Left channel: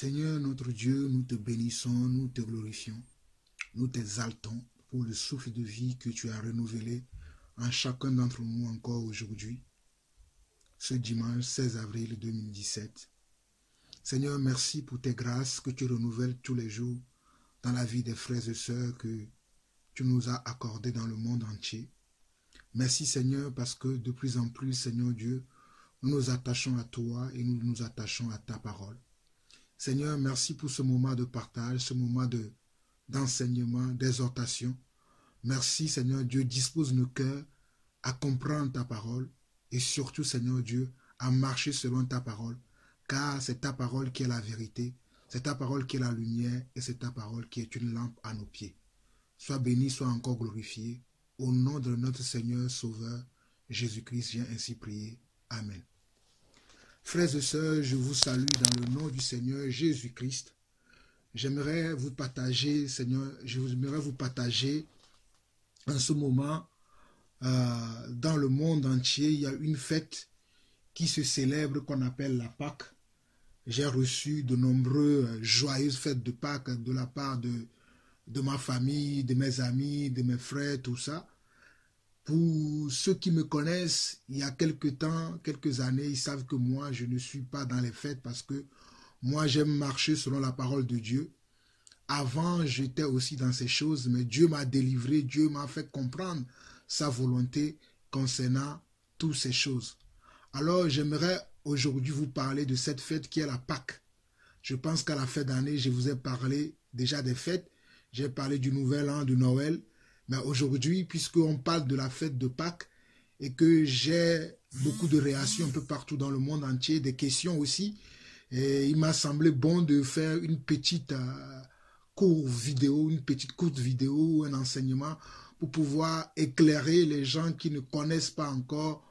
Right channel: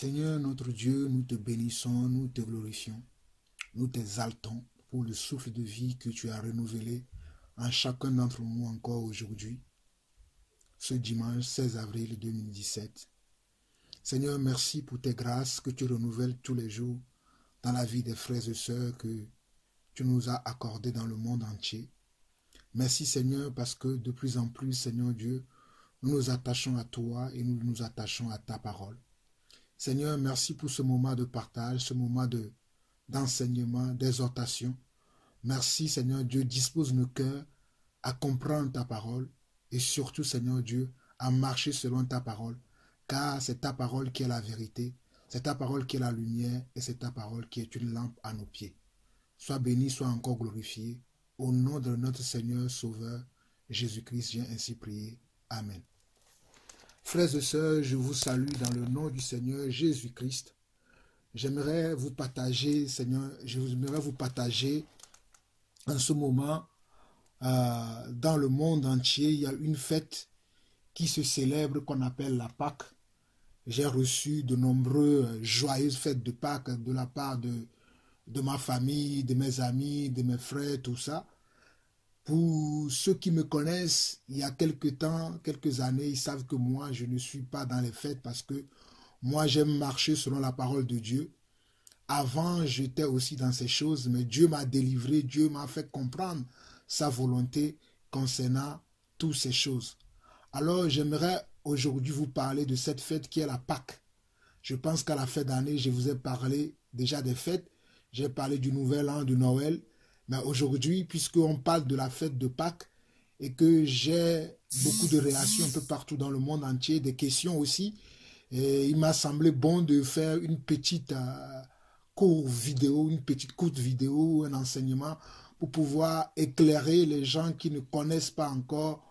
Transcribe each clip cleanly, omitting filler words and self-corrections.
Seigneur notre Dieu, nous te bénissons, nous te glorifions, nous t'exaltons pour le souffle de vie que tu as renouvelé en chacun d'entre nous encore aujourd'hui, ce dimanche 16 avril 2017. Seigneur, merci pour tes grâces que tu renouvelles tous les jours dans la vie des frères et sœurs que tu nous as accordées dans le monde entier. Merci Seigneur parce que de plus en plus, Seigneur Dieu, nous nous attachons à toi et nous nous attachons à ta parole. Seigneur, merci pour ce moment de partage, ce moment d'enseignement, d'exhortation. Merci Seigneur Dieu, dispose nos cœurs à comprendre ta parole et surtout Seigneur Dieu, à marcher selon ta parole, car c'est ta parole qui est la vérité, c'est ta parole qui est la lumière et c'est ta parole qui est une lampe à nos pieds. Sois béni, sois encore glorifié. Au nom de notre Seigneur Sauveur, Jésus-Christ, viens ainsi prier. Amen. Frères et sœurs, je vous salue dans le nom du Seigneur Jésus-Christ. J'aimerais vous partager, Seigneur, en ce moment, dans le monde entier, il y a une fête qui se célèbre qu'on appelle la Pâque. J'ai reçu de nombreuses joyeuses fêtes de Pâques de la part de ma famille, de mes amis, de mes frères, tout ça. Pour ceux qui me connaissent, il y a quelques années, ils savent que moi, je ne suis pas dans les fêtes parce que moi, j'aime marcher selon la parole de Dieu. Avant, j'étais aussi dans ces choses, mais Dieu m'a délivré, Dieu m'a fait comprendre sa volonté concernant toutes ces choses. Alors, j'aimerais aujourd'hui vous parler de cette fête qui est la Pâque. Je pense qu'à la fin d'année, je vous ai parlé déjà des fêtes. J'ai parlé du Nouvel An, du Noël. Mais aujourd'hui, puisqu'on parle de la fête de Pâques et que j'ai beaucoup de réactions un peu partout dans le monde entier, des questions aussi, et il m'a semblé bon de faire une petite courte vidéo, un enseignement pour pouvoir éclairer les gens qui ne connaissent pas encore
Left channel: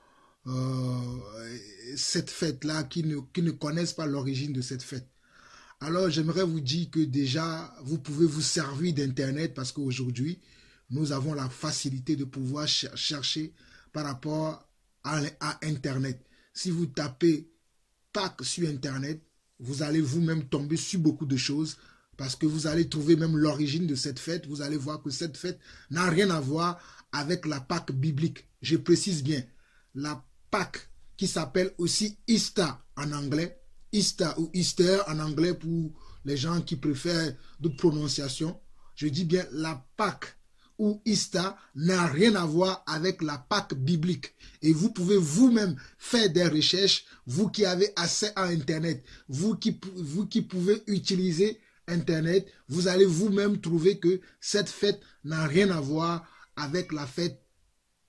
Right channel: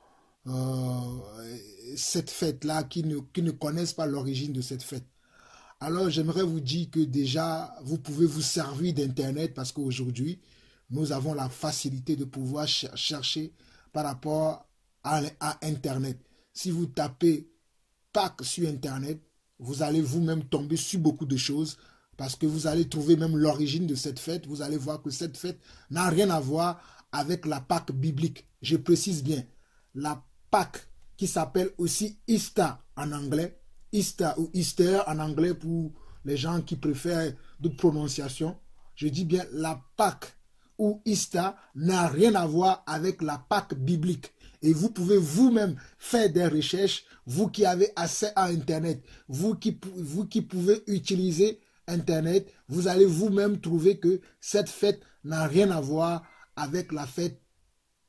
cette fête-là, qui ne connaissent pas l'origine de cette fête. Alors, j'aimerais vous dire que déjà, vous pouvez vous servir d'Internet parce qu'aujourd'hui, nous avons la facilité de pouvoir chercher par rapport à Internet. Si vous tapez Pâques sur Internet, vous allez vous-même tomber sur beaucoup de choses parce que vous allez trouver même l'origine de cette fête. Vous allez voir que cette fête n'a rien à voir avec la Pâque biblique. Je précise bien, la Pâque qui s'appelle aussi Easter en anglais, Easter ou Easter en anglais pour les gens qui préfèrent d'autres prononciations. Je dis bien la Pâque ou Easter n'a rien à voir avec la Pâque biblique. Et vous pouvez vous-même faire des recherches, vous qui avez accès à Internet, vous qui pouvez utiliser Internet, vous allez vous-même trouver que cette fête n'a rien à voir avec la fête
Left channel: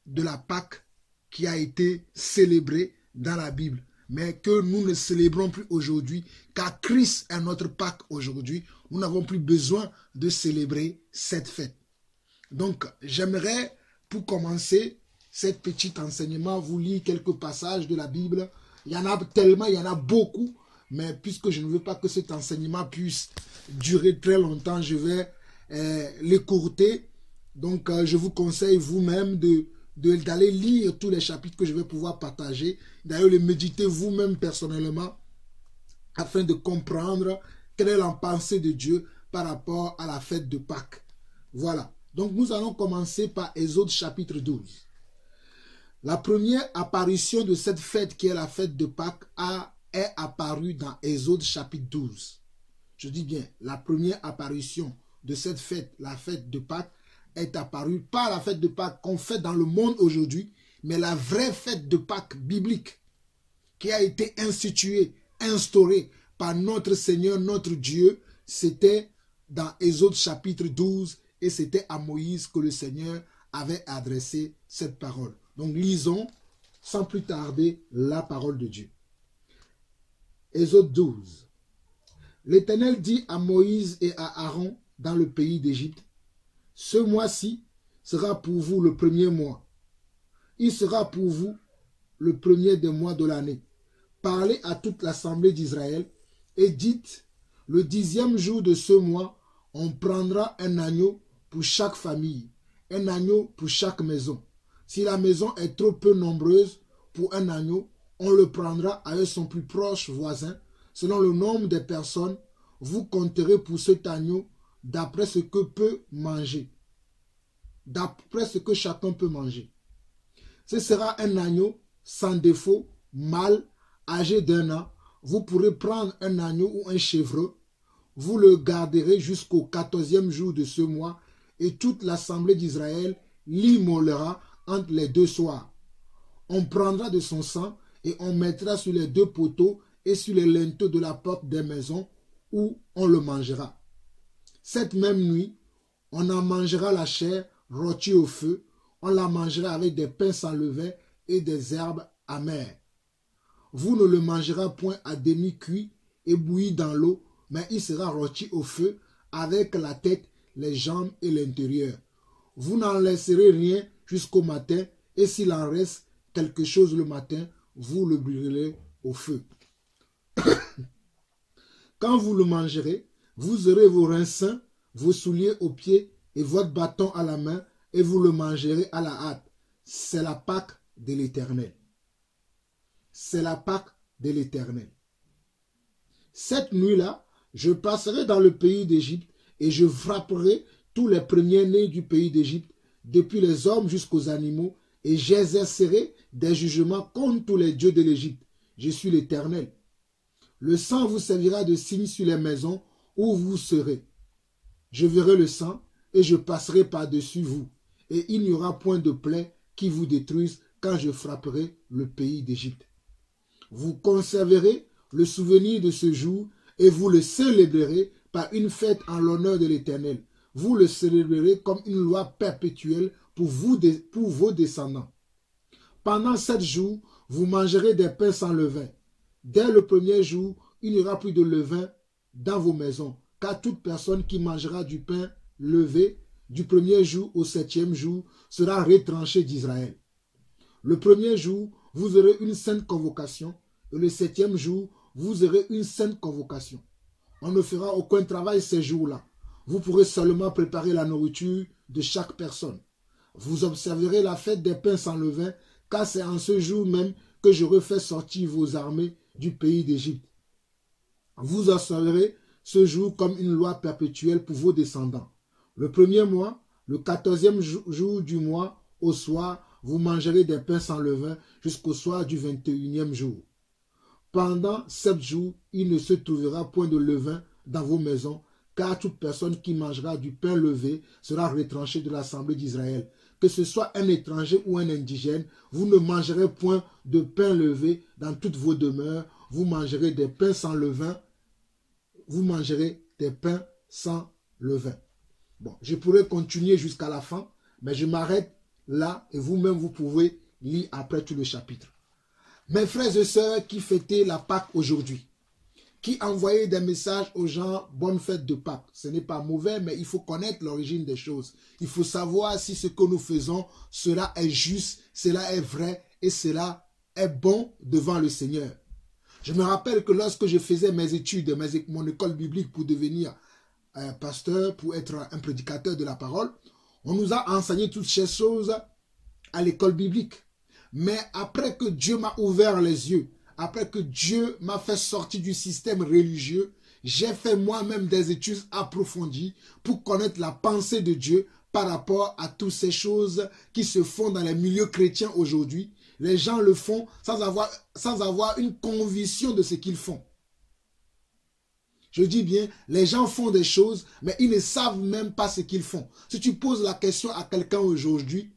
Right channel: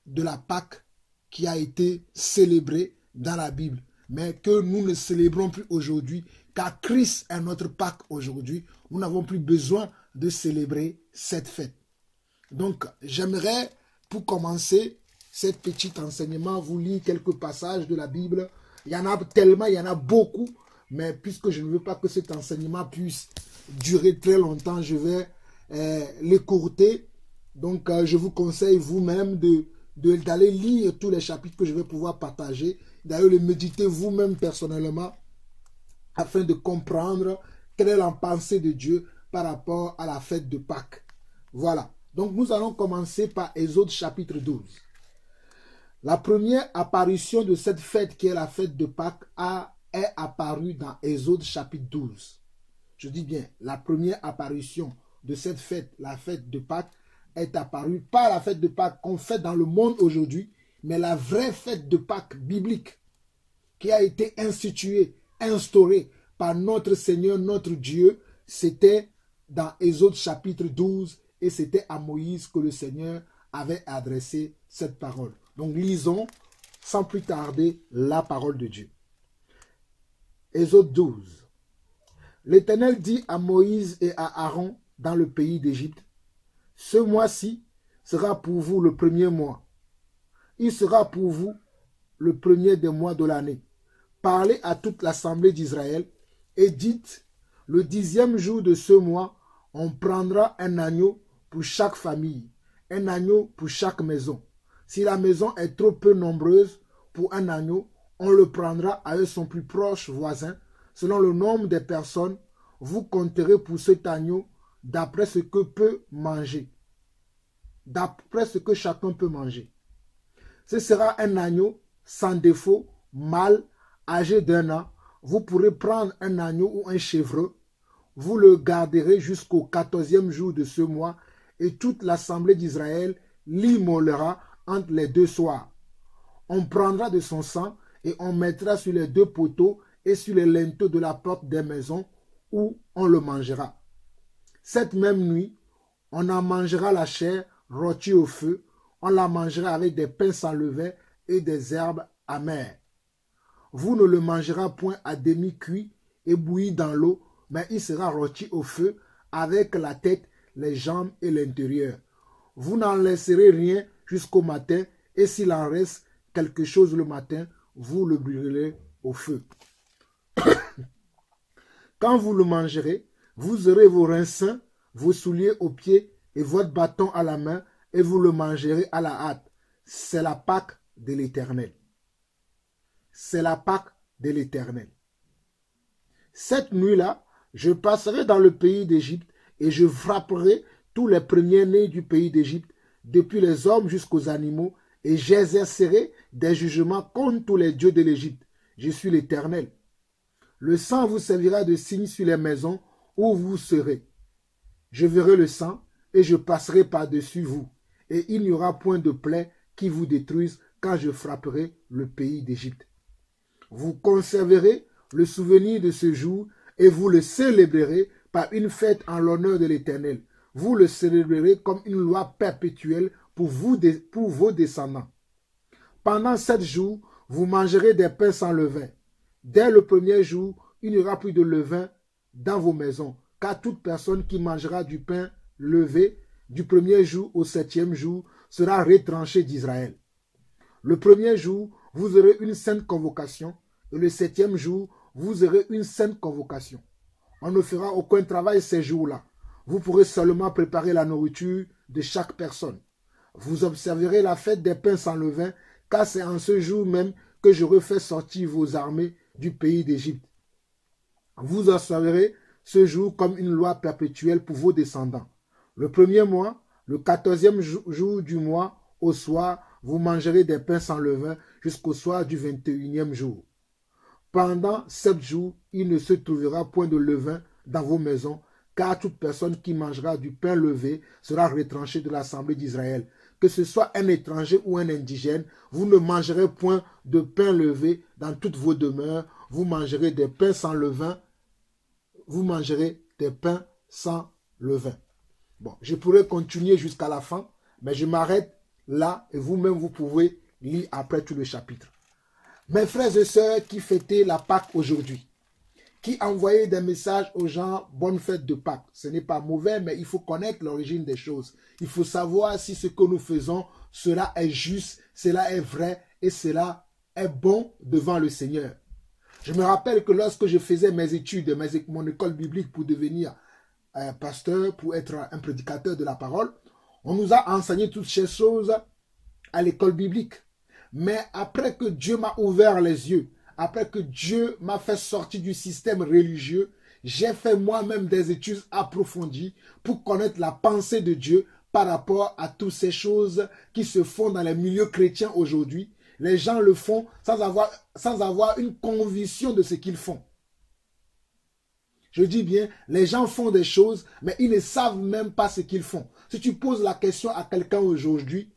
de la Pâque qui a été célébrée dans la Bible. Mais que nous ne célébrons plus aujourd'hui, car Christ est notre Pâque aujourd'hui. Nous n'avons plus besoin de célébrer cette fête. Donc, j'aimerais, pour commencer cet petit enseignement, vous lire quelques passages de la Bible. Il y en a tellement, il y en a beaucoup, mais puisque je ne veux pas que cet enseignement puisse durer très longtemps, je vais l'écourter. Donc, je vous conseille vous-même d'aller lire tous les chapitres que je vais pouvoir partager, d'ailleurs les méditer vous-même personnellement, afin de comprendre quelle est la pensée de Dieu par rapport à la fête de Pâques. Voilà. Donc nous allons commencer par Exode chapitre 12. La première apparition de cette fête qui est la fête de Pâques est apparue dans Exode chapitre 12. Je dis bien, la première apparition de cette fête, la fête de Pâques, est apparue pas la fête de Pâques qu'on fait dans le monde aujourd'hui, mais la vraie fête de Pâques biblique qui a été instituée, instaurée par notre Seigneur, notre Dieu. C'était dans Exode chapitre 12 et c'était à Moïse que le Seigneur avait adressé cette parole. Donc lisons sans plus tarder la parole de Dieu. Exode 12. L'Éternel dit à Moïse et à Aaron dans le pays d'Égypte: ce mois-ci sera pour vous le premier mois. Il sera pour vous le premier des mois de l'année. Parlez à toute l'assemblée d'Israël et dites: le 10e jour de ce mois, on prendra un agneau pour chaque famille, un agneau pour chaque maison. Si la maison est trop peu nombreuse pour un agneau, on le prendra avec son plus proche voisin, selon le nombre des personnes. vous compterez pour cet agneau d'après ce que peut manger. D'après ce que chacun peut manger. Ce sera un agneau sans défaut, mâle, âgé d'1 an. Vous pourrez prendre un agneau ou un chèvreux. Vous le garderez jusqu'au 14e jour de ce mois et toute l'assemblée d'Israël l'immolera entre les 2 soirs. On prendra de son sang et on mettra sur les 2 poteaux et sur les linteaux de la porte des maisons où on le mangera. Cette même nuit, on en mangera la chair rôtie au feu, on la mangera avec des pains sans levain et des herbes amères. Vous ne le mangerez point à demi cuit et bouilli dans l'eau, mais il sera rôti au feu avec la tête, les jambes et l'intérieur. Vous n'en laisserez rien jusqu'au matin, et s'il en reste quelque chose le matin, vous le brûlerez au feu. Quand vous le mangerez, vous aurez vos reins sains, vos souliers aux pieds et votre bâton à la main, et vous le mangerez à la hâte. C'est la Pâque de l'Éternel. C'est la Pâque de l'Éternel. Cette nuit-là, je passerai dans le pays d'Égypte et je frapperai tous les premiers-nés du pays d'Égypte, depuis les hommes jusqu'aux animaux, et j'exercerai des jugements contre tous les dieux de l'Égypte. Je suis l'Éternel. Le sang vous servira de signe sur les maisons où vous serez. Je verrai le sang et je passerai par-dessus vous, et il n'y aura point de plaie qui vous détruise quand je frapperai le pays d'Égypte. Vous conserverez le souvenir de ce jour et vous le célébrerez par une fête en l'honneur de l'Éternel. Vous le célébrerez comme une loi perpétuelle pour vos descendants. Pendant 7 jours, vous mangerez des pains sans levain. Dès le premier jour, il n'y aura plus de levain dans vos maisons, car toute personne qui mangera du pain levé du premier jour au 7e jour sera retranchée d'Israël. Le premier jour, vous aurez une sainte convocation, et le 7e jour, vous aurez une sainte convocation. On ne fera aucun travail ces jours-là. Vous pourrez seulement préparer la nourriture de chaque personne. Vous observerez la fête des pains sans levain, car c'est en ce jour même que j'aurai fait sortir vos armées du pays d'Égypte. Vous observerez ce jour comme une loi perpétuelle pour vos descendants. Le premier mois, le 14e jour du mois, au soir, vous mangerez des pains sans levain jusqu'au soir du 21e jour. Pendant 7 jours, il ne se trouvera point de levain dans vos maisons, car toute personne qui mangera du pain levé sera retranchée de l'assemblée d'Israël. Que ce soit un étranger ou un indigène, vous ne mangerez point de pain levé dans toutes vos demeures, vous mangerez des pains sans levain, vous mangerez des pains sans levain. Bon, je pourrais continuer jusqu'à la fin, mais je m'arrête là et vous-même vous pouvez lire après tout le chapitre. Mes frères et sœurs qui fêtaient la Pâque aujourd'hui, qui envoyaient des messages aux gens, bonne fête de Pâques. Ce n'est pas mauvais, mais il faut connaître l'origine des choses. Il faut savoir si ce que nous faisons, cela est juste, cela est vrai et cela est bon devant le Seigneur. Je me rappelle que lorsque je faisais mes études, mon école biblique pour devenir pasteur, pour être un prédicateur de la parole, on nous a enseigné toutes ces choses à l'école biblique. Mais après que Dieu m'a ouvert les yeux, après que Dieu m'a fait sortir du système religieux, j'ai fait moi-même des études approfondies pour connaître la pensée de Dieu par rapport à toutes ces choses qui se font dans les milieux chrétiens aujourd'hui. Les gens le font sans avoir une conviction de ce qu'ils font. Je dis bien, les gens font des choses, mais ils ne savent même pas ce qu'ils font. Si tu poses la question à quelqu'un aujourd'hui,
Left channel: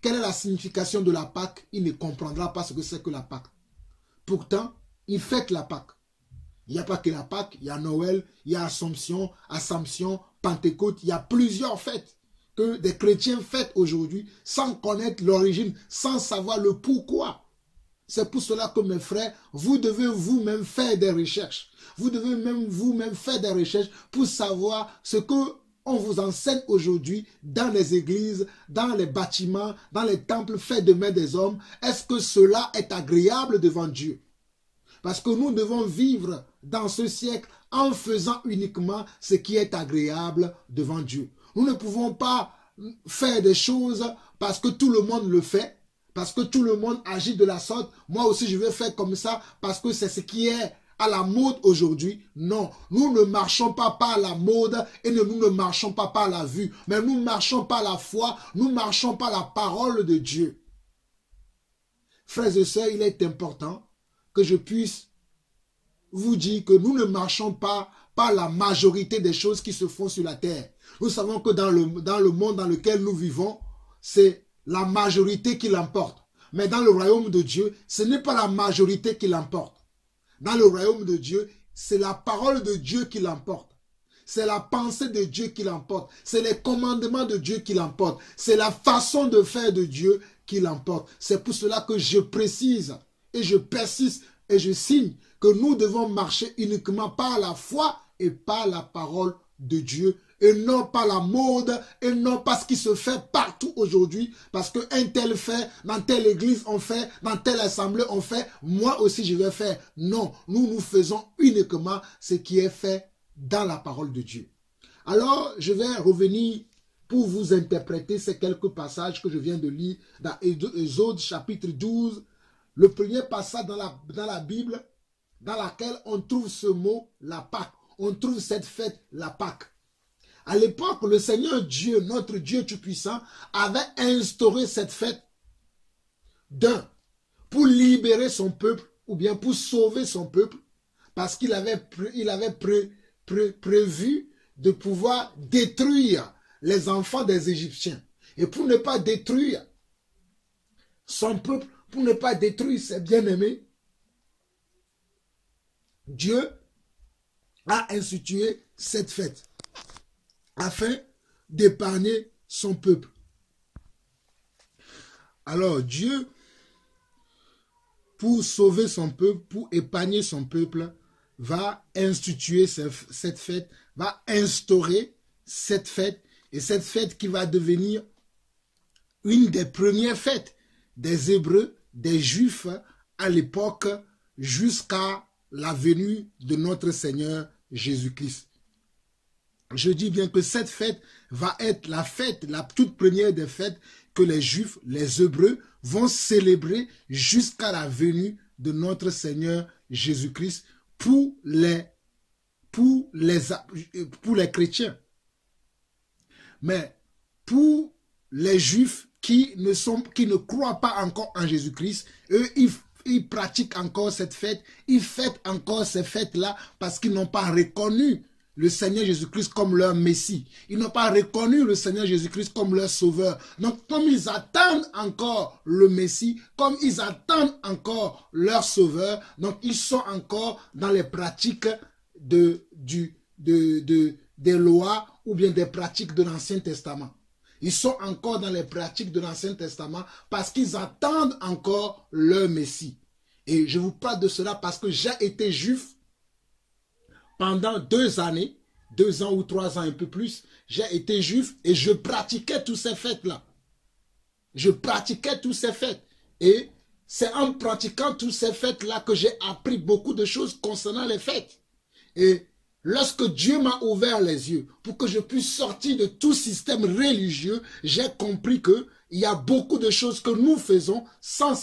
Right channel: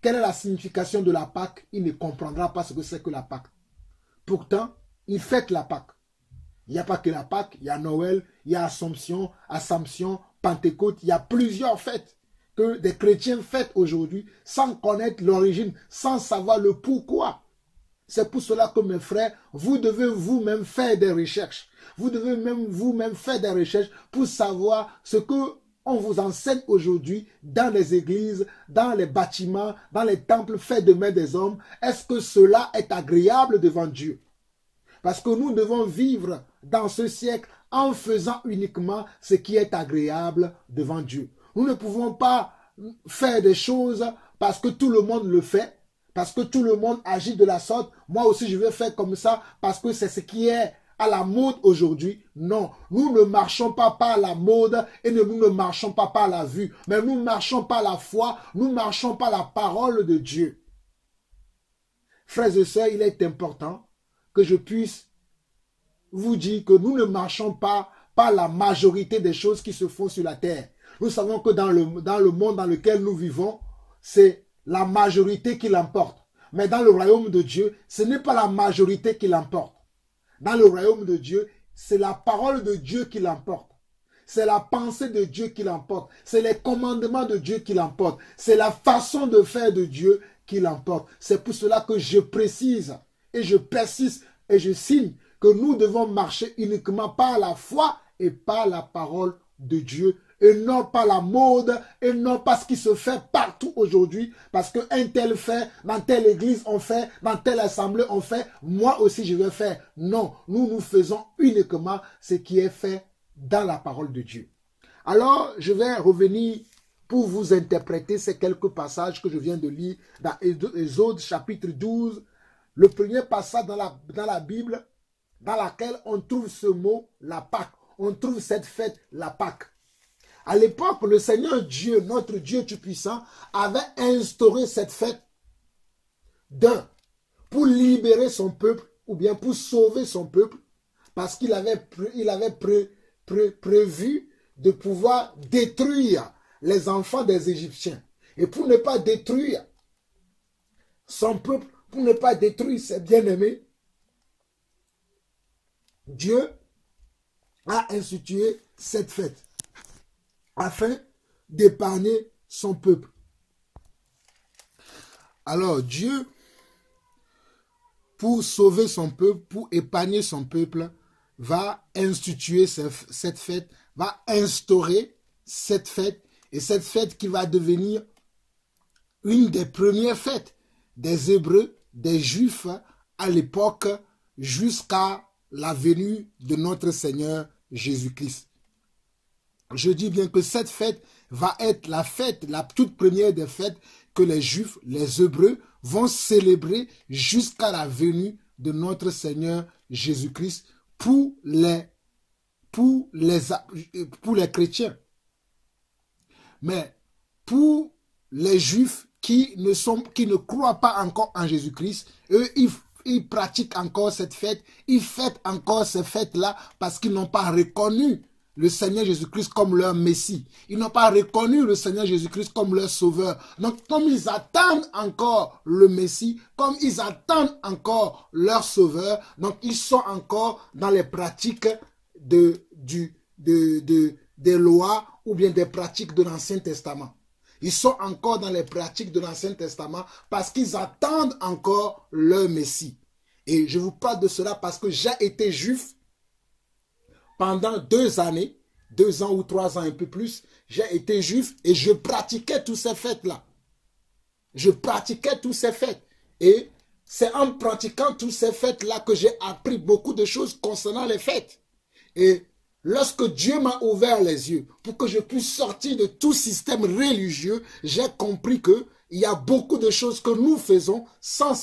quelle est la signification de la Pâque? Il ne comprendra pas ce que c'est que la Pâque. Pourtant, il fête la Pâque. Il n'y a pas que la Pâque, il y a Noël, il y a Assomption, Pentecôte, il y a plusieurs fêtes que des chrétiens fêtent aujourd'hui sans connaître l'origine, sans savoir le pourquoi. C'est pour cela que mes frères, vous devez vous-même faire des recherches. Vous devez même vous-même faire des recherches pour savoir ce que on vous enseigne aujourd'hui dans les églises, dans les bâtiments, dans les temples faits de mains des hommes. Est-ce que cela est agréable devant Dieu? Parce que nous devons vivre dans ce siècle en faisant uniquement ce qui est agréable devant Dieu. Nous ne pouvons pas faire des choses parce que tout le monde le fait, parce que tout le monde agit de la sorte. Moi aussi, je vais faire comme ça parce que c'est ce qui est à la mode aujourd'hui. Non, nous ne marchons pas par la mode et nous ne marchons pas par la vue. Mais nous marchons par la foi, nous marchons par la parole de Dieu. Frères et sœurs, il est important que je puisse vous dire que nous ne marchons pas par la majorité des choses qui se font sur la terre. Nous savons que dans le monde dans lequel nous vivons, c'est la majorité qui l'emporte. Mais dans le royaume de Dieu, ce n'est pas la majorité qui l'emporte. Dans le royaume de Dieu, c'est la parole de Dieu qui l'emporte. C'est la pensée de Dieu qui l'emporte. C'est les commandements de Dieu qui l'emportent. C'est la façon de faire de Dieu qui l'emporte. C'est pour cela que je précise et je persiste et je signe que nous devons marcher uniquement par la foi et par la parole de Dieu et non pas la mode et non pas ce qui se fait partout aujourd'hui parce qu'un tel fait, dans telle église on fait, dans telle assemblée on fait, moi aussi je vais faire. Non, nous faisons uniquement ce qui est fait dans la parole de Dieu. Alors, je vais revenir pour vous interpréter ces quelques passages que je viens de lire dans Exode chapitre 12, le premier passage dans la Bible dans laquelle on trouve ce mot, la Pâque. On trouve cette fête, la Pâque. À l'époque, le Seigneur Dieu, notre Dieu Tout-Puissant, avait instauré cette fête pour libérer son peuple ou bien pour sauver son peuple parce qu'il avait prévu de pouvoir détruire les enfants des Égyptiens. Et pour ne pas détruire son peuple, pour ne pas détruire ses bien-aimés, Dieu a institué cette fête afin d'épargner son peuple. Alors Dieu, pour sauver son peuple, pour épargner son peuple, va instituer cette fête, va instaurer cette fête, et cette fête qui va devenir une des premières fêtes des Hébreux, des Juifs à l'époque, jusqu'à la venue de notre Seigneur Jésus-Christ. Je dis bien que cette fête va être la fête, la toute première des fêtes que les Juifs, les Hébreux vont célébrer jusqu'à la venue de notre Seigneur Jésus-Christ pour les chrétiens. Mais pour les Juifs qui ne croient pas encore en Jésus-Christ, eux, ils pratiquent encore cette fête, ils fêtent encore ces fêtes-là parce qu'ils n'ont pas reconnu le Seigneur Jésus-Christ comme leur Messie. Ils n'ont pas reconnu le Seigneur Jésus-Christ comme leur Sauveur. Donc, comme ils attendent encore le Messie, comme ils attendent encore leur Sauveur, donc ils sont encore dans les pratiques des lois ou bien des pratiques de l'Ancien Testament. Ils sont encore dans les pratiques de l'Ancien Testament parce qu'ils attendent encore leur Messie. Et je vous parle de cela parce que j'ai été juif pendant 2 années, 2 ans ou 3 ans, un peu plus. J'ai été juif et je pratiquais toutes ces fêtes-là. Je pratiquais toutes ces fêtes. Et c'est en pratiquant toutes ces fêtes-là que j'ai appris beaucoup de choses concernant les fêtes. Et lorsque Dieu m'a ouvert les yeux pour que je puisse sortir de tout système religieux, j'ai compris qu'il y a beaucoup de choses que nous faisons sans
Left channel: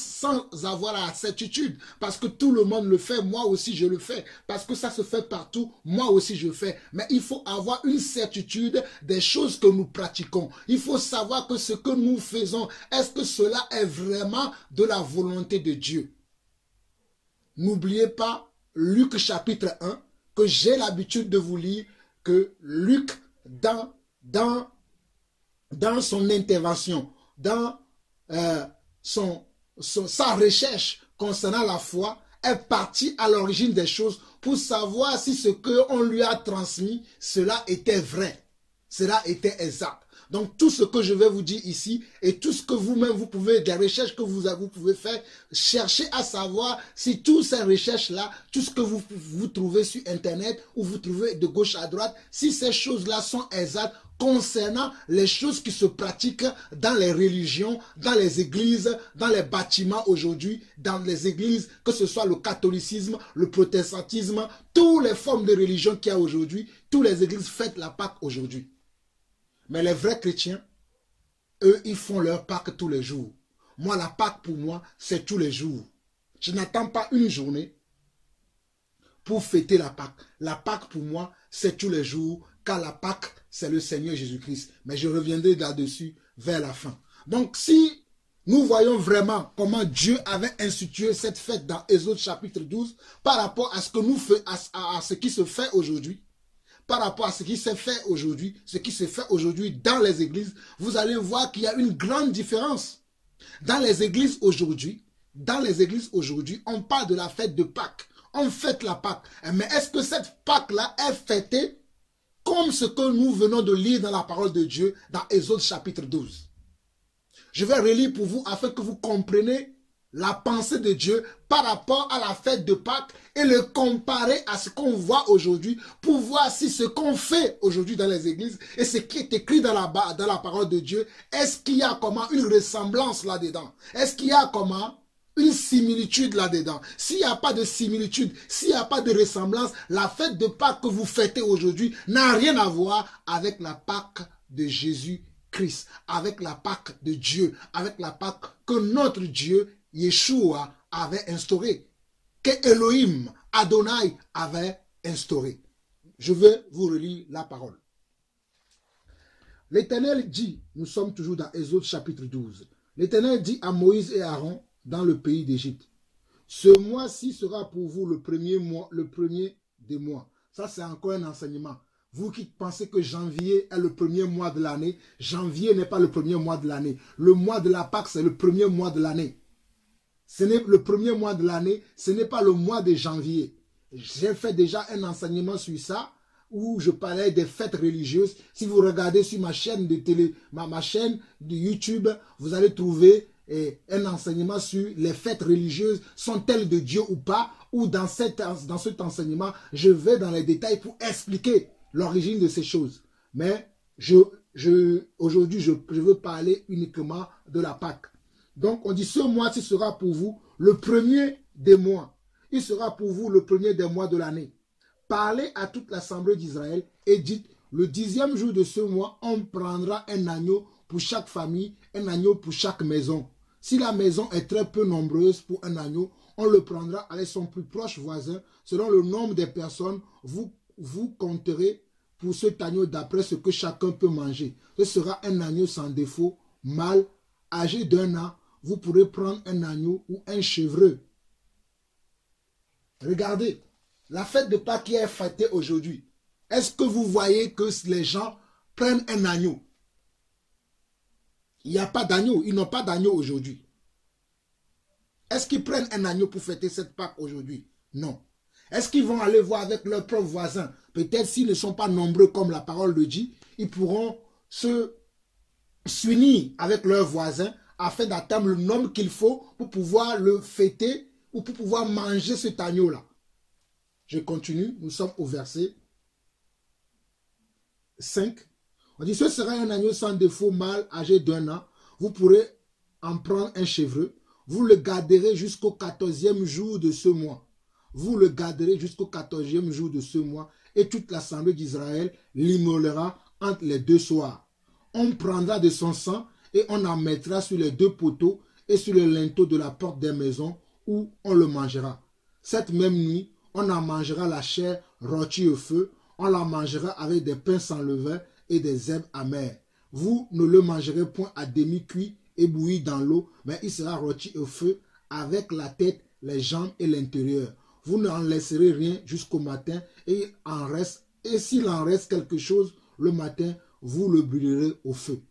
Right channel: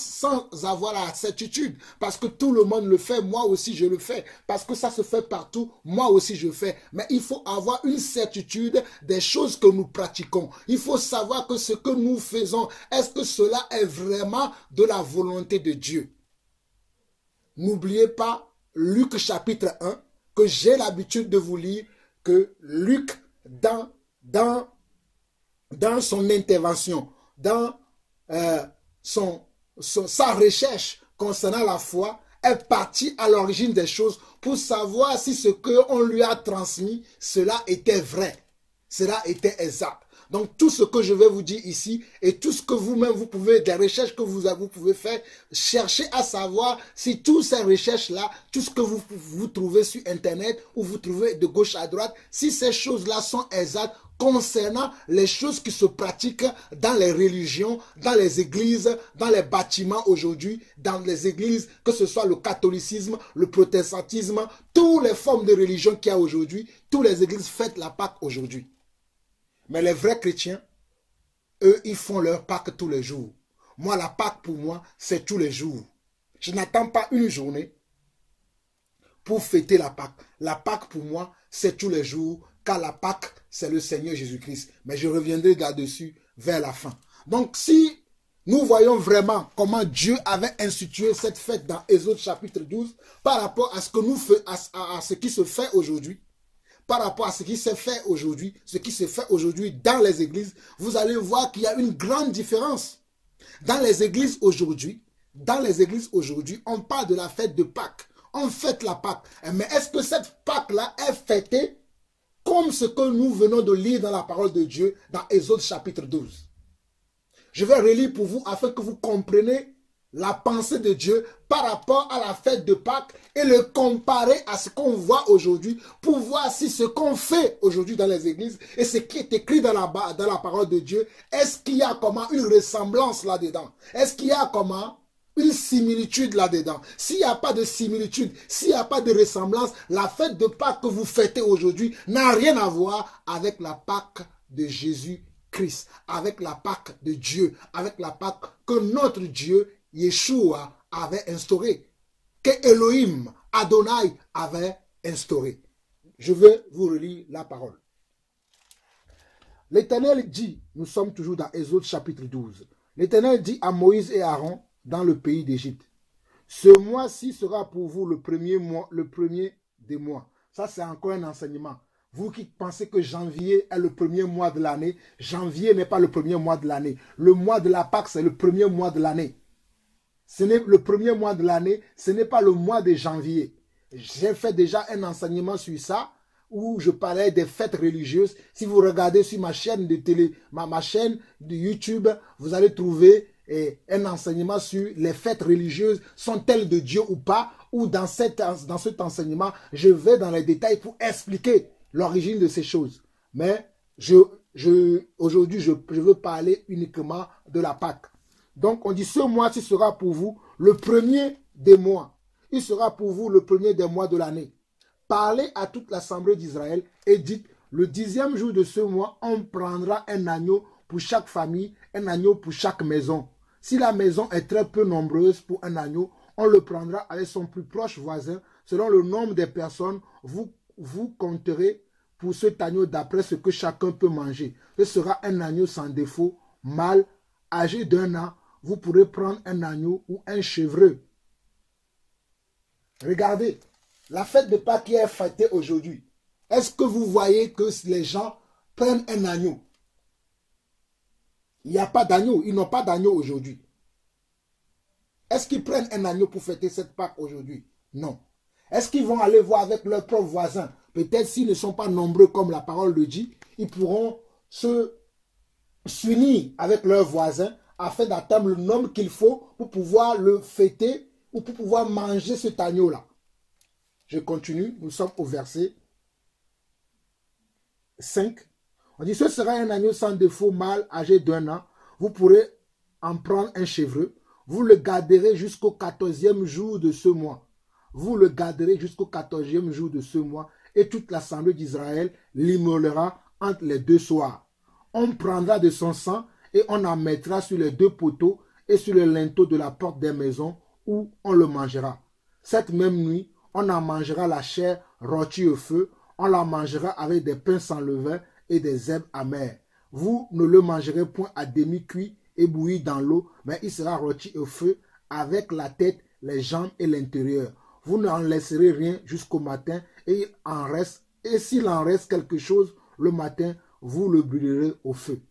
avoir la certitude. Parce que tout le monde le fait, moi aussi je le fais. Parce que ça se fait partout, moi aussi je fais. Mais il faut avoir une certitude des choses que nous pratiquons. Il faut savoir que ce que nous faisons, est-ce que cela est vraiment de la volonté de Dieu? N'oubliez pas Luc chapitre 1, que j'ai l'habitude de vous lire, que Luc, dans son intervention, dans sa recherche concernant la foi, est parti à l'origine des choses pour savoir si ce qu'on lui a transmis, cela était vrai, cela était exact. Donc tout ce que je vais vous dire ici et tout ce que vous-même vous pouvez, des recherches que vous pouvez faire, cherchez à savoir si toutes ces recherches-là, tout ce que vous trouvez sur Internet ou vous trouvez de gauche à droite, si ces choses-là sont exactes concernant les choses qui se pratiquent dans les religions, dans les églises, dans les bâtiments aujourd'hui, dans les églises, que ce soit le catholicisme, le protestantisme, toutes les formes de religion qu'il y a aujourd'hui, toutes les églises fêtent la Pâque aujourd'hui. Mais les vrais chrétiens, eux, ils font leur Pâque tous les jours. Moi, la Pâque pour moi, c'est tous les jours. Je n'attends pas une journée pour fêter la Pâque. La Pâque, pour moi, c'est tous les jours, car la Pâque, c'est le Seigneur Jésus-Christ. Mais je reviendrai là-dessus vers la fin. Donc, si nous voyons vraiment comment Dieu avait institué cette fête dans Exode chapitre 12, par rapport à ce que nous faisons, à ce qui se fait aujourd'hui, par rapport à ce qui s'est fait aujourd'hui, ce qui se fait aujourd'hui dans les églises, vous allez voir qu'il y a une grande différence. Dans les églises aujourd'hui, on parle de la fête de Pâques. On fête la Pâque. Mais est-ce que cette Pâque-là est fêtée comme ce que nous venons de lire dans la parole de Dieu dans Exode chapitre 12? Je vais relire pour vous afin que vous compreniez la pensée de Dieu par rapport à la fête de Pâques et le comparer à ce qu'on voit aujourd'hui pour voir si ce qu'on fait aujourd'hui dans les églises et ce qui est écrit dans la parole de Dieu, est-ce qu'il y a comment une ressemblance là-dedans? Est-ce qu'il y a comment une similitude là-dedans? S'il n'y a pas de similitude, s'il n'y a pas de ressemblance, la fête de Pâques que vous fêtez aujourd'hui n'a rien à voir avec la Pâque de Jésus-Christ, avec la Pâque de Dieu, avec la Pâque que notre Dieu, Yeshua, avait instaurée, que Elohim, Adonai, avait instaurée. Je vais vous relire la parole. L'Éternel dit, nous sommes toujours dans Exode chapitre 12, l'Éternel dit à Moïse et Aaron dans le pays d'Égypte, ce mois-ci sera pour vous le premier des mois. Ça, c'est encore un enseignement. Vous qui pensez que janvier est le premier mois de l'année, janvier n'est pas le premier mois de l'année. Le mois de la Pâque, c'est le premier mois de l'année. Ce n'est le premier mois de l'année, ce n'est pas le mois de janvier. J'ai fait déjà un enseignement sur ça, où je parlais des fêtes religieuses. Si vous regardez sur ma chaîne de télé, ma chaîne de YouTube, vous allez trouver un enseignement sur les fêtes religieuses, sont-elles de Dieu ou pas, ou dans cet enseignement, je vais dans les détails pour expliquer l'origine de ces choses. Mais aujourd'hui, je veux parler uniquement de la Pâque. Donc, on dit, ce mois-ci sera pour vous le premier des mois. Il sera pour vous le premier des mois de l'année. Parlez à toute l'assemblée d'Israël et dites, le 10e jour de ce mois, on prendra un agneau pour chaque famille, un agneau pour chaque maison. Si la maison est très peu nombreuse pour un agneau, on le prendra avec son plus proche voisin. Selon le nombre des personnes, vous compterez pour cet agneau d'après ce que chacun peut manger. Ce sera un agneau sans défaut, mâle, âgé d'1 an. Vous pourrez prendre un agneau ou un chevreuil. Regardez, la fête de Pâques qui est fêtée aujourd'hui. Est-ce que vous voyez que les gens prennent un agneau? Il n'y a pas d'agneau, ils n'ont pas d'agneau aujourd'hui. Est-ce qu'ils prennent un agneau pour fêter cette Pâques aujourd'hui? Non. Est-ce qu'ils vont aller voir avec leurs propres voisins? Peut-être s'ils ne sont pas nombreux comme la parole le dit, ils pourront s'unir avec leurs voisins afin d'atteindre le nombre qu'il faut pour pouvoir le fêter ou pour pouvoir manger cet agneau-là. Je continue, nous sommes au verset 5. On dit, ce sera un agneau sans défaut mâle âgé d'1 an. Vous pourrez en prendre un chevreuil. Vous le garderez jusqu'au 14e jour de ce mois. Vous le garderez jusqu'au 14e jour de ce mois et toute l'assemblée d'Israël l'immolera entre les 2 soirs. On prendra de son sang et on en mettra sur les 2 poteaux et sur les linteaux de la porte des maisons où on le mangera. Cette même nuit, on en mangera la chair rôtie au feu, on la mangera avec des pains sans levain et des herbes amères. Vous ne le mangerez point à demi-cuit et bouilli dans l'eau, mais il sera rôti au feu avec la tête, les jambes et l'intérieur. Vous n'en laisserez rien jusqu'au matin et s'il en reste quelque chose le matin, vous le brûlerez au feu.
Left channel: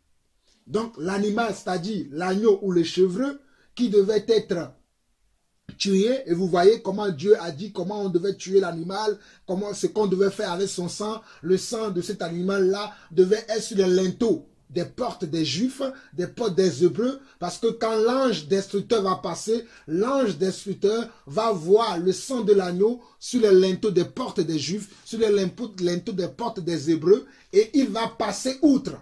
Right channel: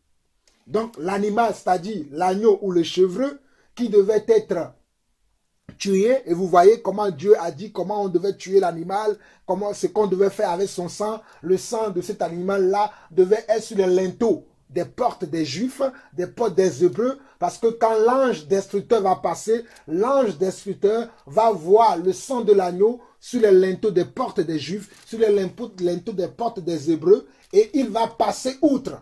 Donc l'animal, c'est-à-dire l'agneau ou le chevreuil qui devait être tué, et vous voyez comment Dieu a dit comment on devait tuer l'animal, comment ce qu'on devait faire avec son sang. Le sang de cet animal-là devait être sur les linteaux des portes des Juifs, des portes des Hébreux, parce que quand l'ange destructeur va passer, l'ange destructeur va voir le sang de l'agneau sur les linteaux des portes des Juifs, sur les linteaux des portes des Hébreux, et il va passer outre.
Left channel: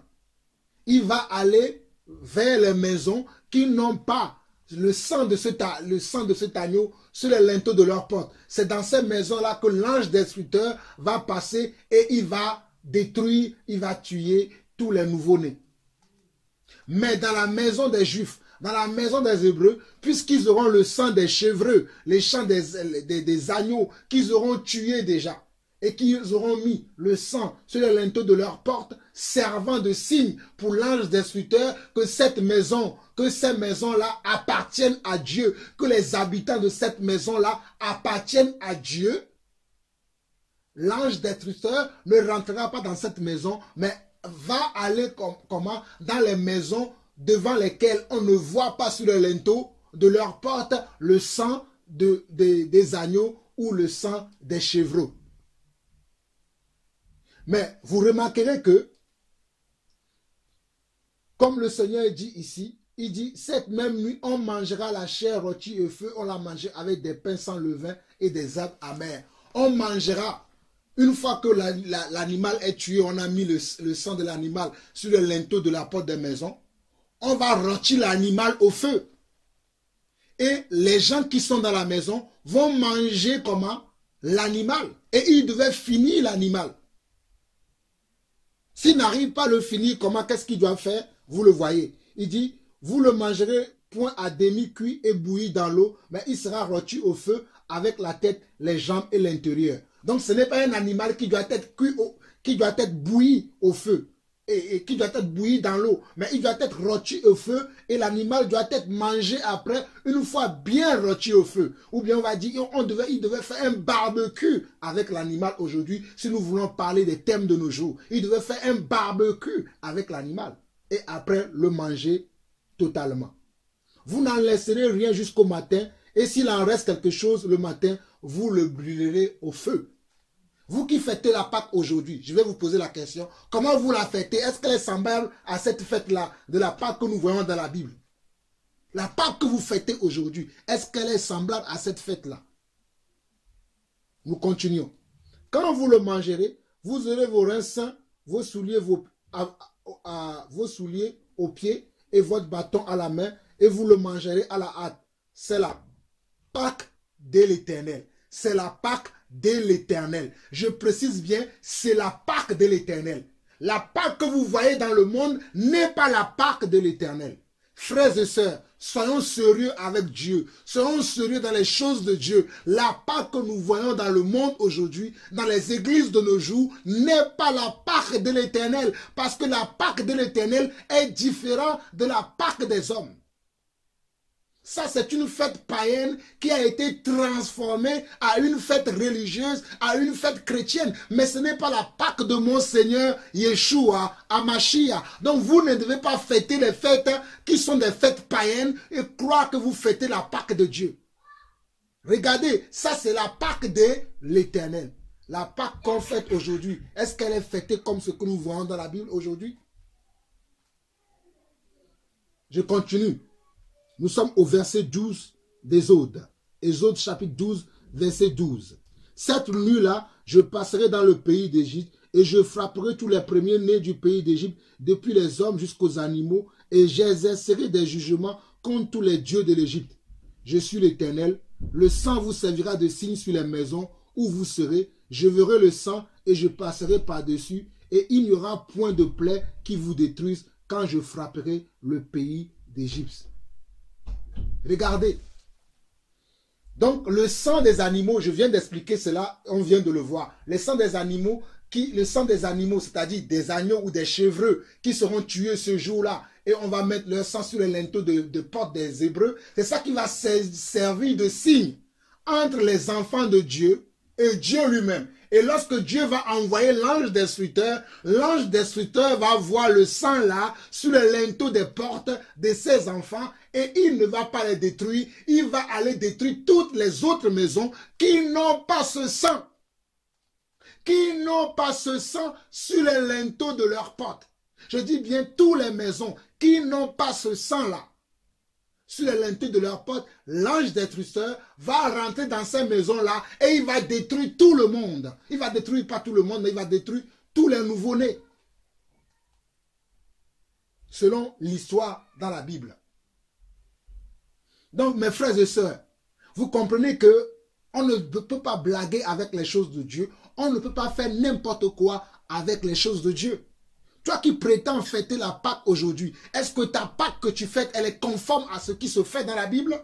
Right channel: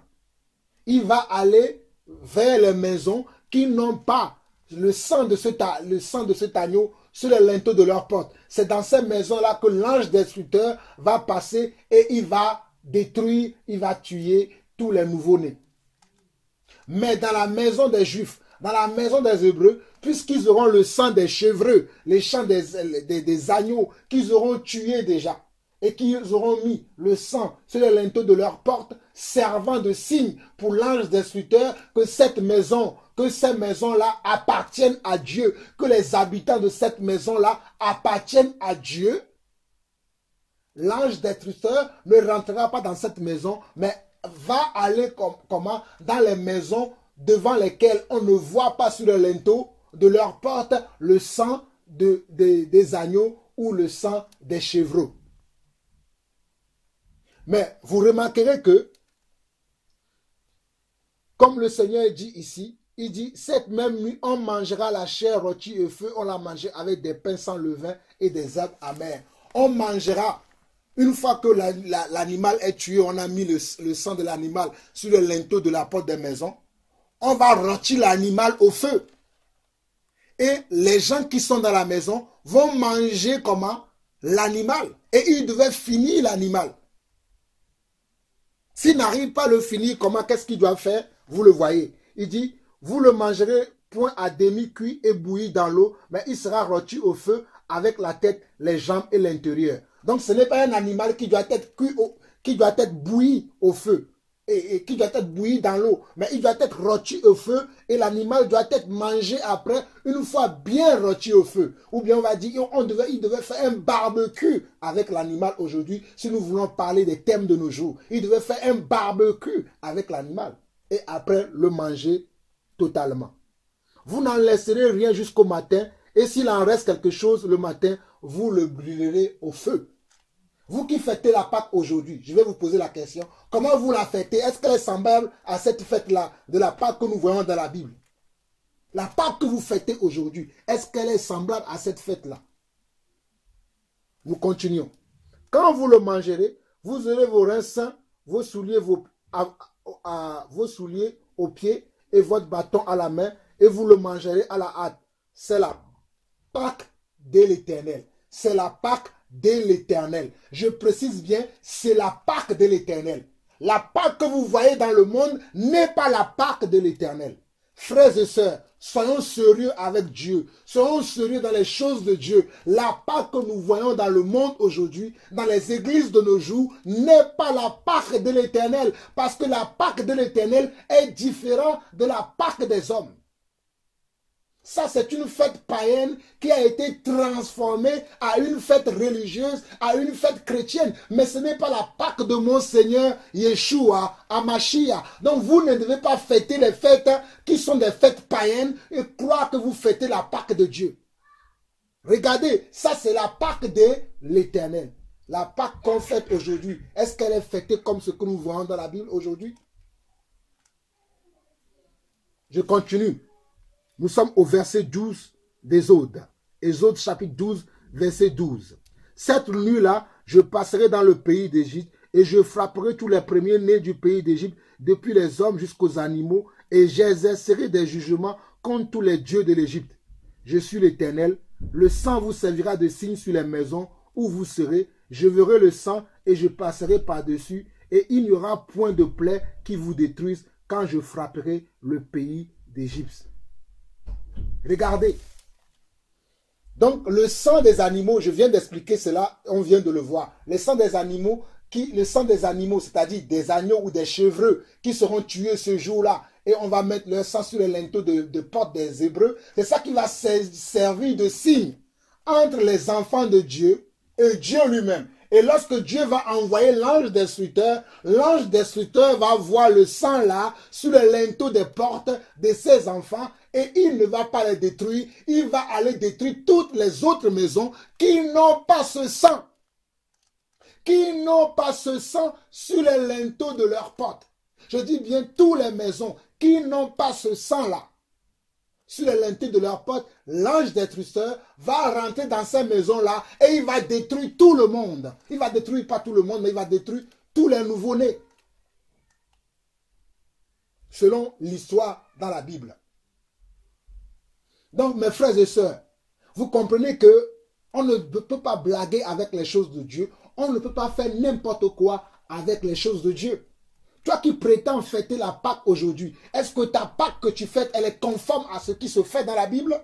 Il va aller vers les maisons qui n'ont pas le sang de cet agneau sur les linteaux de leurs portes. C'est dans ces maisons-là que l'ange destructeur va passer et il va détruire, il va tuer tous les nouveau-nés. Mais dans la maison des Juifs, dans la maison des Hébreux, puisqu'ils auront le sang des chevreux, les sangs des agneaux qu'ils auront tués déjà, et qu'ils auront mis le sang sur les linteaux de leur porte, servant de signe pour l'ange destructeur que cette maison, que ces maisons-là appartiennent à Dieu, que les habitants de cette maison-là appartiennent à Dieu. L'ange destructeur ne rentrera pas dans cette maison, mais va aller comment dans les maisons devant lesquelles on ne voit pas sur le linteau de leur porte le sang des agneaux ou le sang des chevreaux. Mais vous remarquerez que, comme le Seigneur dit ici, il dit, cette même nuit, on mangera la chair rôtie au feu, on la mangera avec des pains sans levain et des herbes amères. On mangera, une fois que l'animal est tué, on a mis le sang de l'animal sur le linteau de la porte des maisons, on va rôtir l'animal au feu. Et les gens qui sont dans la maison vont manger comment? L'animal. Et ils devaient finir l'animal. S'ils n'arrivent pas à le finir, comment, qu'est-ce qu'ils doivent faire? Vous le voyez. Il dit, vous le mangerez point à demi-cuit et bouilli dans l'eau, mais il sera rôti au feu avec la tête, les jambes et l'intérieur. Donc ce n'est pas un animal qui doit être cuit, qui doit être bouilli au feu, et qui doit être bouilli dans l'eau, mais il doit être rôti au feu, et l'animal doit être mangé après, une fois bien rôti au feu. Ou bien on va dire, il devait faire un barbecue avec l'animal aujourd'hui, si nous voulons parler des thèmes de nos jours. Il devait faire un barbecue avec l'animal, et après le manger totalement. Vous n'en laisserez rien jusqu'au matin, et s'il en reste quelque chose le matin, vous le brûlerez au feu. Vous qui fêtez la Pâque aujourd'hui, je vais vous poser la question, comment vous la fêtez? Est-ce qu'elle est semblable à cette fête-là de la Pâque que nous voyons dans la Bible? La Pâque que vous fêtez aujourd'hui, est-ce qu'elle est semblable à cette fête-là? Nous continuons. Quand vous le mangerez, vous aurez vos reins sains, vos souliers aux pieds et votre bâton à la main, et vous le mangerez à la hâte. C'est la Pâque de l'Éternel. C'est la Pâque de l'Éternel. Je précise bien, c'est la Pâque de l'Éternel. La Pâque que vous voyez dans le monde n'est pas la Pâque de l'Éternel. Frères et sœurs, soyons sérieux avec Dieu. Soyons sérieux dans les choses de Dieu. La Pâque que nous voyons dans le monde aujourd'hui, dans les églises de nos jours, n'est pas la Pâque de l'Éternel. Parce que la Pâque de l'Éternel est différente de la Pâque des hommes. Ça, c'est une fête païenne qui a été transformée à une fête religieuse, à une fête chrétienne. Mais ce n'est pas la Pâque de mon Seigneur Yeshua, Amashia. Donc, vous ne devez pas fêter les fêtes qui sont des fêtes païennes et croire que vous fêtez la Pâque de Dieu. Regardez, ça, c'est la Pâque de l'Éternel. La Pâque qu'on fête aujourd'hui, est-ce qu'elle est fêtée comme ce que nous voyons dans la Bible aujourd'hui? Je continue. Nous sommes au verset 12 d'Exode. Exode chapitre 12, verset 12. Cette nuit-là, je passerai dans le pays d'Égypte et je frapperai tous les premiers-nés du pays d'Égypte, depuis les hommes jusqu'aux animaux, et j'exercerai des jugements contre tous les dieux de l'Égypte. Je suis l'Éternel. Le sang vous servira de signe sur les maisons où vous serez. Je verrai le sang et je passerai par-dessus, et il n'y aura point de plaie qui vous détruise quand je frapperai le pays d'Égypte. Regardez. Donc, le sang des animaux, je viens d'expliquer cela, on vient de le voir. Le sang des animaux, c'est-à-dire des agneaux ou des chevreux qui seront tués ce jour-là, et on va mettre leur sang sur les linteaux de porte des Hébreux, c'est ça qui va servir de signe entre les enfants de Dieu et Dieu lui-même. Et lorsque Dieu va envoyer l'ange destructeur va voir le sang là sur les linteaux des portes de ses enfants, et il ne va pas les détruire, il va aller détruire toutes les autres maisons qui n'ont pas ce sang. Qui n'ont pas ce sang sur les linteaux de leurs portes. Je dis bien toutes les maisons qui n'ont pas ce sang-là sur les linteaux de leurs portes, l'ange destructeur va rentrer dans ces maisons-là et il va détruire tout le monde. Il va détruire pas tout le monde, mais il va détruire tous les nouveau-nés. Selon l'histoire dans la Bible. Donc, mes frères et sœurs, vous comprenez que on ne peut pas blaguer avec les choses de Dieu. On ne peut pas faire n'importe quoi avec les choses de Dieu. Toi qui prétends fêter la Pâque aujourd'hui, est-ce que ta Pâque que tu fêtes, elle est conforme à ce qui se fait dans la Bible?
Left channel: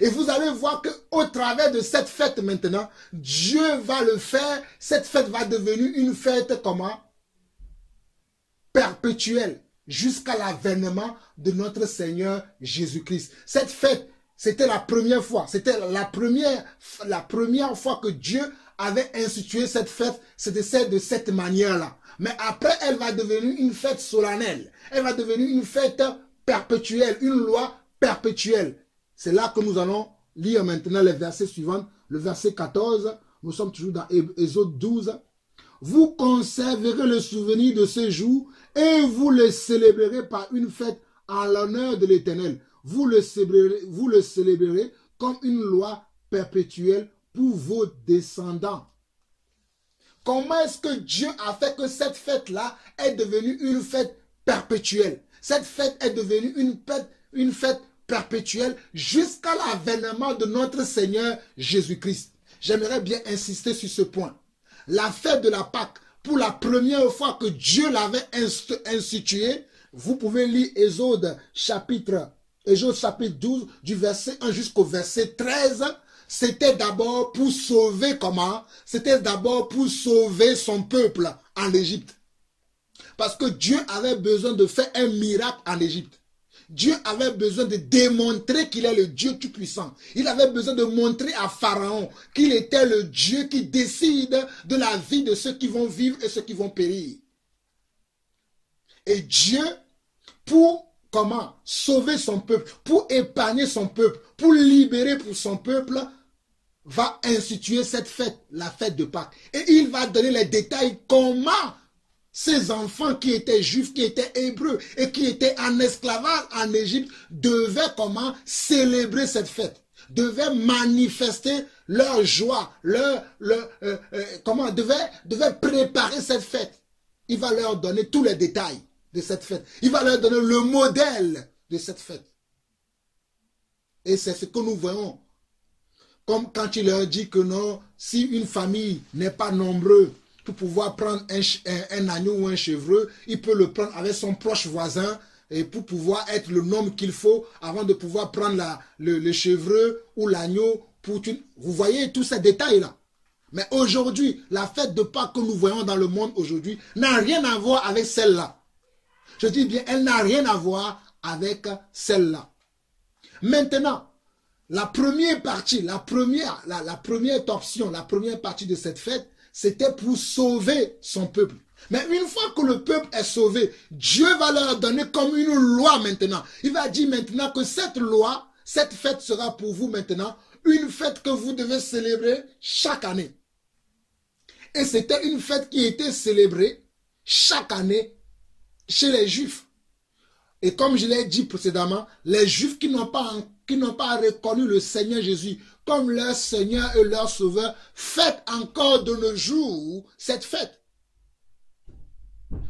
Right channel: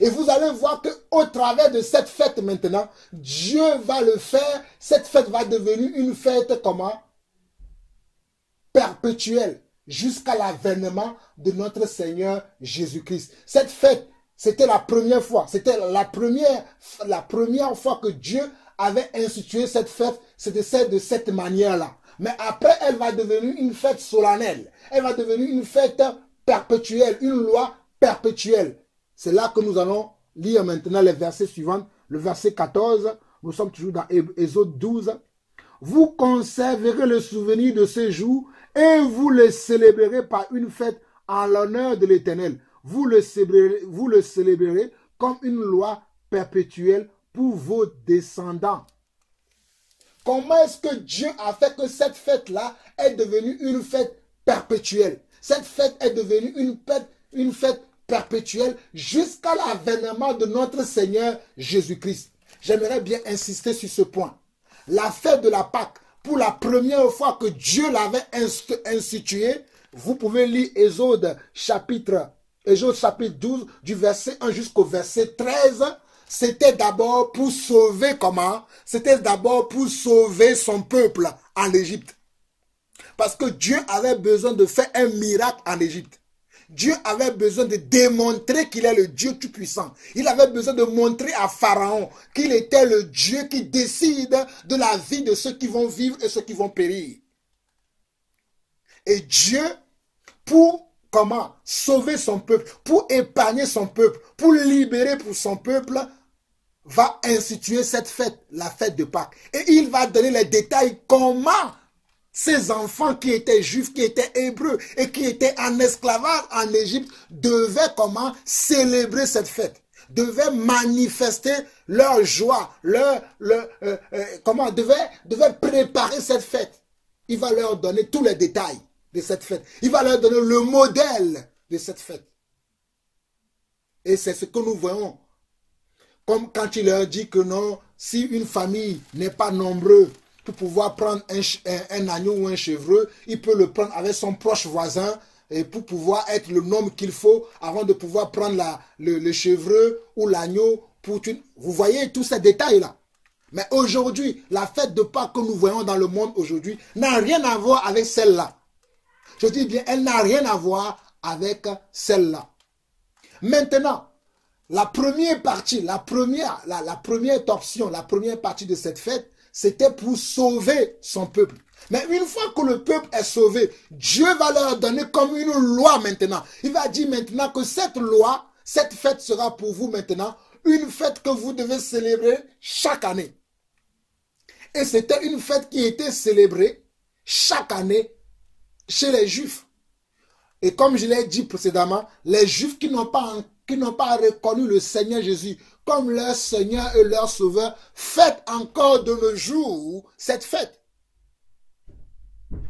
Et vous allez voir qu'au travers de cette fête maintenant, Dieu va le faire. Cette fête va devenir une fête comment? Perpétuelle, jusqu'à l'avènement de notre Seigneur Jésus-Christ. Cette fête, c'était la première fois. C'était la première fois que Dieu avait institué cette fête. C'était de cette manière-là. Mais après, elle va devenir une fête solennelle. Elle va devenir une fête perpétuelle, une loi perpétuelle. C'est là que nous allons lire maintenant les versets suivants. Le verset 14, nous sommes toujours dans Exode 12. Vous conserverez le souvenir de ce jour et vous le célébrerez par une fête en l'honneur de l'Éternel. Vous le célébrerez comme une loi perpétuelle pour vos descendants. Comment est-ce que Dieu a fait que cette fête-là est devenue une fête perpétuelle? Cette fête est devenue une fête perpétuelle jusqu'à l'avènement de notre Seigneur Jésus-Christ. J'aimerais bien insister sur ce point. La fête de la Pâque, pour la première fois que Dieu l'avait instituée, vous pouvez lire Exode chapitre 12, du verset 1 jusqu'au verset 13. C'était d'abord pour sauver comment? C'était d'abord pour sauver son peuple en Égypte. Parce que Dieu avait besoin de faire un miracle en Égypte. Dieu avait besoin de démontrer qu'il est le Dieu Tout-Puissant. Il avait besoin de montrer à Pharaon qu'il était le Dieu qui décide de la vie de ceux qui vont vivre et ceux qui vont périr. Et Dieu, pour comment? Sauver son peuple, pour épargner son peuple, pour libérer pour son peuple, va instituer cette fête, la fête de Pâques. Et il va donner les détails comment ces enfants qui étaient juifs, qui étaient hébreux et qui étaient en esclavage en Égypte devaient comment célébrer cette fête, devaient manifester leur joie, devaient préparer cette fête. Il va leur donner tous les détails de cette fête. Il va leur donner le modèle de cette fête. Et c'est ce que nous voyons. Comme quand il leur dit que non, si une famille n'est pas nombreuse, pour pouvoir prendre un agneau ou un chevreux, il peut le prendre avec son proche voisin et pour pouvoir être le nombre qu'il faut avant de pouvoir prendre le chevreux ou l'agneau. Vous voyez tous ces détails-là. Mais aujourd'hui, la fête de Pâques que nous voyons dans le monde aujourd'hui n'a rien à voir avec celle-là. Je dis bien, elle n'a rien à voir avec celle-là. Maintenant, la première partie, la première option, la première partie de cette fête, c'était pour sauver son peuple. Mais une fois que le peuple est sauvé, Dieu va leur donner comme une loi maintenant. Il va dire maintenant que cette loi, cette fête sera pour vous maintenant une fête que vous devez célébrer chaque année. Et c'était une fête qui était célébrée chaque année chez les Juifs. Et comme je l'ai dit précédemment, les Juifs qui n'ont pas reconnu le Seigneur Jésus comme leur Seigneur et leur Sauveur, fêtent encore de nos jours cette fête.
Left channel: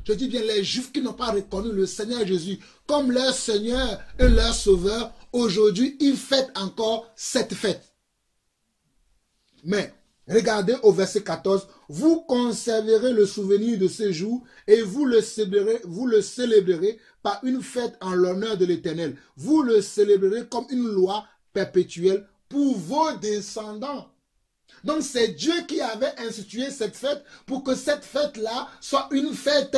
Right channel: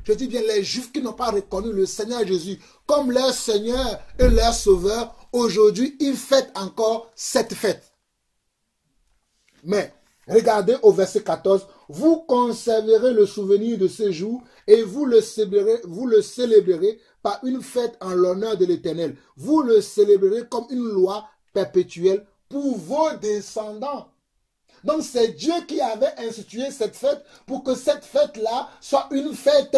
Je dis bien les Juifs qui n'ont pas reconnu le Seigneur Jésus comme leur Seigneur et leur Sauveur, aujourd'hui, ils fêtent encore cette fête. Mais, regardez au verset 14, vous conserverez le souvenir de ce jour et vous le célébrerez par une fête en l'honneur de l'Éternel. Vous le célébrerez comme une loi perpétuelle pour vos descendants. Donc c'est Dieu qui avait institué cette fête pour que cette fête-là soit une fête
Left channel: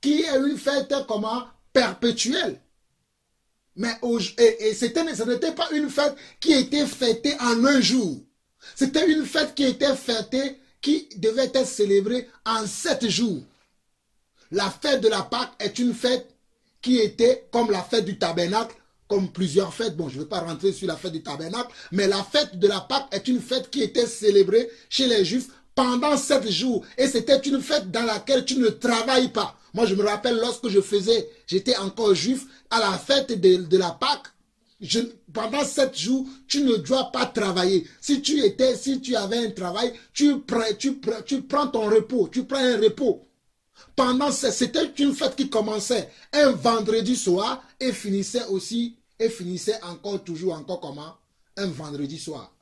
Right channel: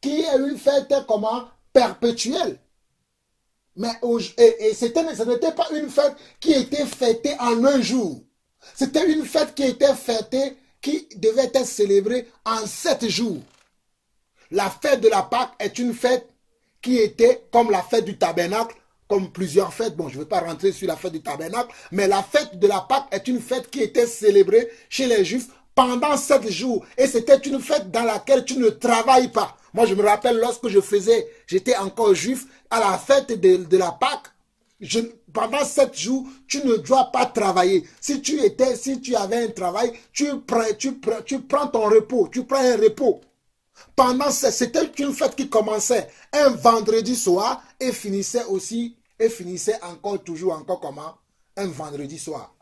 qui est une fête comment? Perpétuelle. Mais ce n'était pas une fête qui était fêtée en un jour. C'était une fête qui était fêtée, qui devait être célébrée en 7 jours. La fête de la Pâque est une fête qui était comme la fête du tabernacle, comme plusieurs fêtes. Bon, je ne vais pas rentrer sur la fête du tabernacle, mais la fête de la Pâque est une fête qui était célébrée chez les Juifs pendant 7 jours. Et c'était une fête dans laquelle tu ne travailles pas. Moi, je me rappelle lorsque j'étais encore juif, à la fête de la Pâque, pendant 7 jours, tu ne dois pas travailler. Si tu avais un travail, tu prends ton repos, tu prends un repos. C'était une fête qui commençait un vendredi soir et finissait encore comment? Un vendredi soir.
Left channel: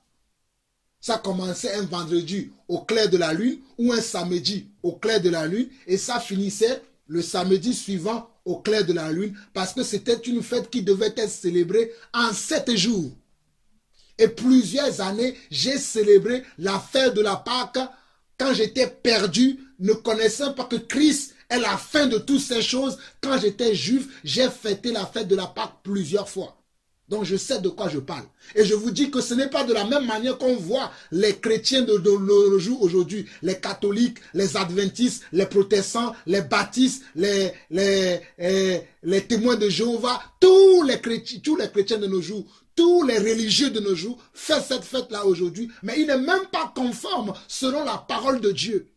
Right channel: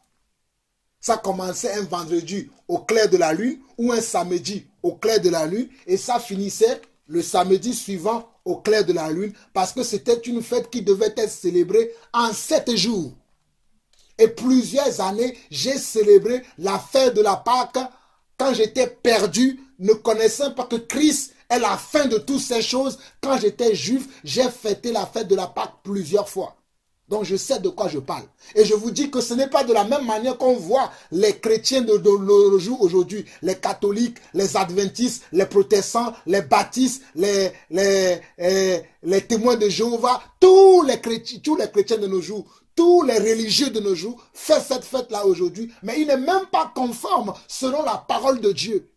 Ça commençait un vendredi au clair de la lune ou un samedi au clair de la lune et ça finissait le samedi suivant au clair de la lune, parce que c'était une fête qui devait être célébrée en 7 jours. Et plusieurs années, j'ai célébré la fête de la Pâque quand j'étais perdu, ne connaissant pas que Christ est la fin de toutes ces choses. Quand j'étais juif, j'ai fêté la fête de la Pâque plusieurs fois. Donc je sais de quoi je parle. Et je vous dis que ce n'est pas de la même manière qu'on voit les chrétiens de nos jours aujourd'hui, les catholiques, les adventistes, les protestants, les baptistes, les témoins de Jéhovah, tous les chrétiens de nos jours, tous les religieux de nos jours font cette fête-là aujourd'hui, mais il n'est même pas conforme selon la parole de Dieu.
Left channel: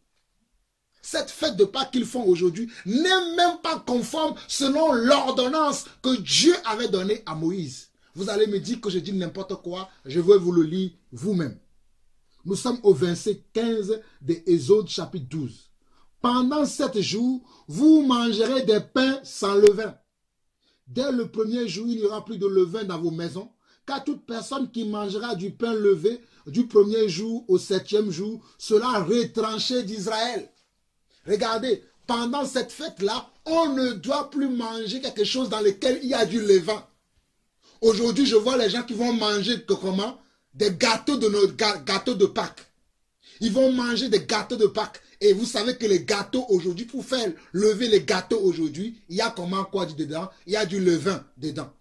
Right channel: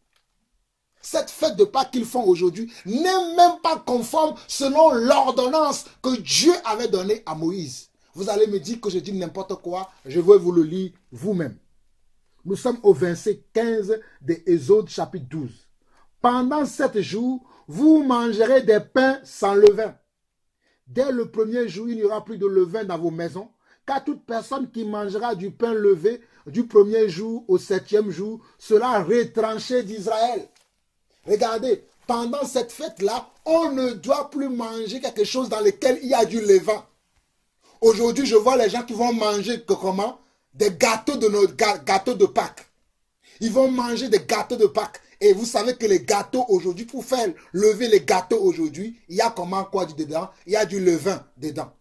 Cette fête de Pâques qu'ils font aujourd'hui n'est même pas conforme selon l'ordonnance que Dieu avait donnée à Moïse. Vous allez me dire que je dis n'importe quoi, je vais vous le lire vous-même. Nous sommes au verset 15 de Exode chapitre 12. Pendant 7 jours, vous mangerez des pains sans levain. Dès le premier jour, il n'y aura plus de levain dans vos maisons, car toute personne qui mangera du pain levé du premier jour au 7e jour sera retranchée d'Israël. Regardez, pendant cette fête-là, on ne doit plus manger quelque chose dans lequel il y a du levain. Aujourd'hui, je vois les gens qui vont manger comment? Des gâteaux de Pâques. Ils vont manger des gâteaux de Pâques. Et vous savez que les gâteaux aujourd'hui, pour faire lever les gâteaux aujourd'hui, il y a comment quoi dedans? Il y a du levain dedans.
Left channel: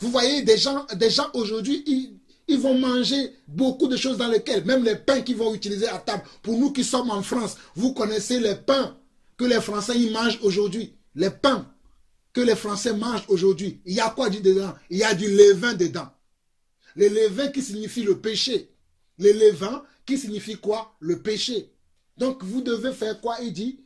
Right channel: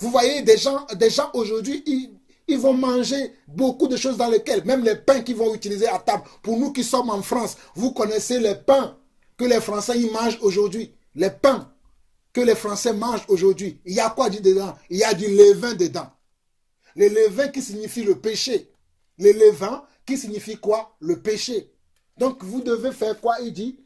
Vous voyez, des gens aujourd'hui, ils vont manger beaucoup de choses dans lesquelles, même les pains qu'ils vont utiliser à table. Pour nous qui sommes en France, vous connaissez les pains que les Français ils mangent aujourd'hui. Les pains que les Français mangent aujourd'hui. Il y a quoi dedans? Il y a du levain dedans. Le levain qui signifie le péché. Le levain qui signifie quoi? Le péché. Donc vous devez faire quoi? Il dit,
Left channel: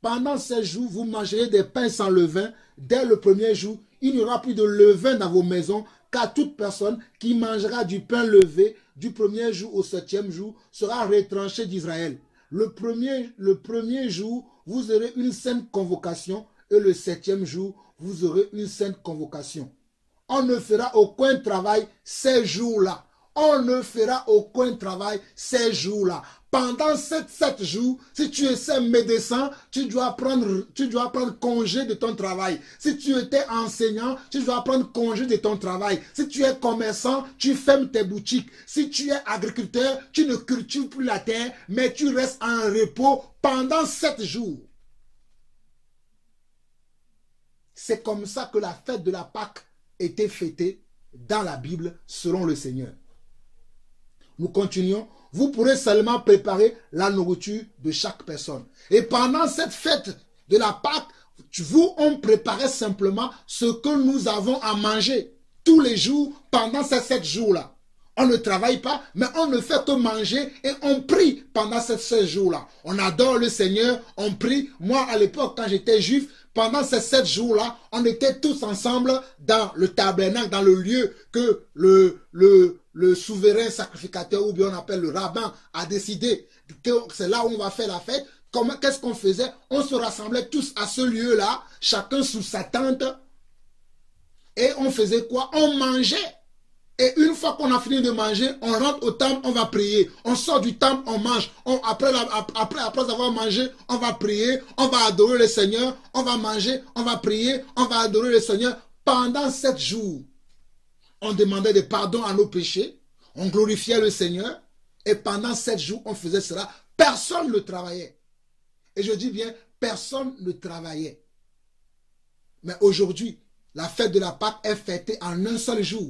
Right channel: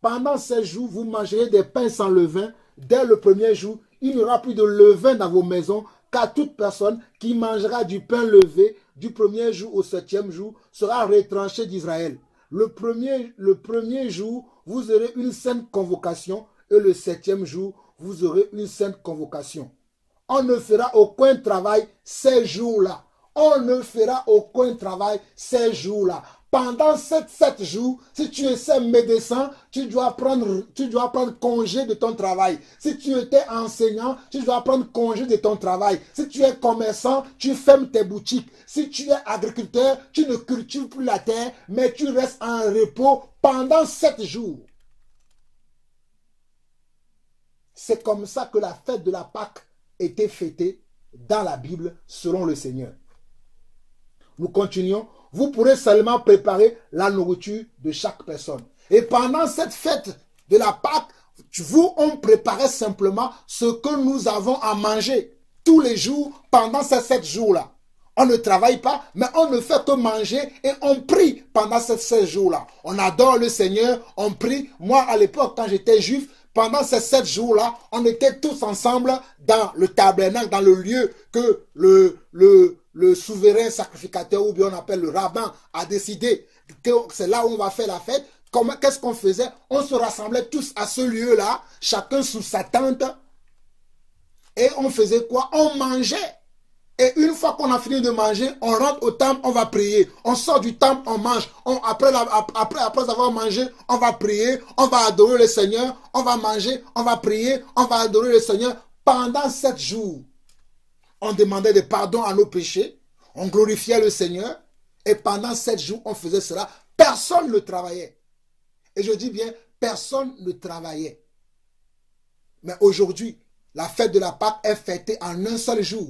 pendant 16 jours, vous mangerez des pains sans levain. Dès le premier jour, il n'y aura plus de levain dans vos maisons, car toute personne qui mangera du pain levé du premier jour au 7e jour sera retranchée d'Israël. Le premier jour, vous aurez une sainte convocation, et le 7e jour, vous aurez une sainte convocation. On ne fera aucun travail ces jours-là. On ne fera aucun travail ces jours-là. Pendant 7 jours, si tu es médecin, tu dois prendre congé de ton travail. Si tu étais enseignant, tu dois prendre congé de ton travail. Si tu es commerçant, tu fermes tes boutiques. Si tu es agriculteur, tu ne cultives plus la terre, mais tu restes en repos pendant 7 jours. C'est comme ça que la fête de la Pâque était fêtée dans la Bible selon le Seigneur. Nous continuons. Vous pourrez seulement préparer la nourriture de chaque personne. Et pendant cette fête de la Pâque, on préparait simplement ce que nous avons à manger tous les jours pendant ces 7 jours-là. On ne travaille pas, mais on ne fait que manger et on prie pendant ces 7 jours-là. On adore le Seigneur, on prie. Moi, à l'époque, quand j'étais juif, pendant ces 7 jours-là, on était tous ensemble dans le tabernacle, dans le lieu que le souverain sacrificateur, ou bien on appelle le rabbin, a décidé que c'est là où on va faire la fête. Qu'est-ce qu'on faisait? On se rassemblait tous à ce lieu-là, chacun sous sa tente. Et on faisait quoi? On mangeait. Et une fois qu'on a fini de manger, on rentre au temple, on va prier. On sort du temple, on mange. Après avoir mangé, on va prier, on va adorer le Seigneur, on va manger, on va prier, on va adorer le Seigneur. Pendant 7 jours, on demandait des pardons à nos péchés, on glorifiait le Seigneur, et pendant 7 jours, on faisait cela. Personne ne travaillait. Et je dis bien, personne ne travaillait. Mais aujourd'hui, la fête de la Pâque est fêtée en un seul jour.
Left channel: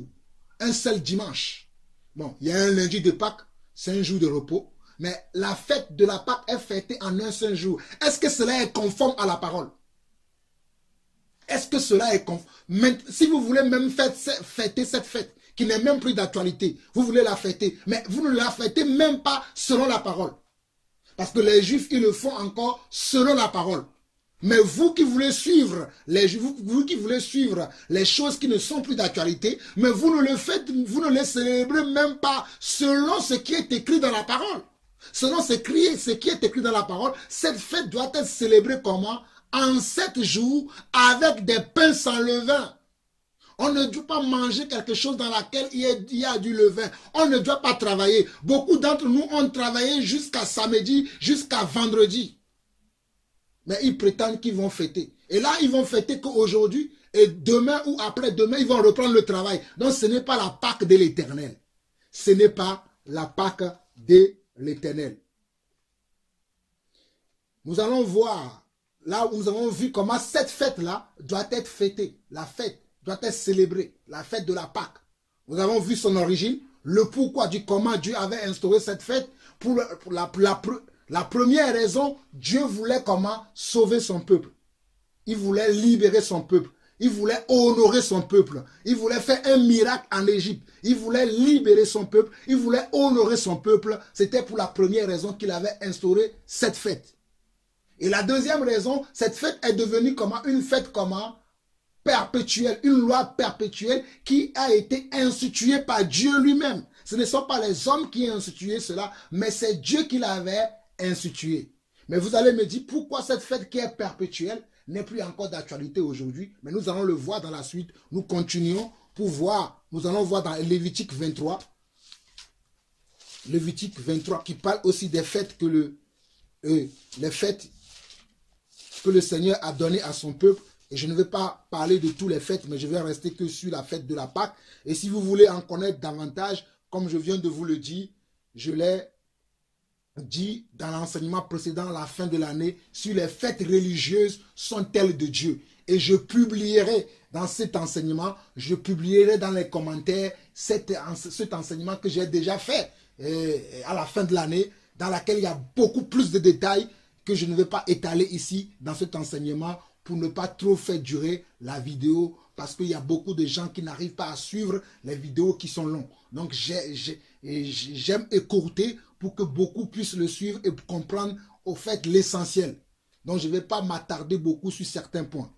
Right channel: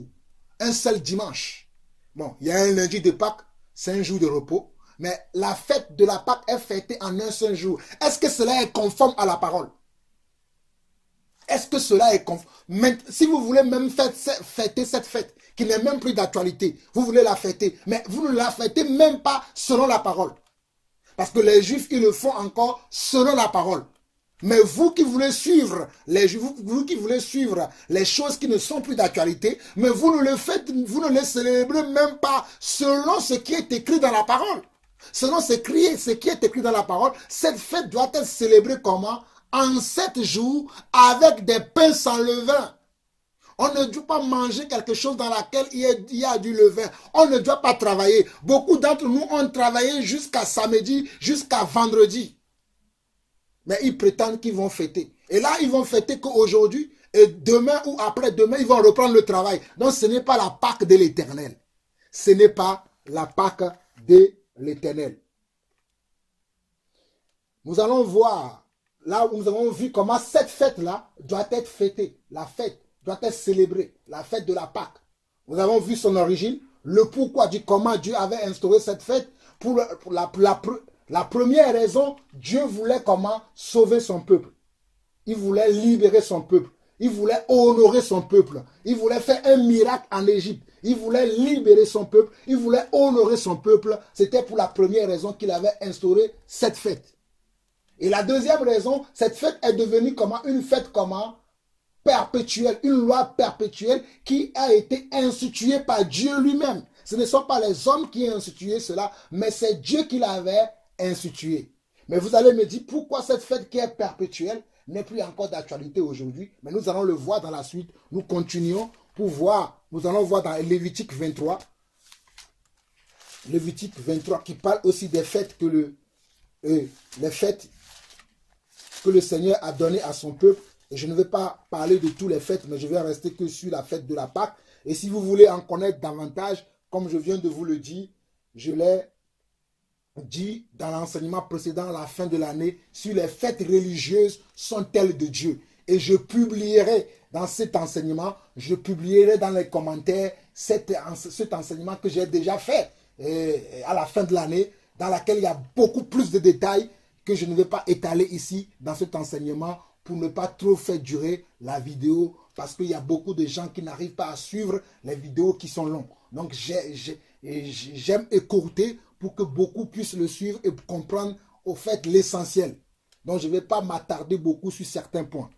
Un seul dimanche. Bon, il y a un lundi de Pâques, c'est un jour de repos. Mais la fête de la Pâque est fêtée en un seul jour. Est-ce que cela est conforme à la parole? Est-ce que cela est conforme? Si vous voulez même fêter cette fête, qui n'est même plus d'actualité, vous voulez la fêter, mais vous ne la fêtez même pas selon la parole. Parce que les Juifs, ils le font encore selon la parole. Mais vous qui voulez suivre vous qui voulez suivre les choses qui ne sont plus d'actualité, mais vous ne les célébrez même pas selon ce qui est écrit dans la parole. Selon ce qui est écrit dans la parole, cette fête doit être célébrée comment? En 7 jours avec des pains sans levain. On ne doit pas manger quelque chose dans laquelle il y a du levain. On ne doit pas travailler. Beaucoup d'entre nous ont travaillé jusqu'à samedi, jusqu'à vendredi. Mais ils prétendent qu'ils vont fêter. Et là, ils vont fêter qu'aujourd'hui, et demain ou après-demain, ils vont reprendre le travail. Donc, ce n'est pas la Pâque de l'Éternel. Ce n'est pas la Pâque de l'Éternel. Nous allons voir, là où nous avons vu comment cette fête-là doit être fêtée. La fête doit être célébrée. La fête de la Pâque. Nous avons vu son origine, le pourquoi du comment Dieu avait instauré cette fête. Pour la première raison, Dieu voulait comment sauver son peuple. Il voulait libérer son peuple. Il voulait honorer son peuple. Il voulait faire un miracle en Égypte. Il voulait libérer son peuple. Il voulait honorer son peuple. C'était pour la première raison qu'il avait instauré cette fête. Et la deuxième raison, cette fête est devenue comment? Une fête comment? Perpétuelle, une loi perpétuelle qui a été instituée par Dieu lui-même. Ce ne sont pas les hommes qui ont institué cela, mais c'est Dieu qui l'avait institué. Mais vous allez me dire pourquoi cette fête qui est perpétuelle n'est plus encore d'actualité aujourd'hui. Mais nous allons le voir dans la suite. Nous continuons pour voir. Nous allons voir dans Lévitique 23. Lévitique 23 qui parle aussi des fêtes que les fêtes que le Seigneur a données à son peuple. Et je ne vais pas parler de toutes les fêtes, mais je vais rester que sur la fête de la Pâque. Et si vous voulez en connaître davantage, comme je viens de vous le dire, je l'ai dit dans l'enseignement précédent, à la fin de l'année, sur les fêtes religieuses sont-elles de Dieu. Et je publierai dans cet enseignement, je publierai dans les commentaires cet enseignement que j'ai déjà fait à la fin de l'année, dans laquelle il y a beaucoup plus de détails que je ne vais pas étaler ici dans cet enseignement pour ne pas trop faire durer la vidéo parce qu'il y a beaucoup de gens qui n'arrivent pas à suivre les vidéos qui sont longues. Donc j'aime écourter pour que beaucoup puissent le suivre et comprendre au fait l'essentiel. Donc je ne vais pas m'attarder beaucoup sur certains points.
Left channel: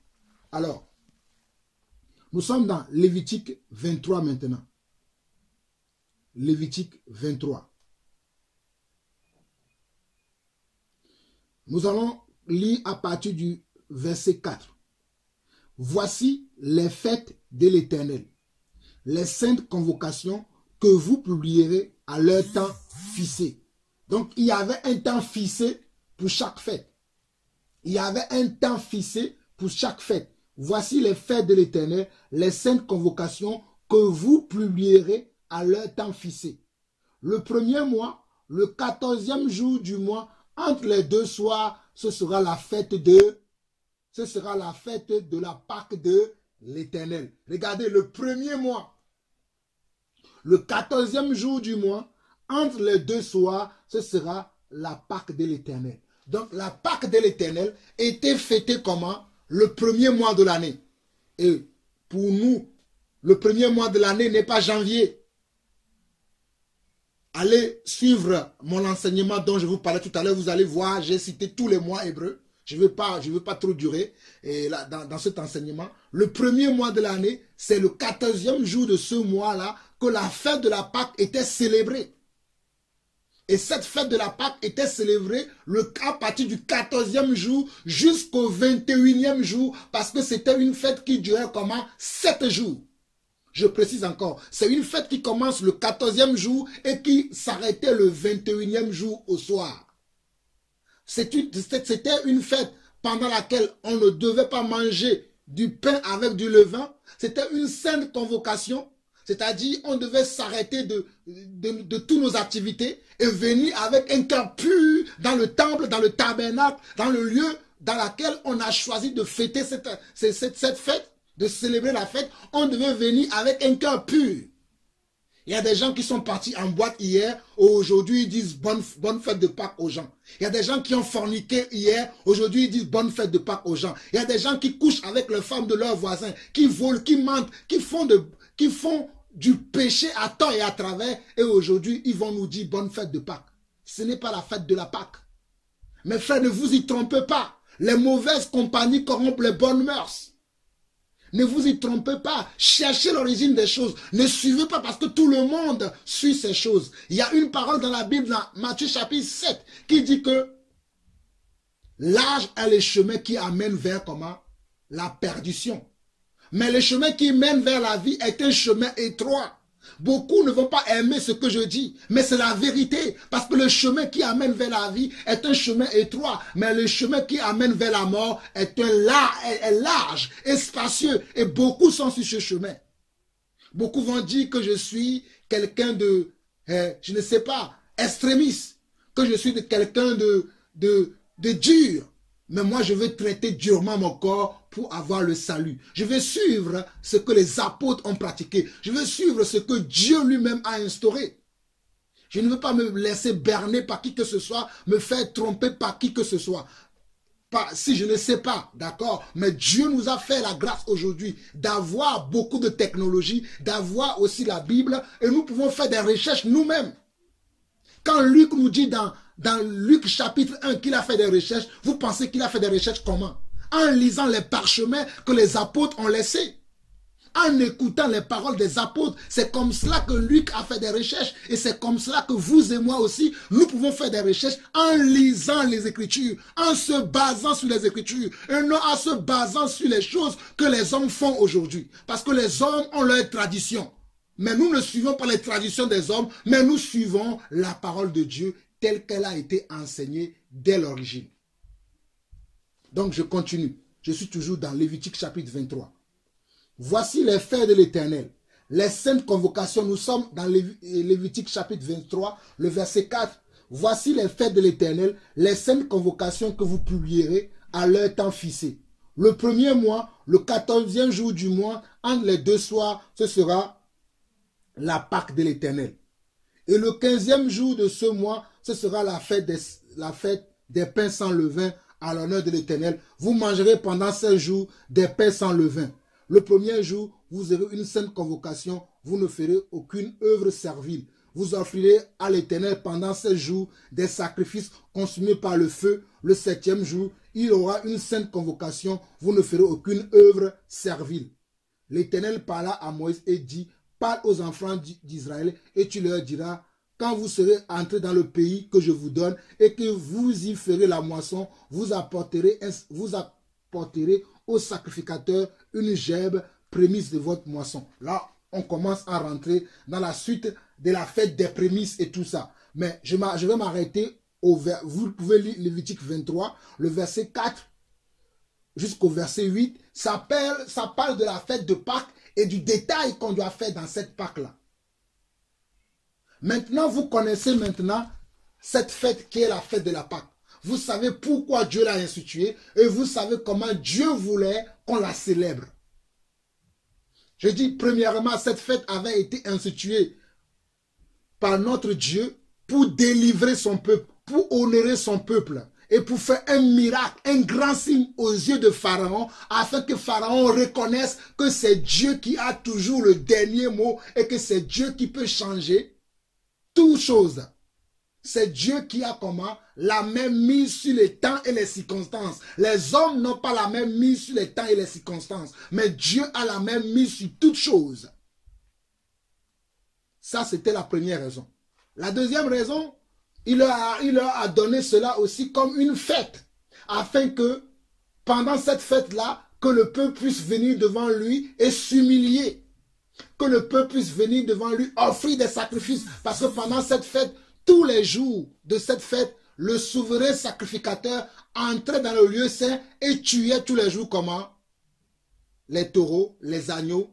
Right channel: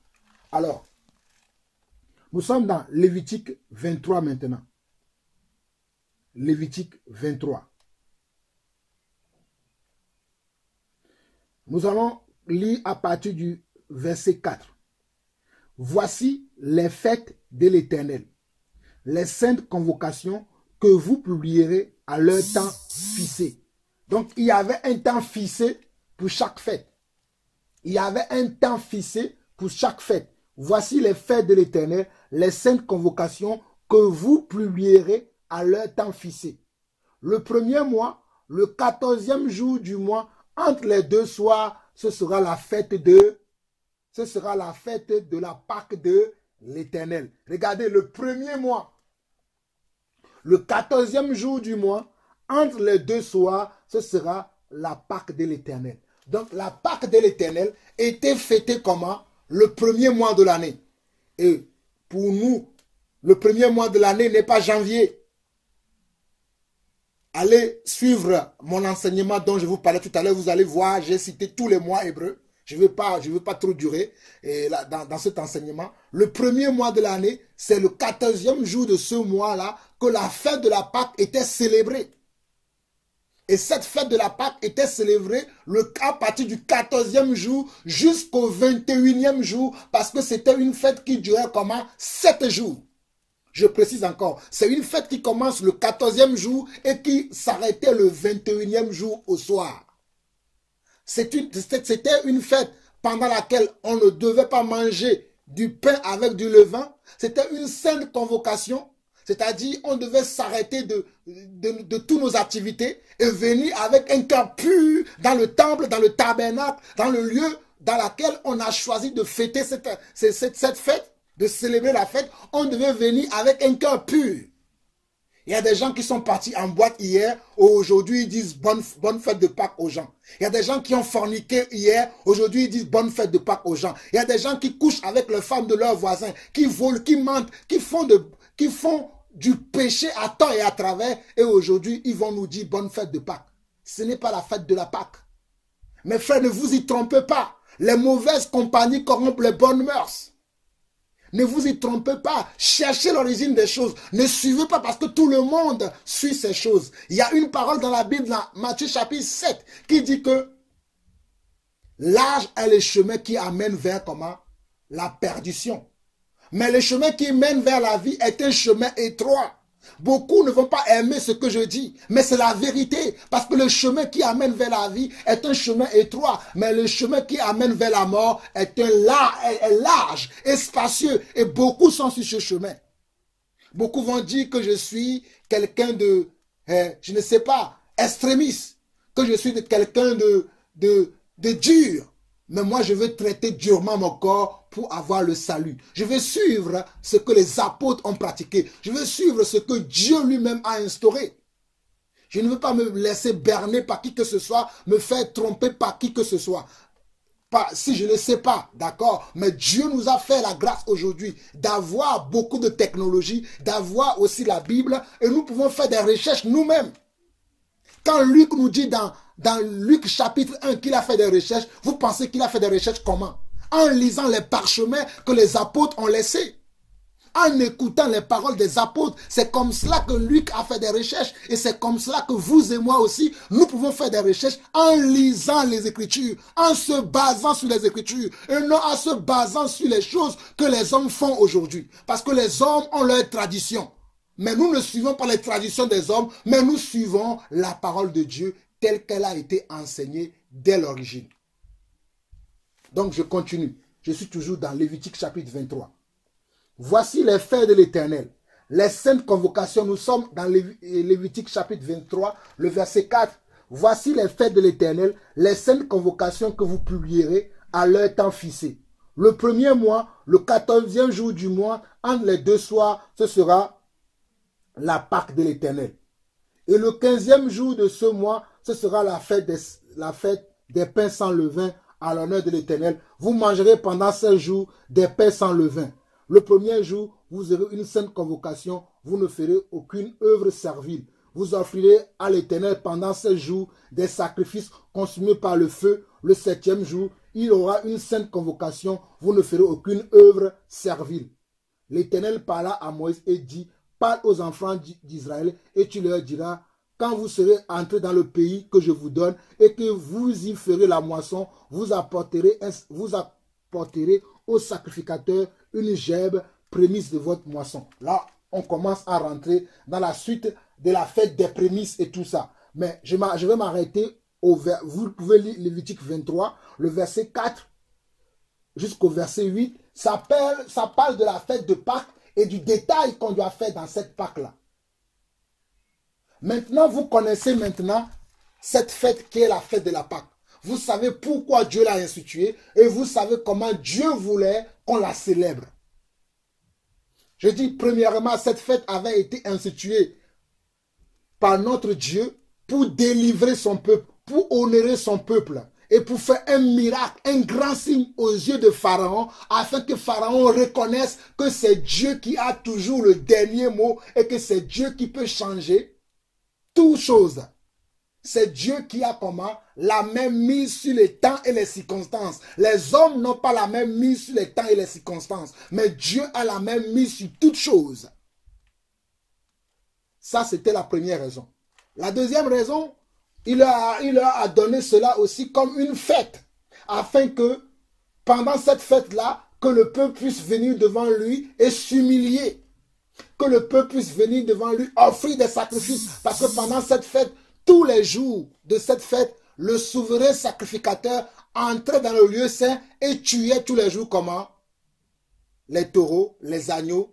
Alors, nous sommes dans Lévitique 23 maintenant. Lévitique 23. Nous allons lire à partir du verset 4. Voici les fêtes de l'Éternel, les saintes convocations que vous publierez à leur temps fixé. Donc, il y avait un temps fixé pour chaque fête. Il y avait un temps fixé pour chaque fête. Voici les fêtes de l'Éternel, les saintes convocations que vous publierez à leur temps fixé. Le premier mois, le 14e jour du mois, entre les deux soirs, ce sera la fête de la Pâque de l'Éternel. Regardez, le premier mois, le 14e jour du mois, entre les deux soirs, ce sera la Pâque de l'Éternel. Donc, la Pâque de l'Éternel était fêtée comment? Le premier mois de l'année. Et pour nous, le premier mois de l'année n'est pas janvier. Allez suivre mon enseignement dont je vous parlais tout à l'heure. Vous allez voir, j'ai cité tous les mois hébreux. Je ne veux pas trop durer et là, dans cet enseignement. Le premier mois de l'année, c'est le 14e jour de ce mois-là que la fête de la Pâque était célébrée. Et cette fête de la Pâque était célébrée à partir du 14e jour jusqu'au 21e jour parce que c'était une fête qui durait comment? 7 jours. Je précise encore, c'est une fête qui commence le 14e jour et qui s'arrêtait le 21e jour au soir. C'était une fête pendant laquelle on ne devait pas manger du pain avec du levain. C'était une sainte convocation, c'est-à-dire on devait s'arrêter de toutes nos activités et venir avec un cœur pur dans le temple, dans le tabernacle, dans le lieu dans lequel on a choisi de fêter cette fête. De célébrer la fête, on devait venir avec un cœur pur. Il y a des gens qui sont partis en boîte hier, aujourd'hui ils disent bonne fête de Pâques aux gens. Il y a des gens qui ont forniqué hier, aujourd'hui ils disent bonne fête de Pâques aux gens. Il y a des gens qui couchent avec les femmes de leurs voisins, qui volent, qui mentent, qui font du péché à tort et à travers, et aujourd'hui ils vont nous dire bonne fête de Pâques. Ce n'est pas la fête de la Pâque. Mes frères, ne vous y trompez pas. Les mauvaises compagnies corrompent les bonnes mœurs. Ne vous y trompez pas. Cherchez l'origine des choses. Ne suivez pas parce que tout le monde suit ces choses. Il y a une parole dans la Bible, dans Matthieu chapitre 7, qui dit que large est le chemin qui amène vers comment? La perdition. Mais le chemin qui mène vers la vie est un chemin étroit. Beaucoup ne vont pas aimer ce que je dis, mais c'est la vérité. Parce que le chemin qui amène vers la vie est un chemin étroit, mais le chemin qui amène vers la mort est large et spacieux. Et beaucoup sont sur ce chemin. Beaucoup vont dire que je suis quelqu'un de, je ne sais pas, extrémiste, que je suis quelqu'un de dur. Mais moi, je veux traiter durement mon corps pour avoir le salut. Je veux suivre ce que les apôtres ont pratiqué. Je veux suivre ce que Dieu lui-même a instauré. Je ne veux pas me laisser berner par qui que ce soit, me faire tromper par qui que ce soit. Si je ne sais pas, d'accord, mais Dieu nous a fait la grâce aujourd'hui d'avoir beaucoup de technologies, d'avoir aussi la Bible, et nous pouvons faire des recherches nous-mêmes. Quand Luc nous dit dans Luc chapitre 1 qu'il a fait des recherches, vous pensez qu'il a fait des recherches comment? En lisant les parchemins que les apôtres ont laissés. En écoutant les paroles des apôtres, c'est comme cela que Luc a fait des recherches. Et c'est comme cela que vous et moi aussi, nous pouvons faire des recherches en lisant les Écritures, en se basant sur les Écritures, et non en se basant sur les choses que les hommes font aujourd'hui. Parce que les hommes ont leur tradition. Mais nous ne suivons pas les traditions des hommes, mais nous suivons la parole de Dieu telle qu'elle a été enseignée dès l'origine. Donc je continue. Je suis toujours dans Lévitique chapitre 23. Voici les faits de l'Éternel. Les saintes convocations, nous sommes dans Lévitique chapitre 23, le verset 4. Voici les faits de l'Éternel, les saintes convocations que vous publierez à leur temps fixé. Le premier mois, le 14e jour du mois, entre les deux soirs, ce sera la Pâque de l'Éternel. Et le 15e jour de ce mois, ce sera la fête des pains sans levain à l'honneur de l'Éternel. Vous mangerez pendant 16 jours des pains sans levain. Le premier jour, vous aurez une sainte convocation, vous ne ferez aucune œuvre servile. Vous offrirez à l'Éternel pendant 16 jours des sacrifices consumés par le feu. Le 7e jour, il y aura une sainte convocation, vous ne ferez aucune œuvre servile. L'Éternel parla à Moïse et dit, parle aux enfants d'Israël et tu leur diras, quand vous serez entrés dans le pays que je vous donne et que vous y ferez la moisson, vous apporterez au sacrificateur une gerbe prémisse de votre moisson. Là, on commence à rentrer dans la suite de la fête des prémices et tout ça. Mais je vais m'arrêter vous pouvez lire Lévitique 23, le verset 4 jusqu'au verset 8. Ça parle de la fête de Pâques et du détail qu'on doit faire dans cette Pâque-là. Maintenant, vous connaissez maintenant cette fête qui est la fête de la Pâque. Vous savez pourquoi Dieu l'a instituée et vous savez comment Dieu voulait qu'on la célèbre. Je dis premièrement, cette fête avait été instituée par notre Dieu pour délivrer son peuple, pour honorer son peuple et pour faire un miracle, un grand signe aux yeux de Pharaon afin que Pharaon reconnaisse que c'est Dieu qui a toujours le dernier mot et que c'est Dieu qui peut changer toutes choses. C'est Dieu qui a comment? La même mise sur les temps et les circonstances. Les hommes n'ont pas la même mise sur les temps et les circonstances. Mais Dieu a la même mise sur toutes choses. Ça, c'était la première raison. La deuxième raison, il leur a donné cela aussi comme une fête. Afin que, pendant cette fête-là, que le peuple puisse venir devant lui et s'humilier. Que le peuple puisse venir devant lui offrir des sacrifices. Parce que pendant cette fête, tous les jours de cette fête, le souverain sacrificateur entrait dans le lieu saint et tuait tous les jours comment? Les taureaux, les agneaux,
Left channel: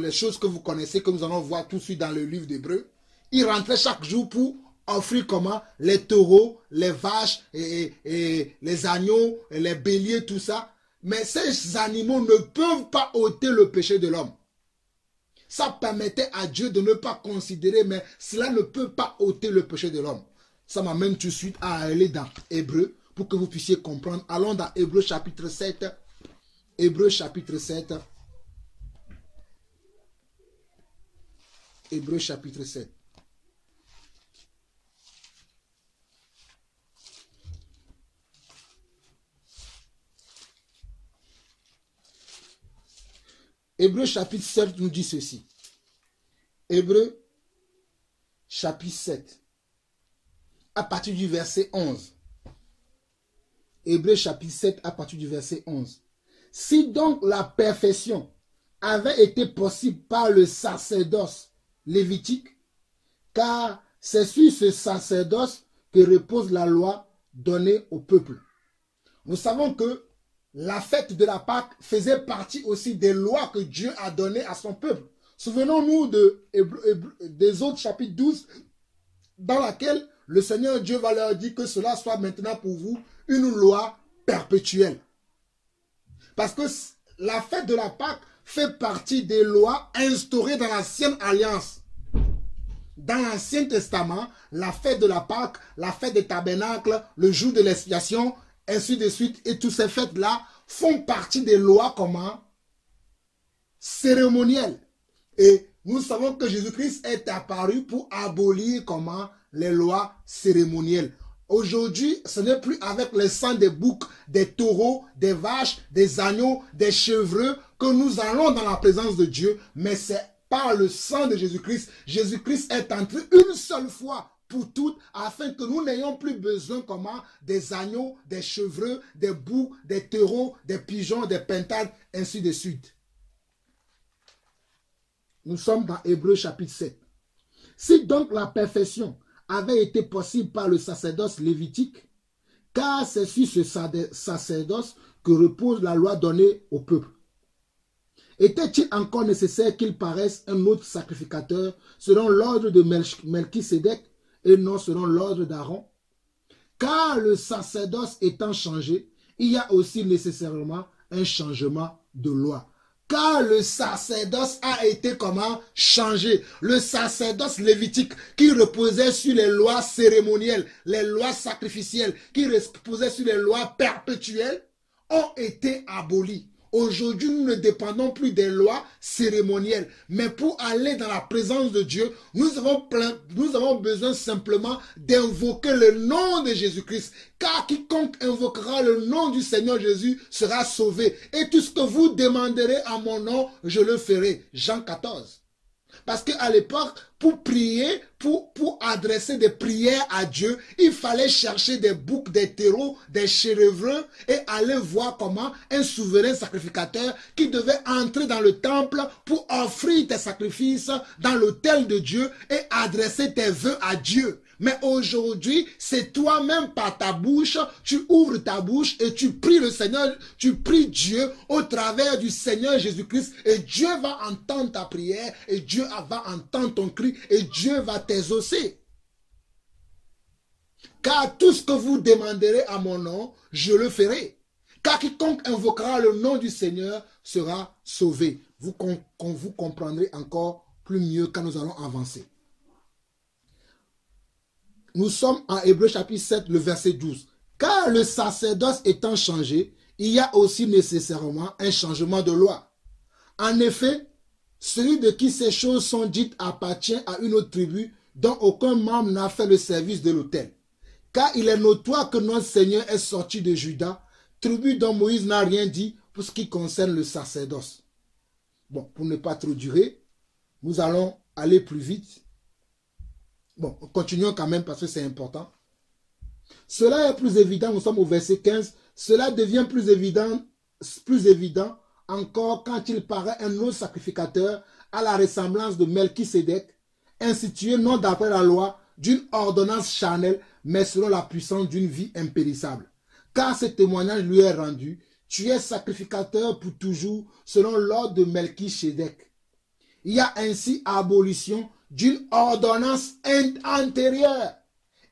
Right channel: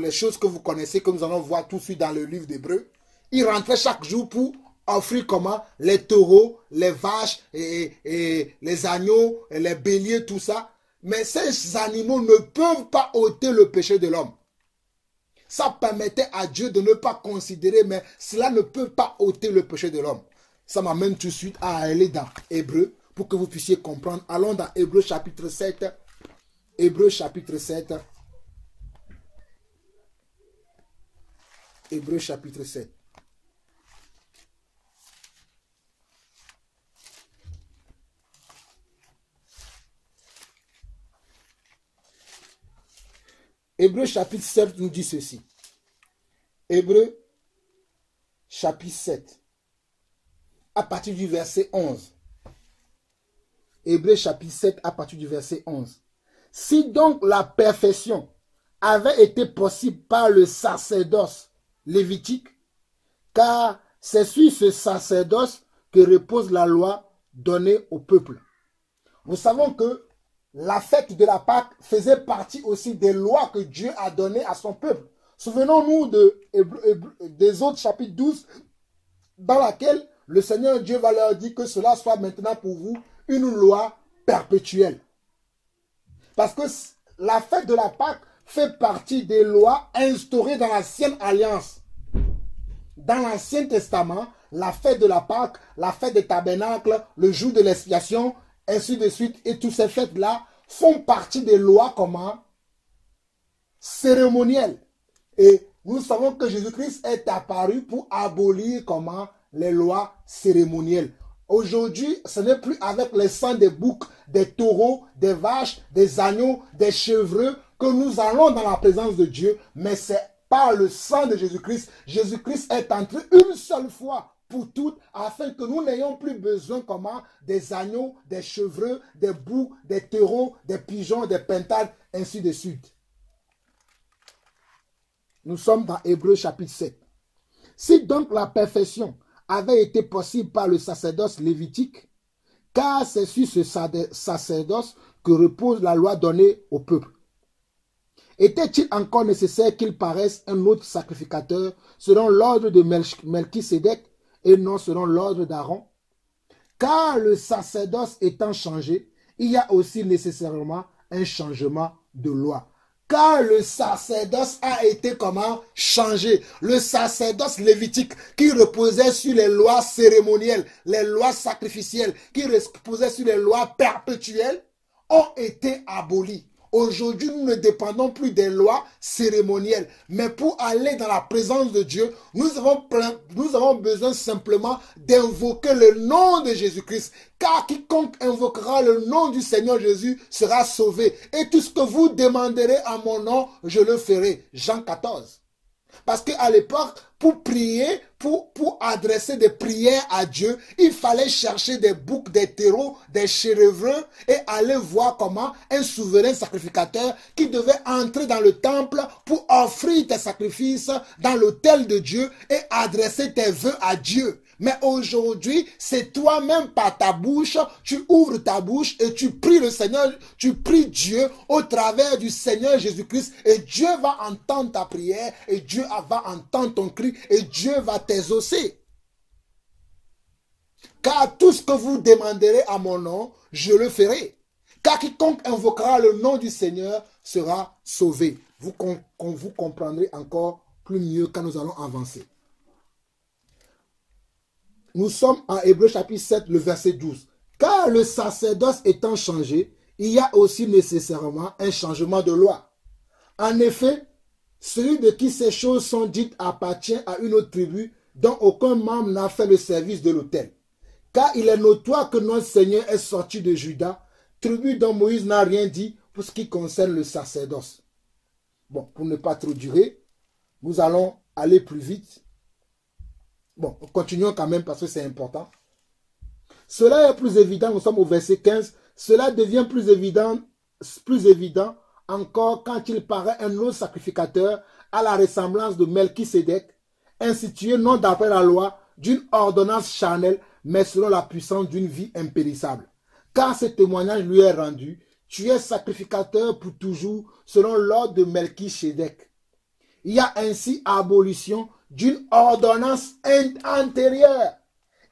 les choses que vous connaissez, que nous allons voir tout de suite dans le livre d'Hébreux. Il rentrait chaque jour pour offrir comment? Les taureaux, les vaches, et les agneaux, et les béliers, tout ça. Mais ces animaux ne peuvent pas ôter le péché de l'homme. Ça permettait à Dieu de ne pas considérer, mais cela ne peut pas ôter le péché de l'homme. Ça m'amène tout de suite à aller dans Hébreux pour que vous puissiez comprendre. Allons dans Hébreux chapitre 7. Hébreux chapitre 7. Hébreux chapitre 7. Hébreux chapitre 7 nous dit ceci. Hébreux chapitre 7, à partir du verset 11. Hébreux chapitre 7, à partir du verset 11. Si donc la perfection avait été possible par le sacerdoce lévitique, car c'est sur ce sacerdoce que repose la loi donnée au peuple. Nous savons que la fête de la Pâque faisait partie aussi des lois que Dieu a données à son peuple. Souvenons-nous des autres chapitres 12, dans laquelle le Seigneur Dieu va leur dire que cela soit maintenant pour vous une loi perpétuelle. Parce que la fête de la Pâque fait partie des lois instaurées dans l'ancienne alliance. Dans l'Ancien Testament, la fête de la Pâque, la fête des tabernacles, le jour de l'expiation, ainsi de suite, et toutes ces fêtes-là font partie des lois comment? Cérémonielles. Et nous savons que Jésus-Christ est apparu pour abolir comment? Les lois cérémonielles. Aujourd'hui, ce n'est plus avec le sang des boucs, des taureaux, des vaches, des agneaux, des chevreux que nous allons dans la présence de Dieu, mais c'est par le sang de Jésus-Christ. Jésus-Christ est entré une seule fois pour toutes, afin que nous n'ayons plus besoin comment? Des agneaux, des chevreux, des boucs, des taureaux, des pigeons, des pintades, ainsi de suite. Nous sommes dans Hébreux chapitre 7. Si donc la perfection avait été possible par le sacerdoce lévitique, car c'est sur ce sacerdoce que repose la loi donnée au peuple. Était-il encore nécessaire qu'il paraisse un autre sacrificateur selon l'ordre de Melchisédek et non selon l'ordre d'Aaron? Car le sacerdoce étant changé, il y a aussi nécessairement un changement de loi. Car le sacerdoce a été comment? Changé. Le sacerdoce lévitique qui reposait sur les lois cérémonielles, les lois sacrificielles, qui reposait sur les lois perpétuelles, ont été abolis. Aujourd'hui, nous ne dépendons plus des lois cérémonielles. Mais pour aller dans la présence de Dieu, nous avons besoin simplement d'invoquer le nom de Jésus-Christ. Car quiconque invoquera le nom du Seigneur Jésus sera sauvé. Et tout ce que vous demanderez à mon nom, je le ferai. Jean 14. Parce qu'à l'époque, pour prier, pour adresser des prières à Dieu, il fallait chercher des boucs, des taureaux, des chèvreux et aller voir comment un souverain sacrificateur qui devait entrer dans le temple pour offrir tes sacrifices dans l'autel de Dieu et adresser tes vœux à Dieu. Mais aujourd'hui, c'est toi-même par ta bouche, tu ouvres ta bouche et tu pries le Seigneur, tu pries Dieu au travers du Seigneur Jésus-Christ et Dieu va entendre ta prière et Dieu va entendre ton cri et Dieu va t'exaucer. Car tout ce que vous demanderez à mon nom, je le ferai. Car quiconque invoquera le nom du Seigneur sera sauvé. Vous comprendrez encore plus mieux quand nous allons avancer. Nous sommes en Hébreux chapitre 7, le verset 12. Car le sacerdoce étant changé, il y a aussi nécessairement un changement de loi. En effet, celui de qui ces choses sont dites appartient à une autre tribu dont aucun membre n'a fait le service de l'autel. Car il est notoire que notre Seigneur est sorti de Juda, tribu dont Moïse n'a rien dit pour ce qui concerne le sacerdoce. Bon, pour ne pas trop durer, nous allons aller plus vite. Bon, continuons quand même parce que c'est important. Cela est plus évident, nous sommes au verset 15. Cela devient plus évident encore quand il paraît un autre sacrificateur à la ressemblance de Melchisédek, institué non d'après la loi d'une ordonnance charnelle, mais selon la puissance d'une vie impérissable. Car ce témoignage lui est rendu, tu es sacrificateur pour toujours selon l'ordre de Melchisédek. Il y a ainsi abolition d'une ordonnance antérieure.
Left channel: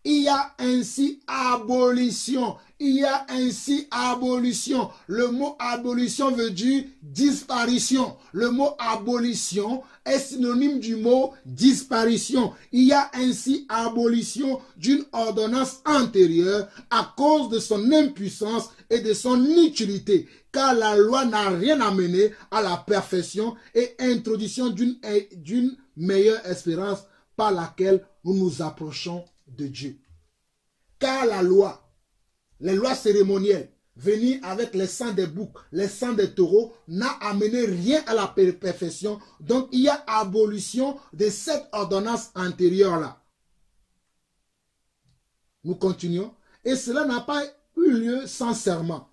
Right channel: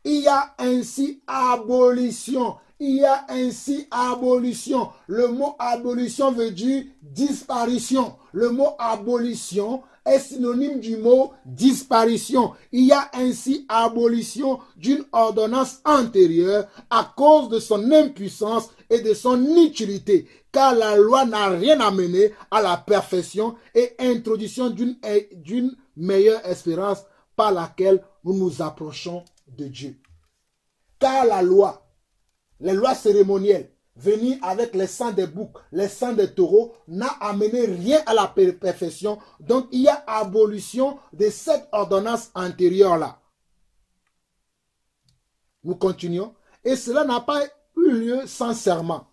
Il y a ainsi abolition. Il y a ainsi abolition. Le mot abolition veut dire disparition. Le mot abolition est synonyme du mot disparition. Il y a ainsi abolition d'une ordonnance antérieure à cause de son impuissance et de son inutilité. Car la loi n'a rien amené à la perfection et introduction d'une meilleure espérance par laquelle nous nous approchons de Dieu. Car la loi, les lois cérémonielles, venues avec les sangs des boucs, les sangs des taureaux, n'a amené rien à la perfection. Donc il y a abolition de cette ordonnance antérieure-là. Nous continuons. Et cela n'a pas eu lieu sans serment.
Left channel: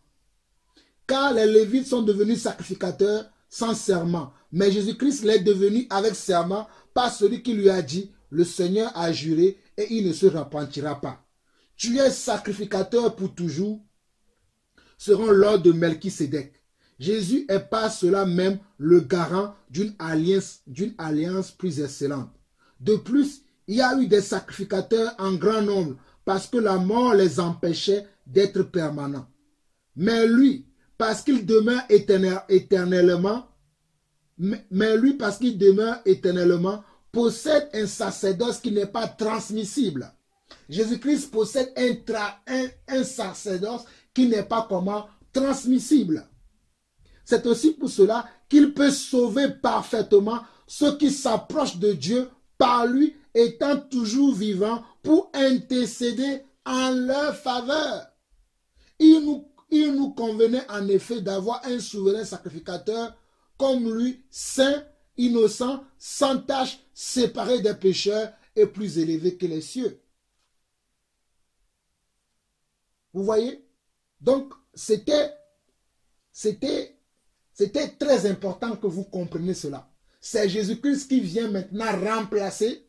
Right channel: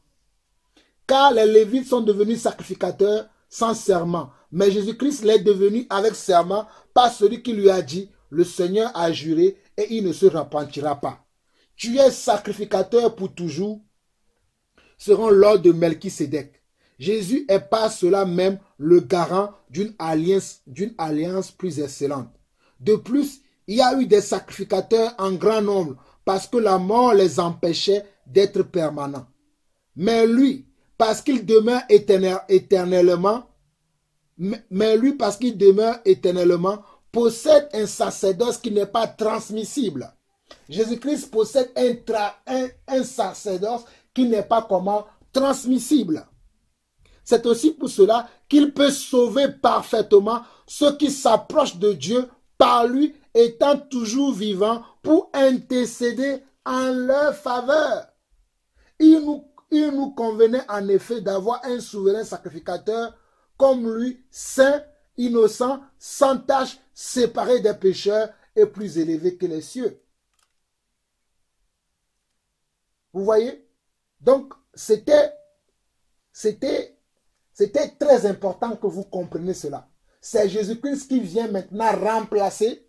Car les Lévites sont devenus sacrificateurs sans serment. Mais Jésus-Christ l'est devenu avec serment par celui qui lui a dit, le Seigneur a juré et il ne se repentira pas. Tu es sacrificateur pour toujours, selon l'ordre de Melchisédek. Jésus est par cela même le garant d'une alliance plus excellente. De plus, il y a eu des sacrificateurs en grand nombre parce que la mort les empêchait d'être permanents. Mais lui, parce qu'il demeure éternellement, possède un sacerdoce qui n'est pas transmissible. Jésus-Christ possède un sacerdoce qui n'est pas comment transmissible. C'est aussi pour cela qu'il peut sauver parfaitement ceux qui s'approchent de Dieu par lui, étant toujours vivant pour intercéder en leur faveur. Il nous convenait en effet d'avoir un souverain sacrificateur comme lui, saint, innocent, sans tache, séparé des pécheurs et plus élevé que les cieux. Vous voyez? Donc, c'était très important que vous compreniez cela. C'est Jésus-Christ qui vient maintenant remplacer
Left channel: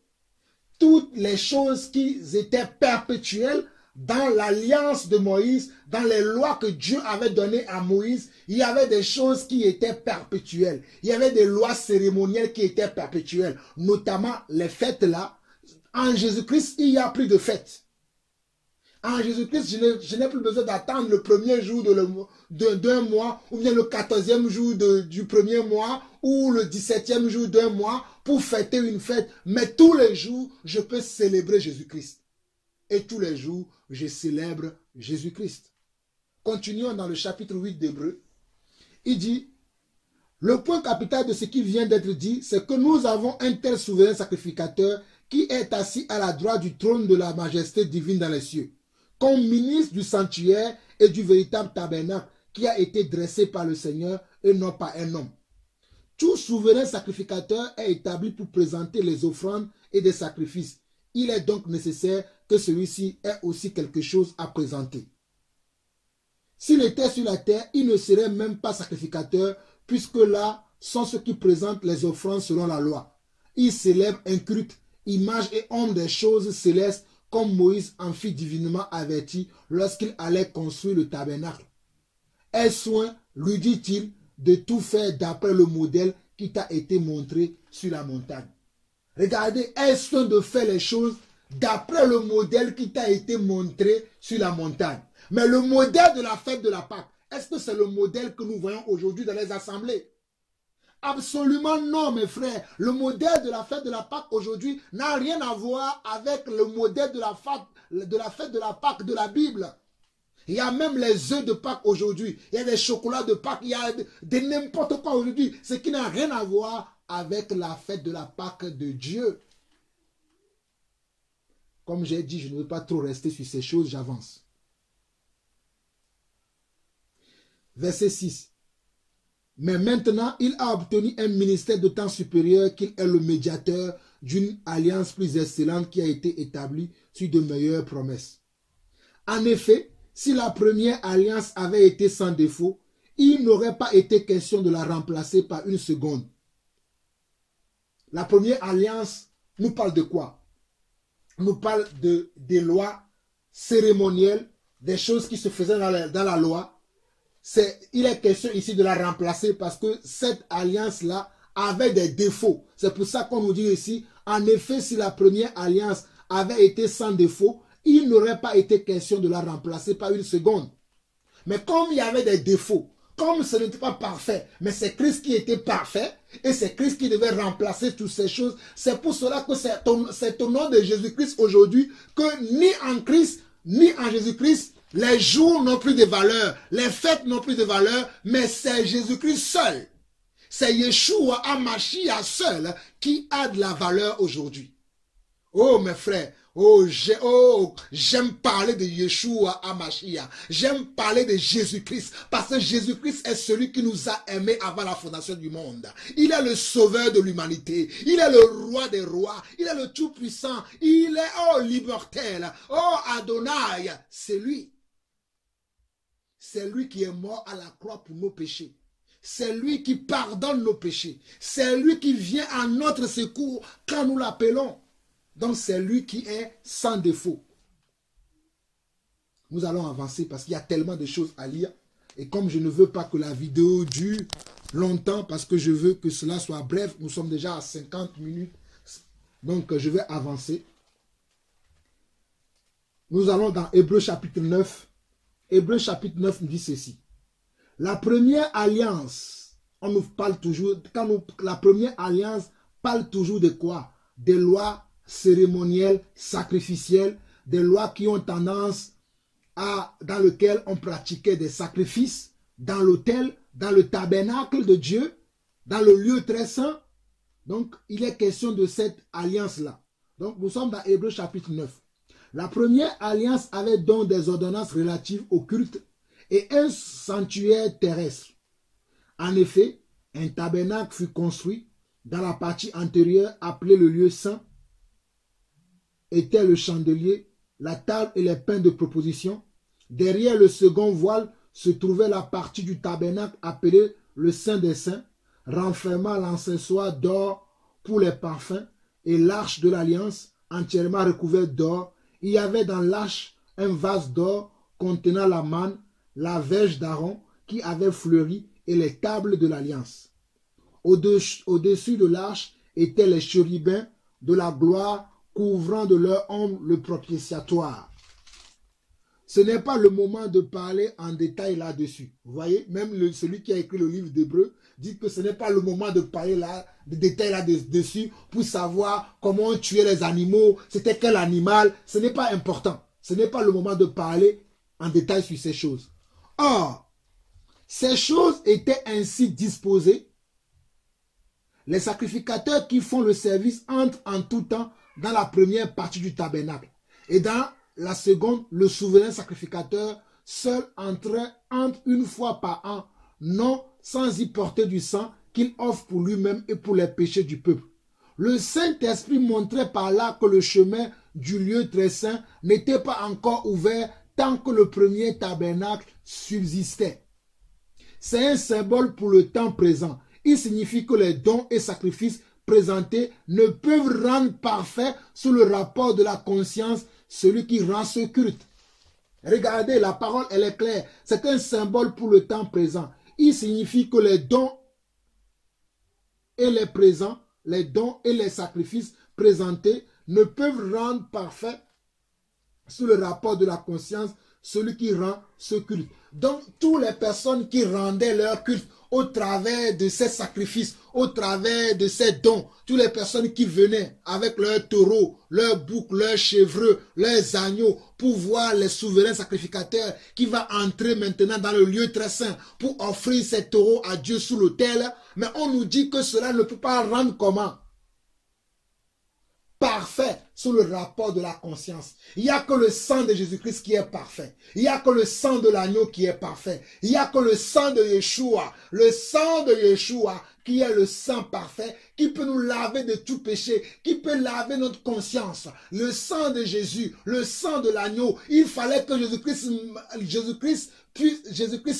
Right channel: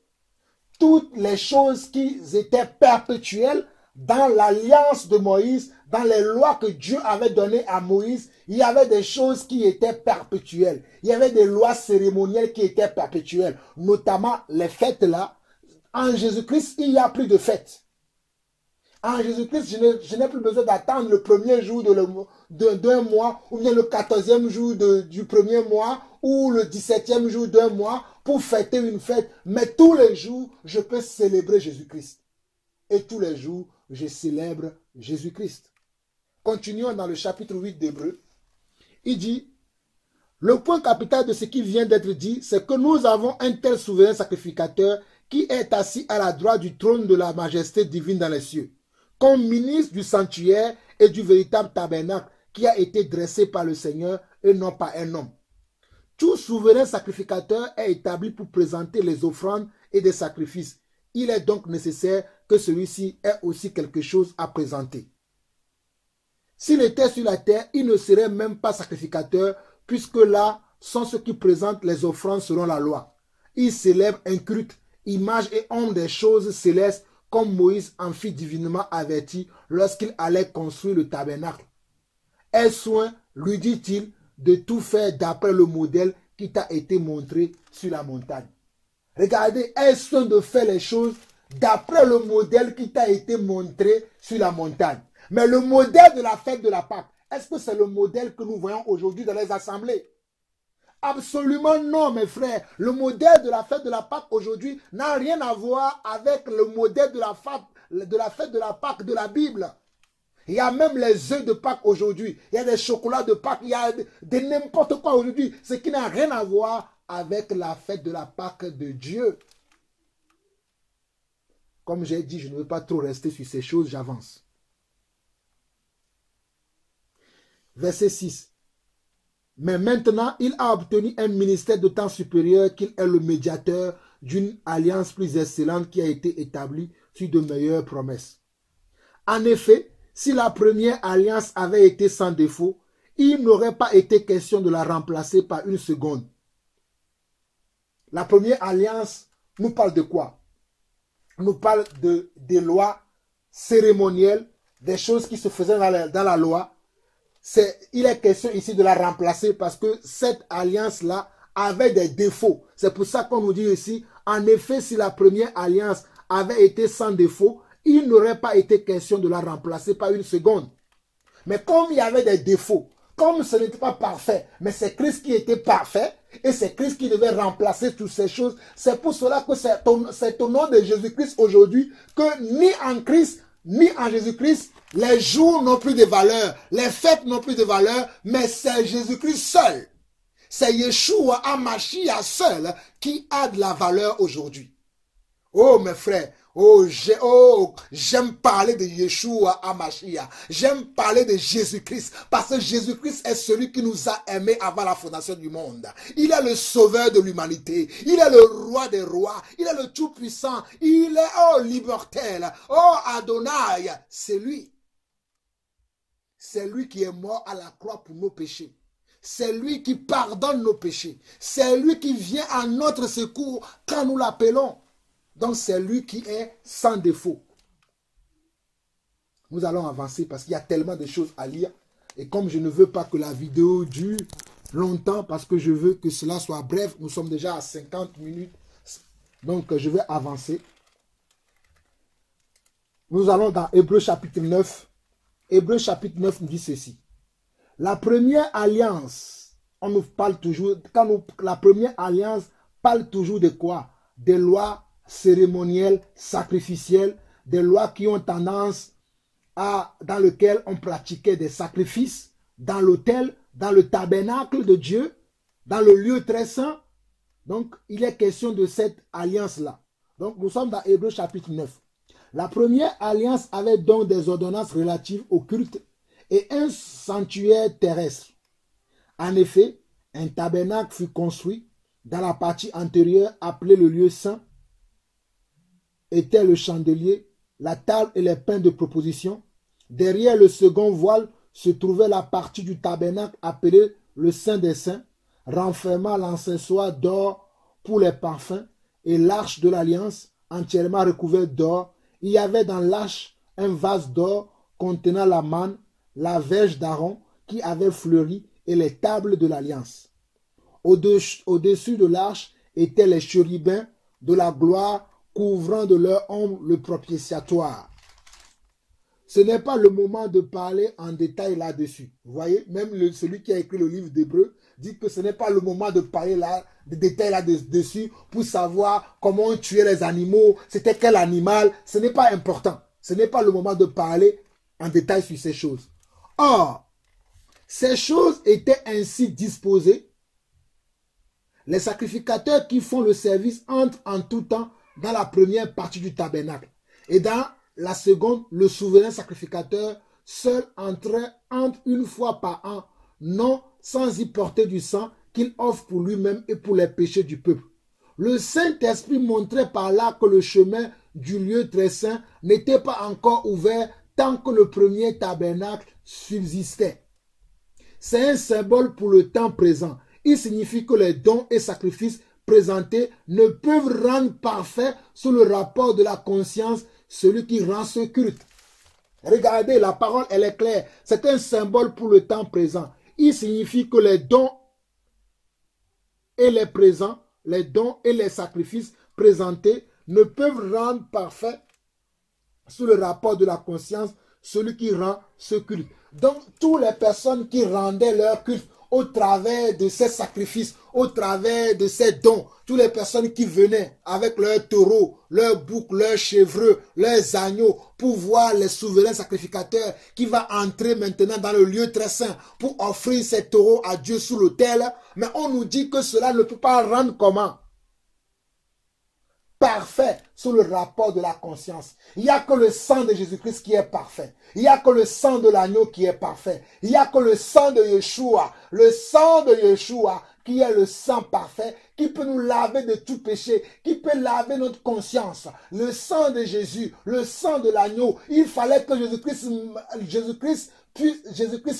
toutes les choses qui étaient perpétuelles dans l'alliance de Moïse, dans les lois que Dieu avait données à Moïse. Il y avait des choses qui étaient perpétuelles. Il y avait des lois cérémonielles qui étaient perpétuelles, notamment les fêtes là. En Jésus-Christ, il n'y a plus de fêtes. En Jésus-Christ, je n'ai plus besoin d'attendre le premier jour d'un mois, ou bien le 14e jour du premier mois, ou le 17e jour d'un mois, pour fêter une fête. Mais tous les jours, je peux célébrer Jésus-Christ. Et tous les jours, je célèbre Jésus-Christ. Continuons dans le chapitre 8 d'Hébreux. Il dit, le point capital de ce qui vient d'être dit, c'est que nous avons un tel souverain sacrificateur qui est assis à la droite du trône de la majesté divine dans les cieux, comme ministre du sanctuaire et du véritable tabernacle qui a été dressé par le Seigneur et non par un homme. Tout souverain sacrificateur est établi pour présenter les offrandes et des sacrifices. Il est donc nécessaire que celui-ci ait aussi quelque chose à présenter. S'il était sur la terre, il ne serait même pas sacrificateur, puisque là sont ceux qui présentent les offrandes selon la loi. Il célèbre un culte, image et ombre des choses célestes, comme Moïse en fit divinement averti lorsqu'il allait construire le tabernacle. Aie soin, lui dit-il, de tout faire d'après le modèle qui t'a été montré sur la montagne. Regardez, aie soin de faire les choses d'après le modèle qui t'a été montré sur la montagne. Mais le modèle de la fête de la Pâque, est-ce que c'est le modèle que nous voyons aujourd'hui dans les assemblées? Absolument non, mes frères. Le modèle de la fête de la Pâque aujourd'hui n'a rien à voir avec le modèle de la fête de la Pâque de la Bible. Il y a même les œufs de Pâques aujourd'hui. Il y a des chocolats de Pâques. Il y a de n'importe quoi aujourd'hui. Ce qui n'a rien à voir avec la fête de la Pâque de Dieu. Comme j'ai dit, je ne veux pas trop rester sur ces choses, j'avance. Verset 6. Mais maintenant, il a obtenu un ministère d'autant supérieur qu'il est le médiateur d'une alliance plus excellente qui a été établie sur de meilleures promesses. En effet, si la première alliance avait été sans défaut, il n'aurait pas été question de la remplacer par une seconde. La première alliance nous parle de quoi? Nous parle des lois cérémonielles, des choses qui se faisaient dans la loi. Il est question ici de la remplacer parce que cette alliance-là avait des défauts. C'est pour ça qu'on nous dit ici, en effet, si la première alliance avait été sans défaut, il n'aurait pas été question de la remplacer par une seconde. Mais comme il y avait des défauts, comme ce n'était pas parfait, mais c'est Christ qui était parfait, et c'est Christ qui devait remplacer toutes ces choses, c'est pour cela que c'est au nom de Jésus-Christ aujourd'hui que ni en Christ, ni en Jésus-Christ, les jours n'ont plus de valeur, les fêtes n'ont plus de valeur, mais c'est Jésus-Christ seul. C'est Yeshua HaMashiach seul qui a de la valeur aujourd'hui. Oh mes frères, j'aime parler de Yeshua HaMashiach. J'aime parler de Jésus-Christ parce que Jésus-Christ est celui qui nous a aimés avant la fondation du monde. Il est le sauveur de l'humanité. Il est le roi des rois. Il est le tout-puissant. Il est, l'immortel. Oh, Adonai. C'est lui. C'est lui qui est mort à la croix pour nos péchés. C'est lui qui pardonne nos péchés. C'est lui qui vient à notre secours quand nous l'appelons. Donc c'est lui qui est sans défaut. Nous allons avancer parce qu'il y a tellement de choses à lire. Et comme je ne veux pas que la vidéo dure longtemps, parce que je veux que cela soit bref, nous sommes déjà à 50 minutes. Donc je vais avancer. Nous allons dans Hébreux chapitre 9. Hébreux chapitre 9 nous dit ceci. La première alliance, on nous parle toujours, la première alliance parle toujours de quoi? Des lois cérémonielles, sacrificielles, des lois qui ont tendance dans lesquelles on pratiquait des sacrifices, dans l'autel, dans le tabernacle de Dieu, dans le lieu très saint. Donc, il est question de cette alliance-là. Donc, nous sommes dans Hébreux chapitre 9. La première alliance avait donc des ordonnances relatives au culte et un sanctuaire terrestre. En effet, un tabernacle fut construit dans la partie antérieure appelée le lieu saint, était le chandelier, la table et les pains de proposition. Derrière le second voile se trouvait la partie du tabernacle appelée le Saint des Saints, renfermant l'encensoir d'or pour les parfums et l'arche de l'alliance entièrement recouverte d'or. Il y avait dans l'arche un vase d'or contenant la manne, la verge d'Aaron qui avait fleuri et les tables de l'alliance. Au-dessus de l'arche étaient les chérubins de la gloire couvrant de leur ombre le propitiatoire. Ce n'est pas le moment de parler en détail là-dessus. Vous voyez, même celui qui a écrit le livre d'Hébreux dit que ce n'est pas le moment de parler de détails là-dessus pour savoir comment on tuait les animaux, c'était quel animal. Ce n'est pas important. Ce n'est pas le moment de parler en détail sur ces choses. Or, ces choses étaient ainsi disposées. Les sacrificateurs qui font le service entrent en tout temps dans la première partie du tabernacle. Et dans la seconde, le souverain sacrificateur seul entre une fois par an, non sans y porter du sang qu'il offre pour lui-même et pour les péchés du peuple. Le Saint-Esprit montrait par là que le chemin du lieu très saint n'était pas encore ouvert tant que le premier tabernacle subsistait. C'est un symbole pour le temps présent. Il signifie que les dons et sacrifices présentés ne peuvent rendre parfait sous le rapport de la conscience celui qui rend ce culte. Regardez, la parole, elle est claire. C'est un symbole pour le temps présent. Il signifie que les dons et les présents, les dons et les sacrifices présentés ne peuvent rendre parfait sous le rapport de la conscience celui qui rend ce culte. Donc, toutes les personnes qui rendaient leur culte au travers de ces sacrifices, au travers de ces dons, toutes les personnes qui venaient avec leurs taureaux, leurs boucs, leurs chevreux, leurs agneaux, pour voir les souverains sacrificateurs qui vont entrer maintenant dans le lieu très saint pour offrir ces taureaux à Dieu sous l'autel. Mais on nous dit que cela ne peut pas rendre comment? Parfait sous le rapport de la conscience. Il n'y a que le sang de Jésus-Christ qui est parfait. Il n'y a que le sang de l'agneau qui est parfait. Il n'y a que le sang de Yeshua. Le sang de Yeshua qui est le sang parfait, qui peut nous laver de tout péché, qui peut laver notre conscience. Le sang de Jésus, le sang de l'agneau. Il fallait que Jésus-Christ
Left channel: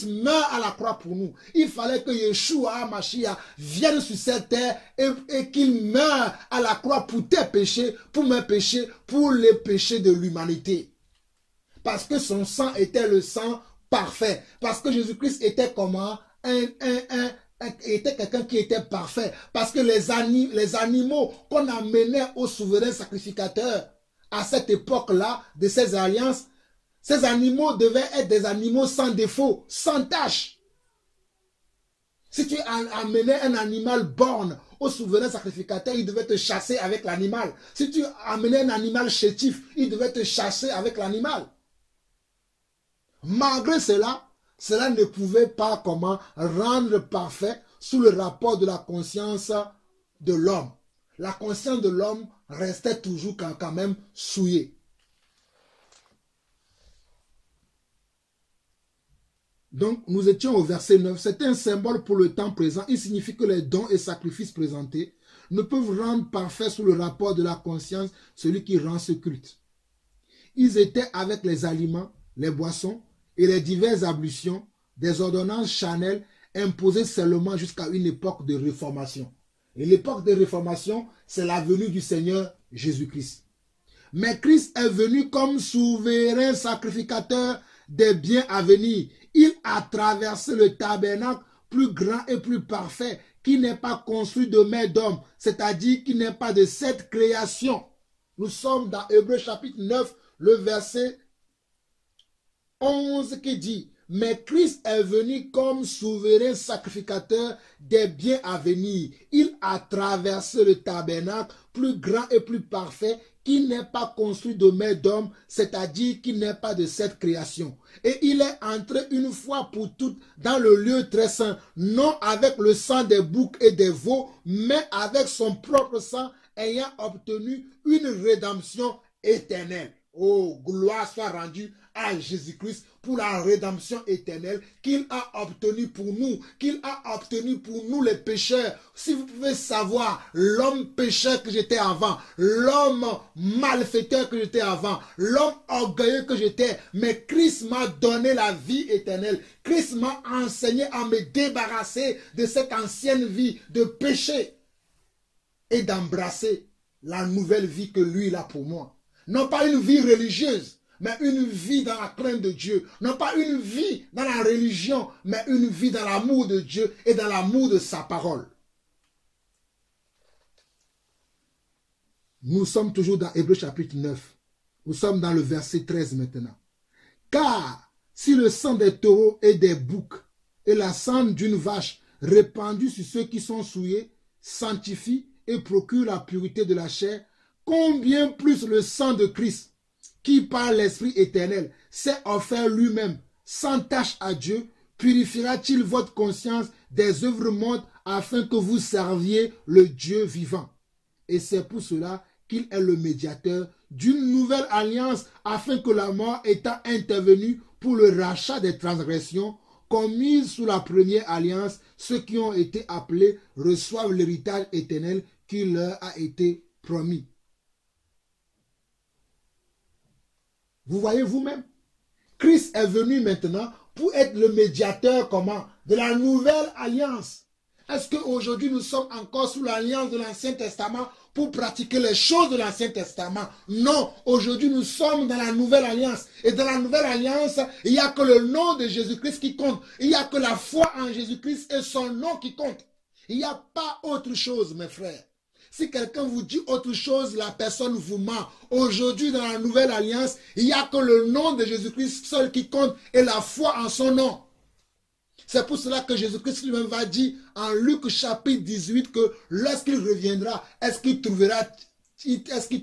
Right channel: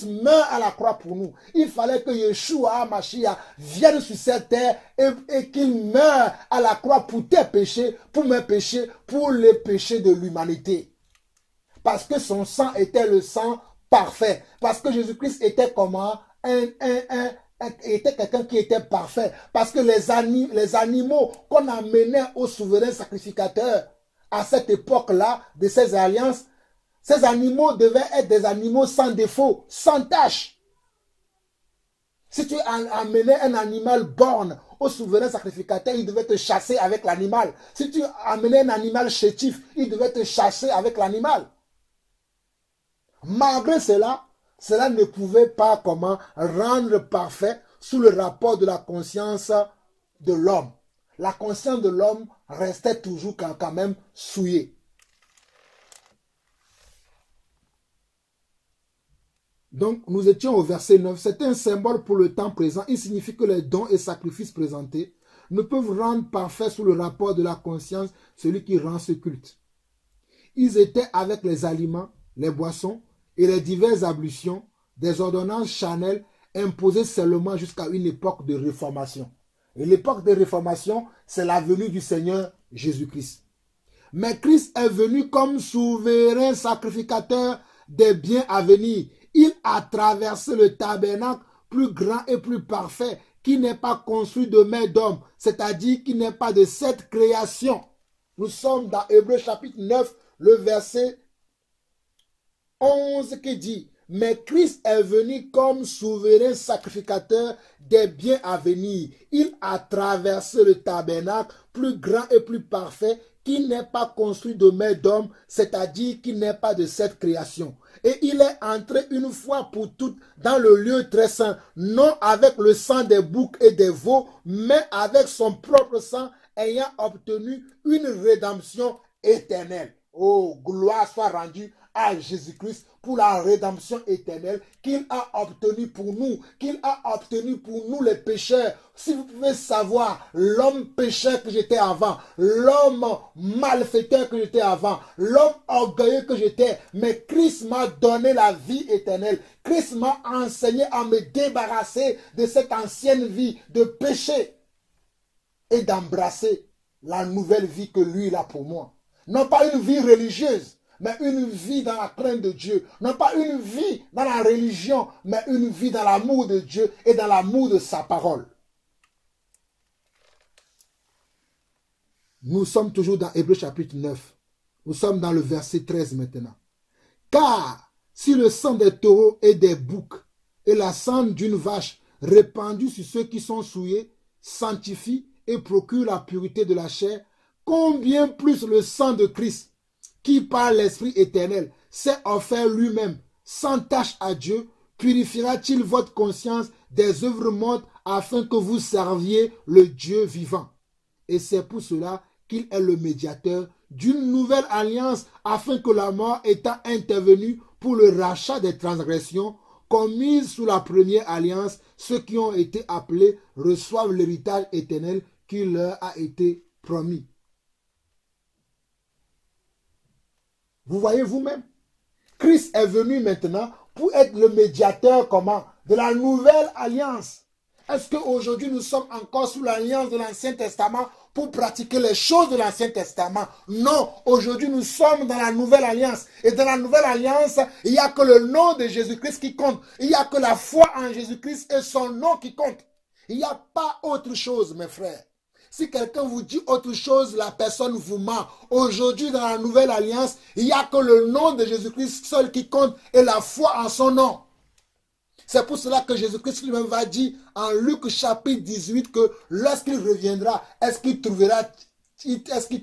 meurt à la croix pour nous. Il fallait que Yeshua Mashiach vienne sur cette terre et qu'il meure à la croix pour tes péchés, pour mes péchés, pour les péchés de l'humanité. Parce que son sang était le sang parfait. Parce que Jésus-Christ était comment? Était quelqu'un qui était parfait. Parce que les animaux qu'on amenait au souverain sacrificateur à cette époque-là, de ces alliances, ces animaux devaient être des animaux sans défaut, sans tache. Si tu amenais un animal borgne au souverain sacrificateur, il devait te chasser avec l'animal. Si tu amenais un animal chétif, il devait te chasser avec l'animal. Malgré cela, cela ne pouvait pas comment rendre parfait sous le rapport de la conscience de l'homme. La conscience de l'homme restait toujours quand même souillée. Donc, nous étions au verset 9. C'est un symbole pour le temps présent. Il signifie que les dons et sacrifices présentés ne peuvent rendre parfait sous le rapport de la conscience celui qui rend ce culte. Ils étaient avec les aliments, les boissons et les diverses ablutions, des ordonnances charnelles imposée seulement jusqu'à une époque de réformation. Et l'époque de réformation, c'est la venue du Seigneur Jésus-Christ. Mais Christ est venu comme souverain sacrificateur des biens à venir. Il a traversé le tabernacle plus grand et plus parfait qui n'est pas construit de main d'homme, c'est-à-dire qui n'est pas de cette création. Nous sommes dans Hébreux chapitre 9, le verset 11 qui dit « Mais Christ est venu comme souverain sacrificateur des biens à venir. Il a traversé le tabernacle plus grand et plus parfait qui n'est pas construit de main d'homme, c'est-à-dire qui n'est pas de cette création. Et il est entré une fois pour toutes dans le lieu très saint, non avec le sang des boucs et des veaux, mais avec son propre sang, ayant obtenu une rédemption éternelle. Oh, gloire soit rendue à Jésus-Christ pour la rédemption éternelle qu'il a obtenue pour nous, les pécheurs. Si vous pouvez savoir l'homme pécheur que j'étais avant, l'homme malfaiteur que j'étais avant, l'homme orgueilleux que j'étais, mais Christ m'a donné la vie éternelle. Christ m'a enseigné à me débarrasser de cette ancienne vie de péché et d'embrasser la nouvelle vie que lui il a pour moi. Non pas une vie religieuse, mais une vie dans la crainte de Dieu. Non pas une vie dans la religion, mais une vie dans l'amour de Dieu et dans l'amour de sa parole. Nous sommes toujours dans Hébreux chapitre 9. Nous sommes dans le verset 13 maintenant. Car si le sang des taureaux et des boucs et la cendre d'une vache répandue sur ceux qui sont souillés sanctifie et procure la pureté de la chair, combien plus le sang de Christ, qui par l'Esprit éternel s'est offert lui-même sans tache à Dieu, purifiera-t-il votre conscience des œuvres mortes afin que vous serviez le Dieu vivant. Et c'est pour cela qu'il est le médiateur d'une nouvelle alliance, afin que la mort étant intervenue pour le rachat des transgressions commises sous la première alliance, ceux qui ont été appelés reçoivent l'héritage éternel qui leur a été promis. Vous voyez vous-même, Christ est venu maintenant pour être le médiateur comment? De la nouvelle alliance. Est-ce qu'aujourd'hui nous sommes encore sous l'alliance de l'Ancien Testament pour pratiquer les choses de l'Ancien Testament? Non, aujourd'hui nous sommes dans la nouvelle alliance. Et dans la nouvelle alliance, il n'y a que le nom de Jésus-Christ qui compte. Il n'y a que la foi en Jésus-Christ et son nom qui compte. Il n'y a pas autre chose, mes frères. Si quelqu'un vous dit autre chose, la personne vous ment. Aujourd'hui, dans la nouvelle alliance, il n'y a que le nom de Jésus-Christ seul qui compte et la foi en son nom. C'est pour cela que Jésus-Christ lui-même va dire en Luc chapitre 18 que lorsqu'il reviendra, est-ce qu'il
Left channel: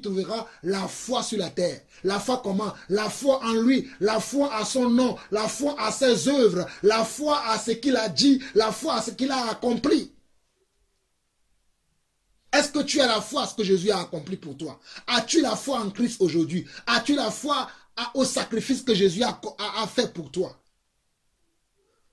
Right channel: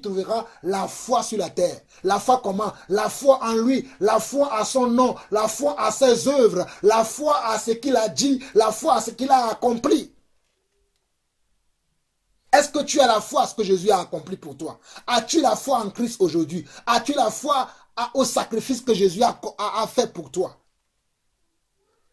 trouvera la foi sur la terre? La foi comment? La foi en lui, la foi à son nom, la foi à ses œuvres, la foi à ce qu'il a dit, la foi à ce qu'il a accompli. Est-ce que tu as la foi à ce que Jésus a accompli pour toi? As-tu la foi en Christ aujourd'hui? As-tu la foi au sacrifice que Jésus a fait pour toi?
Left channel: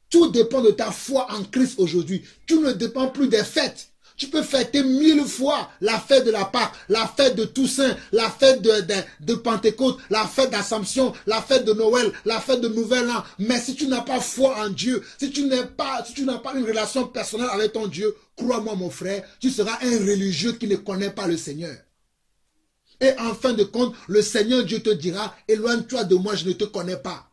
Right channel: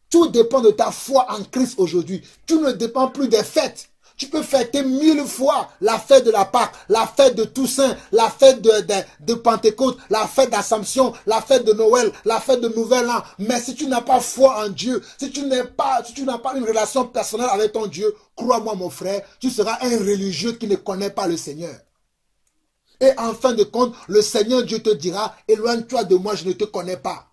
Tout dépend de ta foi en Christ aujourd'hui. Tu ne dépends plus des fêtes. Tu peux fêter 1000 fois la fête de la Pâque, la fête de Toussaint, la fête de Pentecôte, la fête d'Assomption, la fête de Noël, la fête de Nouvel An. Mais si tu n'as pas foi en Dieu, si tu n'as pas une relation personnelle avec ton Dieu, crois-moi mon frère, tu seras un religieux qui ne connaît pas le Seigneur. Et en fin de compte, le Seigneur Dieu te dira, éloigne-toi de moi, je ne te connais pas.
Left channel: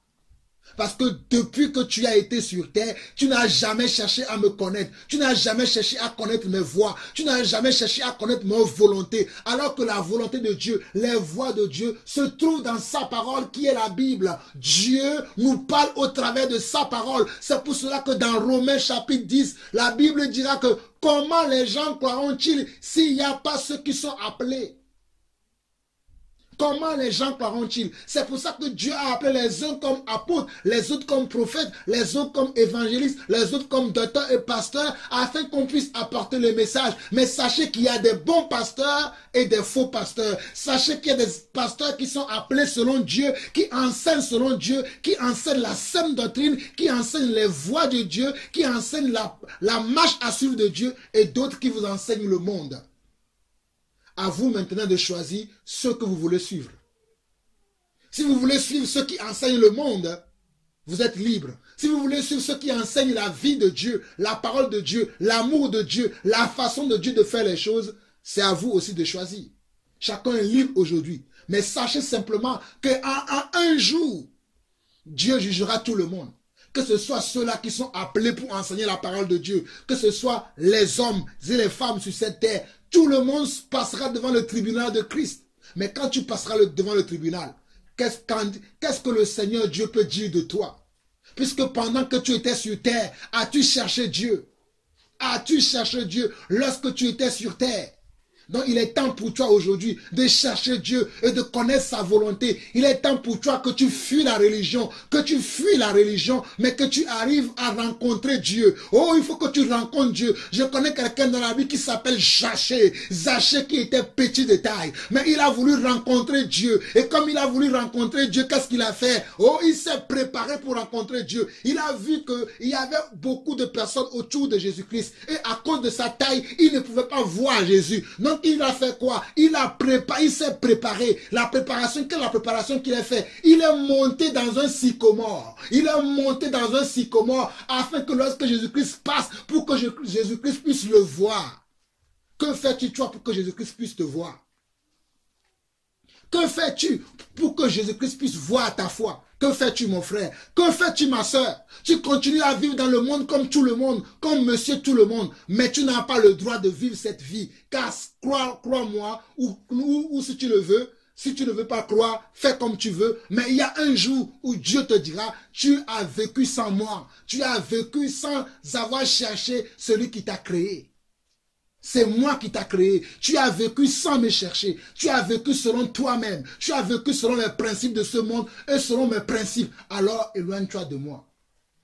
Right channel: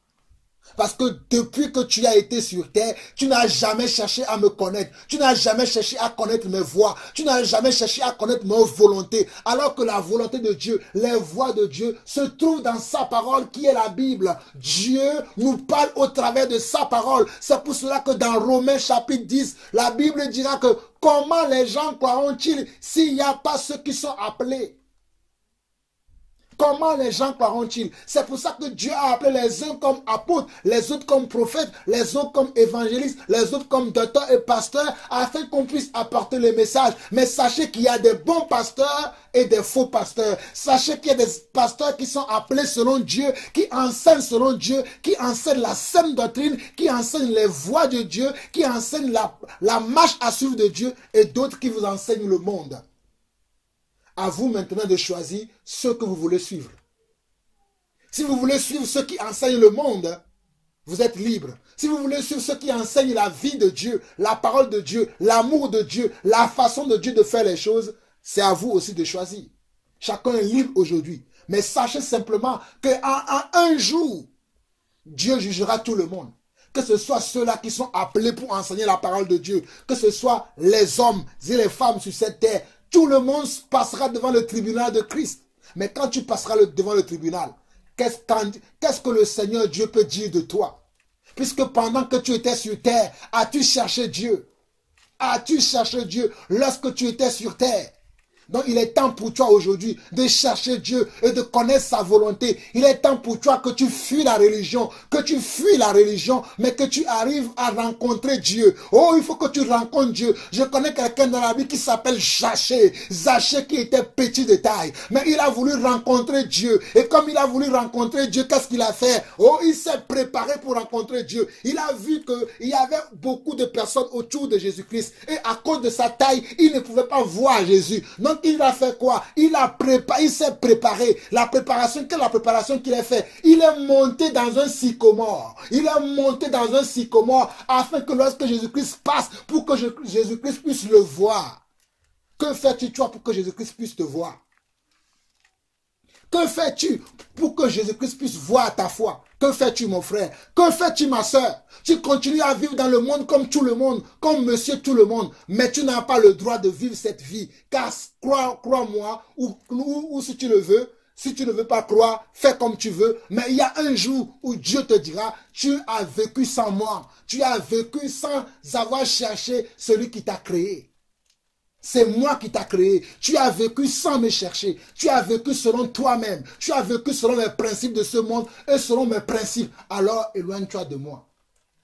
Parce que depuis que tu as été sur terre, tu n'as jamais cherché à me connaître. Tu n'as jamais cherché à connaître mes voies. Tu n'as jamais cherché à connaître mes volontés. Alors que la volonté de Dieu, les voies de Dieu se trouvent dans sa parole qui est la Bible. Dieu nous parle au travers de sa parole. C'est pour cela que dans Romains chapitre 10, la Bible dira que comment les gens croiront-ils s'il n'y a pas ceux qui sont appelés? Comment les gens croiront-ils? C'est pour ça que Dieu a appelé les uns comme apôtres, les autres comme prophètes, les autres comme évangélistes, les autres comme docteurs et pasteurs, afin qu'on puisse apporter le message. Mais sachez qu'il y a des bons pasteurs et des faux pasteurs. Sachez qu'il y a des pasteurs qui sont appelés selon Dieu, qui enseignent selon Dieu, qui enseignent la saine doctrine, qui enseignent les voies de Dieu, qui enseignent la marche à suivre de Dieu, et d'autres qui vous enseignent le monde. À vous maintenant de choisir ce que vous voulez suivre. Si vous voulez suivre ceux qui enseignent le monde, vous êtes libre. Si vous voulez suivre ceux qui enseignent la vie de Dieu, la parole de Dieu, l'amour de Dieu, la façon de Dieu de faire les choses, c'est à vous aussi de choisir. Chacun est libre aujourd'hui. Mais sachez simplement qu'à un jour, Dieu jugera tout le monde. Que ce soit ceux-là qui sont appelés pour enseigner la parole de Dieu, que ce soit les hommes et les femmes sur cette terre, tout le monde passera devant le tribunal de Christ. Mais quand tu passeras devant le tribunal, qu'est-ce que le Seigneur Dieu peut dire de toi? Puisque pendant que tu étais sur terre, as-tu cherché Dieu? As-tu cherché Dieu lorsque tu étais sur terre? Donc il est temps pour toi aujourd'hui de chercher Dieu et de connaître sa volonté. Il est temps pour toi que tu fuis la religion, mais que tu arrives à rencontrer Dieu. Oh, il faut que tu rencontres Dieu. Je connais quelqu'un dans la vie qui s'appelle Zachée. Zachée qui était petit de taille, mais il a voulu rencontrer Dieu. Et comme il a voulu rencontrer Dieu, qu'est-ce qu'il a fait? Oh, il s'est préparé pour rencontrer Dieu. Il a vu qu'il y avait beaucoup de personnes autour de Jésus-Christ. Et à cause de sa taille, il ne pouvait pas voir Jésus. Donc il a fait quoi? Il s'est préparé. La préparation qu'il a fait? Il est monté dans un sycomore. Afin que lorsque Jésus-Christ passe, pour que Jésus-Christ puisse le voir. Que fais-tu toi pour que Jésus-Christ puisse te voir? Que fais-tu pour que Jésus-Christ puisse voir ta foi? Que fais-tu mon frère? Que fais-tu ma soeur? Tu continues à vivre dans le monde comme tout le monde, comme monsieur tout le monde, mais tu n'as pas le droit de vivre cette vie. Car crois-moi, ou si tu le veux, si tu ne veux pas croire, fais comme tu veux. Mais il y a un jour où Dieu te dira, tu as vécu sans moi. Tu as vécu sans avoir cherché celui qui t'a créé. C'est moi qui t'ai créé. Tu as vécu sans me chercher. Tu as vécu selon toi-même. Tu as vécu selon les principes de ce monde et selon mes principes. Alors éloigne-toi de moi.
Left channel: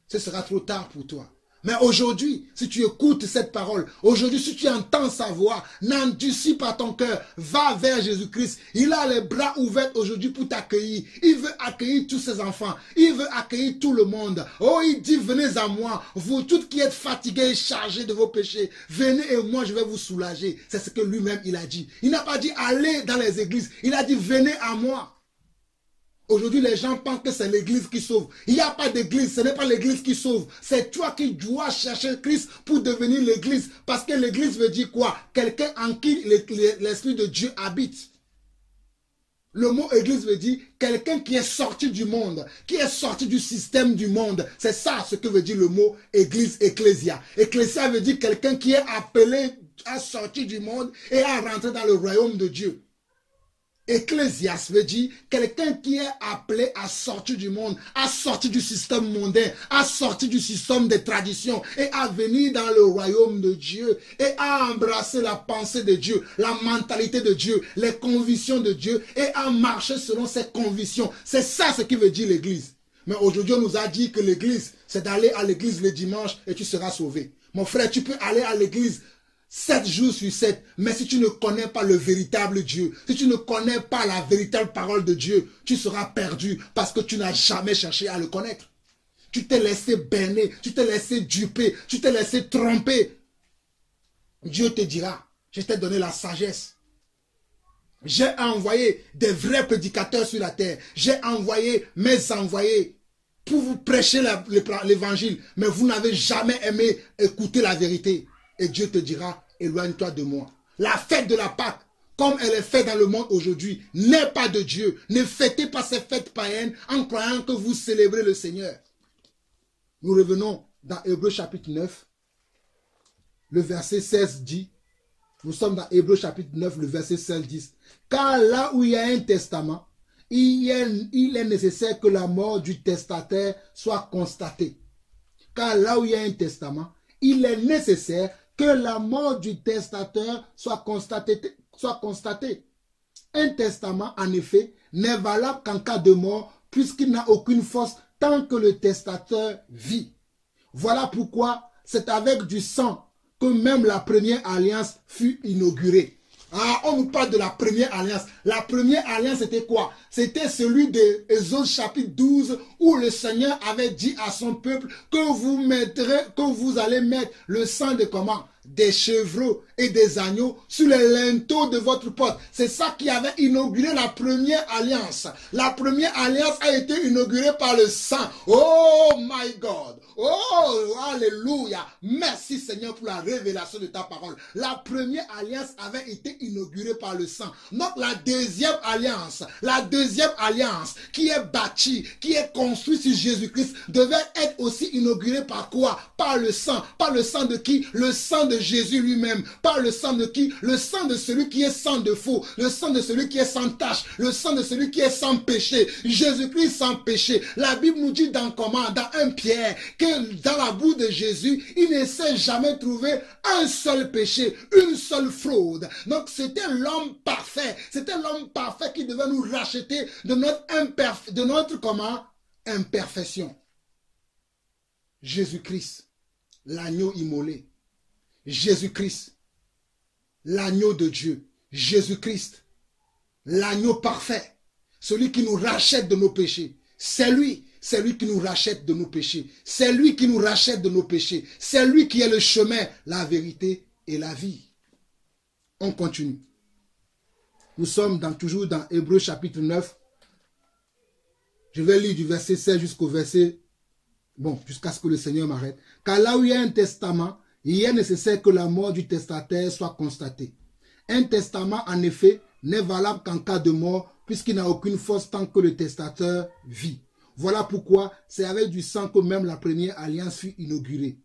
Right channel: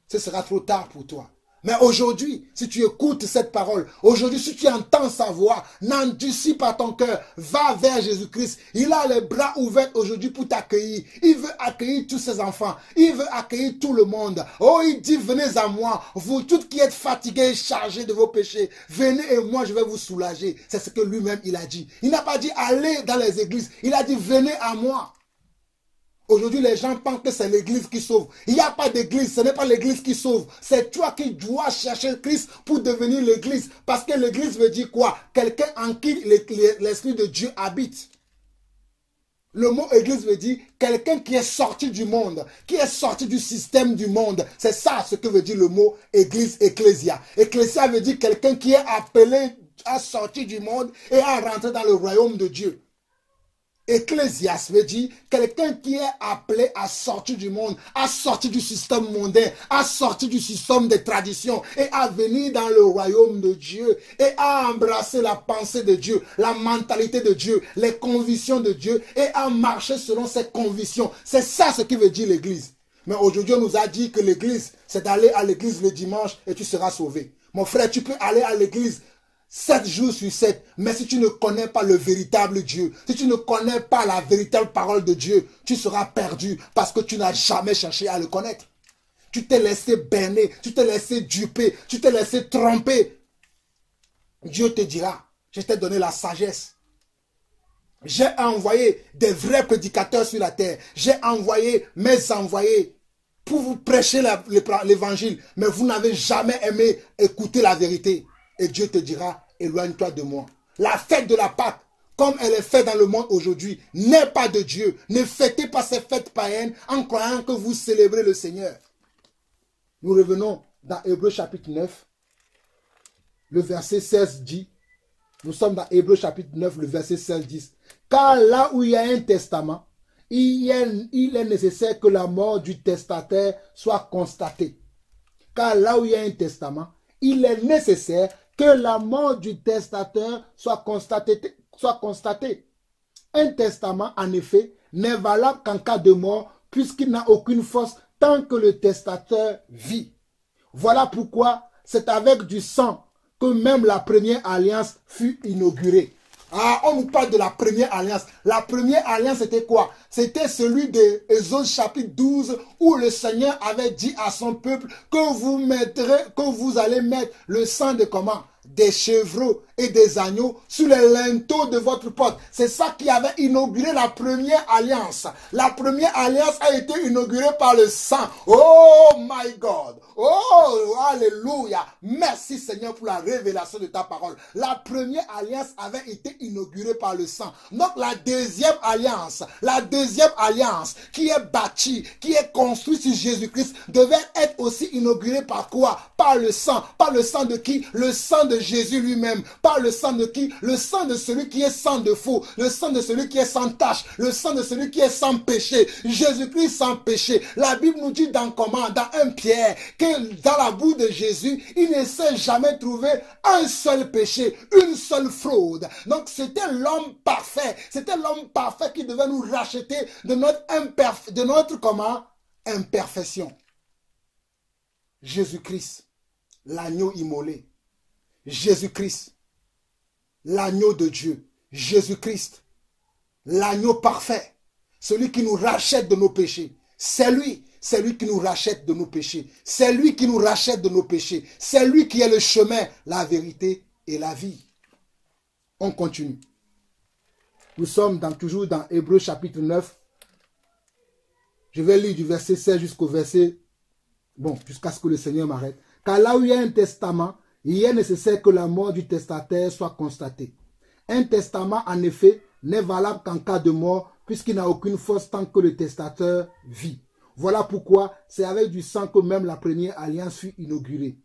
Ce sera trop tard pour toi. Mais aujourd'hui, si tu écoutes cette parole, aujourd'hui, si tu entends sa voix, n'endurcis pas ton cœur, va vers Jésus-Christ. Il a les bras ouverts aujourd'hui pour t'accueillir. Il veut accueillir tous ses enfants. Il veut accueillir tout le monde. Oh, il dit, venez à moi, vous tous qui êtes fatigués et chargés de vos péchés. Venez et moi, je vais vous soulager. C'est ce que lui-même, il a dit. Il n'a pas dit, allez dans les églises. Il a dit, venez à moi. Aujourd'hui, les gens pensent que c'est l'église qui sauve. Il n'y a pas d'église, ce n'est pas l'église qui sauve. C'est toi qui dois chercher Christ pour devenir l'église. Parce que l'église veut dire quoi? Quelqu'un en qui l'Esprit de Dieu habite. Le mot église veut dire quelqu'un qui est sorti du monde, qui est sorti du système du monde. C'est ça ce que veut dire le mot église, ecclésia. Ecclésia veut dire quelqu'un qui est appelé à sortir du monde et à rentrer dans le royaume de Dieu. Ecclésias veut dire quelqu'un qui est appelé à sortir du monde, à sortir du système mondain, à sortir du système des traditions et à venir dans le royaume de Dieu et à embrasser la pensée de Dieu, la mentalité de Dieu, les convictions de Dieu et à marcher selon ses convictions. C'est ça ce qui veut dire l'église. Mais aujourd'hui, on nous a dit que l'église, c'est d'aller à l'église le dimanche et tu seras sauvé. Mon frère, tu peux aller à l'église 7 jours sur 7, mais si tu ne connais pas le véritable Dieu, si tu ne connais pas la véritable parole de Dieu, tu seras perdu parce que tu n'as jamais cherché à le connaître. Tu t'es laissé berner, tu t'es laissé duper, tu t'es laissé tromper. Dieu te dira, je t'ai donné la sagesse. J'ai envoyé des vrais prédicateurs sur la terre. J'ai envoyé mes envoyés pour vous prêcher l'évangile, mais vous n'avez jamais aimé écouter la vérité. Et Dieu te dira, éloigne-toi de moi. La fête de la Pâque, comme elle est faite dans le monde aujourd'hui, n'est pas de Dieu. Ne fêtez pas ces fêtes païennes en croyant que vous célébrez le Seigneur. Nous revenons dans Hébreux chapitre 9. Le verset 16 dit, nous sommes dans Hébreux chapitre 9, le verset 16 dit, car là où il y a un testament, il est nécessaire que la mort du testataire soit constatée. Car là où il y a un testament, il est nécessaire que la mort du testateur soit constatée. Un testament, en effet, n'est valable qu'en cas de mort, puisqu'il n'a aucune force tant que le testateur vit. Voilà pourquoi c'est avec du sang que même la première alliance fut inaugurée. Ah, on nous parle de la première alliance. La première alliance, c'était quoi? C'était celui de Exode chapitre 12 où le Seigneur avait dit à son peuple que vous allez mettre le sang de comment? des chevreaux et des agneaux sur les linteaux de votre porte. C'est ça qui avait inauguré la première alliance. La première alliance a été inaugurée par le sang. Oh my God. Oh, alléluia. Merci Seigneur pour la révélation de ta parole. La première alliance avait été inaugurée par le sang. Donc la deuxième alliance qui est bâtie, qui est construite sur Jésus-Christ devait être aussi inaugurée par quoi? Par le sang. Par le sang de qui? Le sang de Jésus lui-même. Par le sang de qui? Le sang de celui qui est sans défaut. Le sang de celui qui est sans tache. Le sang de celui qui est sans péché. Jésus-Christ sans péché. La Bible nous dit dans 1 Pierre que dans la bouche de Jésus, il ne s'est jamais trouvé un seul péché, une seule fraude. Donc c'était l'homme parfait. C'était l'homme parfait qui devait nous racheter de notre imperfection. Jésus-Christ, l'agneau immolé. Jésus-Christ, l'agneau de Dieu. Jésus-Christ, l'agneau parfait. Celui qui nous rachète de nos péchés. C'est lui qui nous rachète de nos péchés. C'est lui qui nous rachète de nos péchés. C'est lui qui est le chemin, la vérité et la vie. On continue. Nous sommes toujours dans Hébreux chapitre 9. Je vais lire du verset 16 jusqu'au verset... Bon, jusqu'à ce que le Seigneur m'arrête. Car là où il y a un testament, il est nécessaire que la mort du testataire soit constatée. Un testament, en effet, n'est valable qu'en cas de mort, puisqu'il n'a aucune force tant que le testateur vit. Voilà pourquoi c'est avec du sang que même la première alliance fut inaugurée.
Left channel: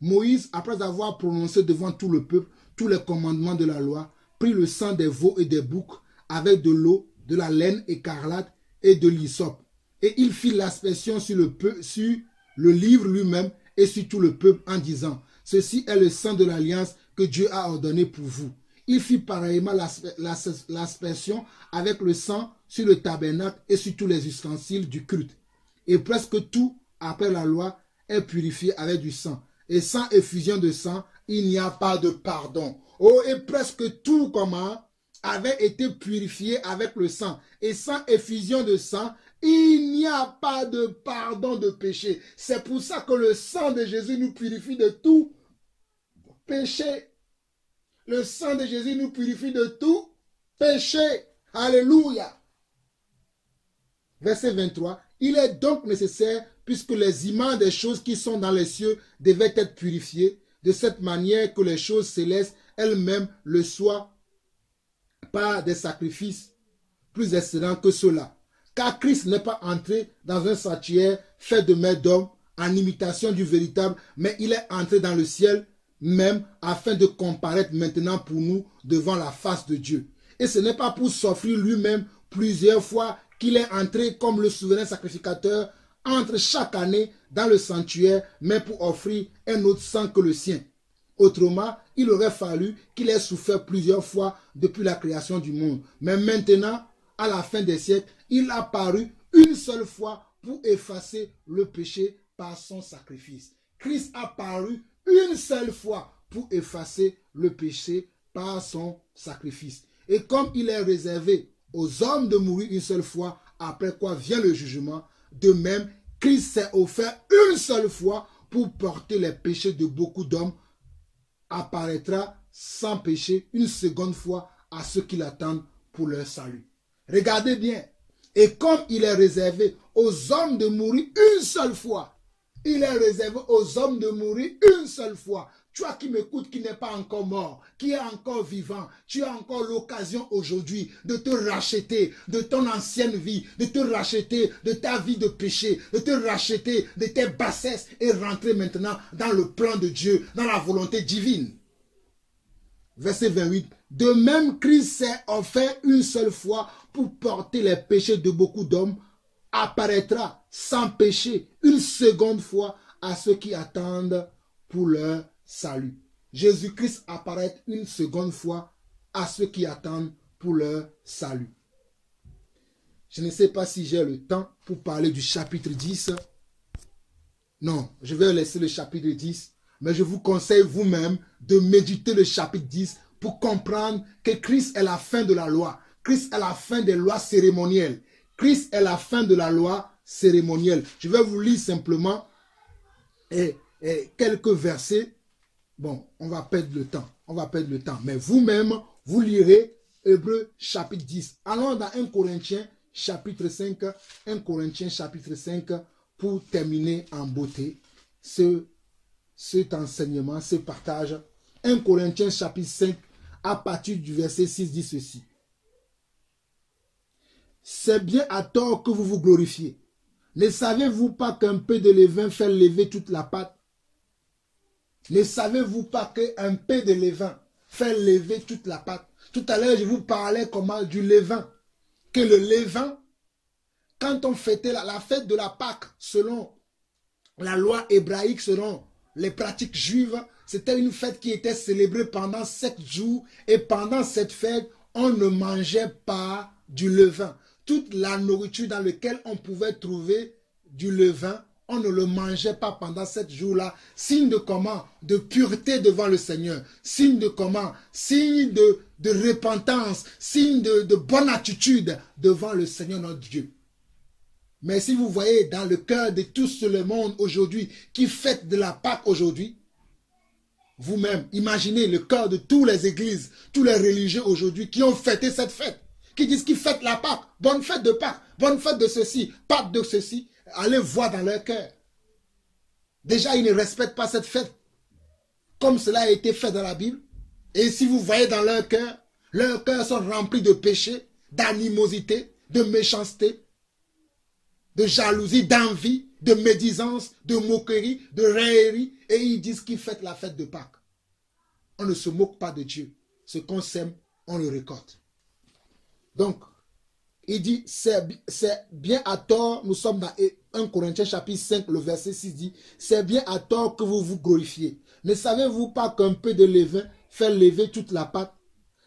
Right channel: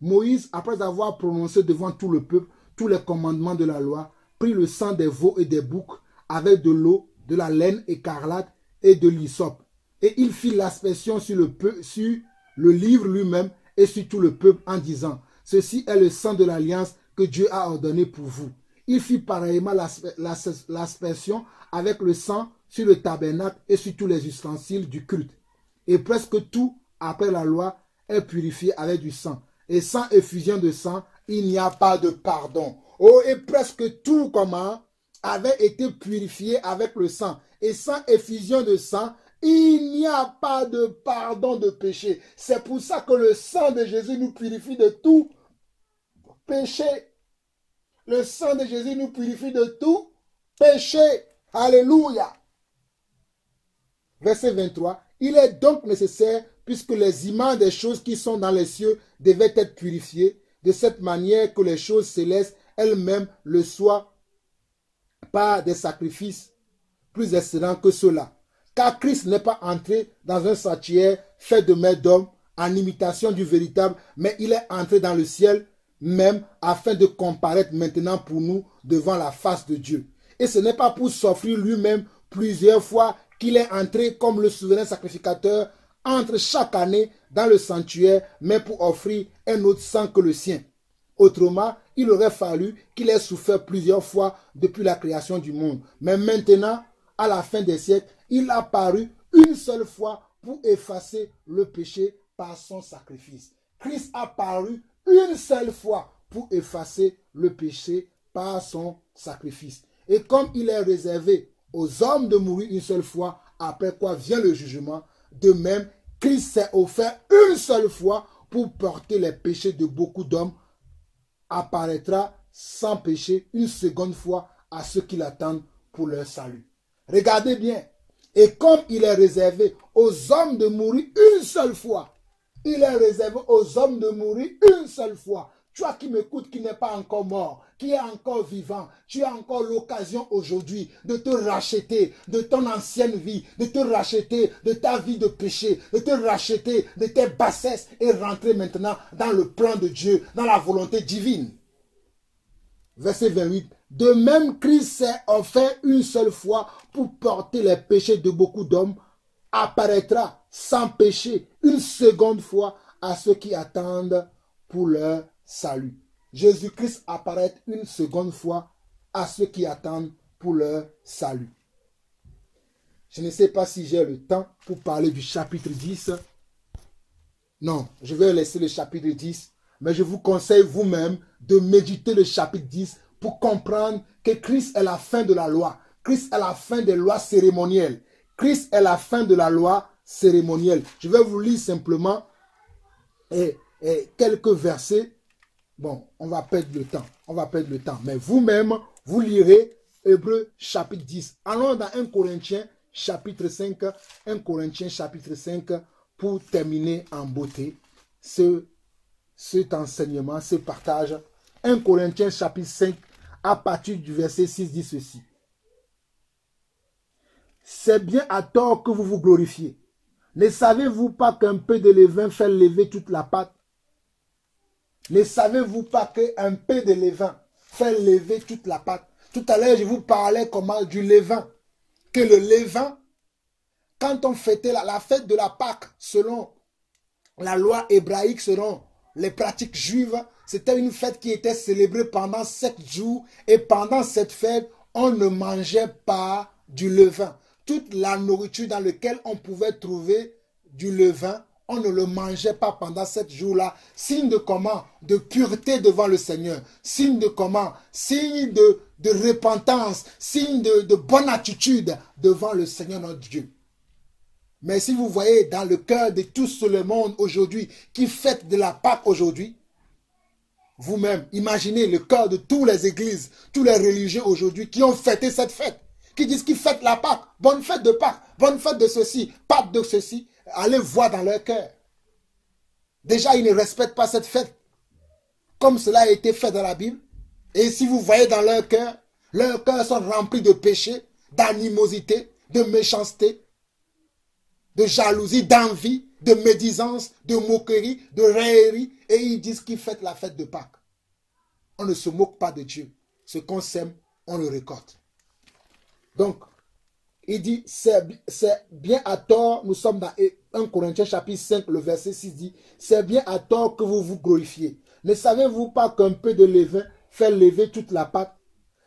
Moïse, après avoir prononcé devant tout le peuple tous les commandements de la loi, prit le sang des veaux et des boucs avec de l'eau, de la laine écarlate et de l'hysope. Et il fit l'aspersion sur le livre lui-même et sur tout le peuple en disant, « Ceci est le sang de l'alliance que Dieu a ordonné pour vous. » Il fit pareillement l'aspersion avec le sang sur le tabernacle et sur tous les ustensiles du culte. Et presque tout, après la loi, est purifié avec du sang. Et sans effusion de sang, il n'y a pas de pardon. Oh, et presque tout, avait été purifié avec le sang. Et sans effusion de sang, il n'y a pas de pardon de péché. C'est pour ça que le sang de Jésus nous purifie de tout péché. Le sang de Jésus nous purifie de tout péché. Alléluia. Verset 23. Il est donc nécessaire, puisque les images des choses qui sont dans les cieux devaient être purifiées, de cette manière que les choses célestes elles-mêmes le soient par des sacrifices plus excellents que ceux-là. Car Christ n'est pas entré dans un sanctuaire fait de mains d'hommes en imitation du véritable, mais il est entré dans le ciel même afin de comparaître maintenant pour nous devant la face de Dieu. Et ce n'est pas pour s'offrir lui-même plusieurs fois qu'il est entré comme le souverain sacrificateur entre chaque année dans le sanctuaire, mais pour offrir un autre sang que le sien. Autrement, il aurait fallu qu'il ait souffert plusieurs fois depuis la création du monde. Mais maintenant, à la fin des siècles, il a paru une seule fois pour effacer le péché par son sacrifice. Christ a paru une seule fois pour effacer le péché par son sacrifice. Et comme il est réservé aux hommes de mourir une seule fois, après quoi vient le jugement, de même, Christ s'est offert une seule fois pour porter les péchés de beaucoup d'hommes, apparaîtra sans péché une seconde fois à ceux qui l'attendent pour leur salut. Regardez bien. Et comme il est réservé aux hommes de mourir une seule fois, il est réservé aux hommes de mourir une seule fois. Toi qui m'écoutes, qui n'est pas encore mort, qui est encore vivant, tu as encore l'occasion aujourd'hui de te racheter de ton ancienne vie, de te racheter de ta vie de péché, de te racheter de tes bassesses et rentrer maintenant dans le plan de Dieu, dans la volonté divine. Verset 28. De même, Christ s'est offert une seule fois pour porter les péchés de beaucoup d'hommes, apparaîtra sans péché une seconde fois à ceux qui attendent pour leur salut. Jésus-Christ apparaît une seconde fois à ceux qui attendent pour leur salut. Je ne sais pas si j'ai le temps pour parler du chapitre 10. Non, je vais laisser le chapitre 10, mais je vous conseille vous-même de méditer le chapitre 10 pour comprendre que Christ est la fin de la loi. Christ est la fin des lois cérémonielles. Christ est la fin de la loi cérémonielle. Je vais vous lire simplement quelques versets Bon, on va perdre le temps. On va perdre le temps. Mais vous-même, vous lirez Hébreux chapitre 10. Allons dans 1 Corinthiens chapitre 5. 1 Corinthiens chapitre 5 pour terminer en beauté cet enseignement, ce partage. 1 Corinthiens chapitre 5 à partir du verset 6 dit ceci. C'est bien à tort que vous vous glorifiez. Ne savez-vous pas qu'un peu de levain fait lever toute la pâte? Ne savez-vous pas qu'un peu de levain fait lever toute la pâte? Tout à l'heure, je vous parlais comment du levain. Que le levain, quand on fêtait la fête de la Pâque, selon la loi hébraïque, selon les pratiques juives, c'était une fête qui était célébrée pendant 7 jours. Et pendant cette fête, on ne mangeait pas du levain. Toute la nourriture dans laquelle on pouvait trouver du levain, on ne le mangeait pas pendant 7 jours-là. Signe de comment? De pureté devant le Seigneur. Signe de comment? Signe de repentance. Signe de bonne attitude devant le Seigneur notre Dieu. Mais si vous voyez dans le cœur de tout le monde aujourd'hui qui fête de la Pâque aujourd'hui, vous-même, imaginez le cœur de toutes les églises, tous les religieux aujourd'hui qui ont fêté cette fête, qui disent qu'ils fêtent la Pâque, bonne fête de Pâque, bonne fête de ceci, Pâque de ceci. Allez voir dans leur cœur. Déjà, ils ne respectent pas cette fête comme cela a été fait dans la Bible. Et si vous voyez dans leur cœurs sont remplis de péchés, d'animosité, de méchanceté, de jalousie, d'envie, de médisance, de moquerie, de raillerie. Et ils disent qu'ils fêtent la fête de Pâques. On ne se moque pas de Dieu. Ce qu'on sème, on le récolte. Donc, il dit, c'est bien à tort, nous sommes dans 1 Corinthiens chapitre 5, le verset 6 dit, c'est bien à tort que vous vous glorifiez. Ne savez-vous pas qu'un peu de levain fait lever toute la pâte?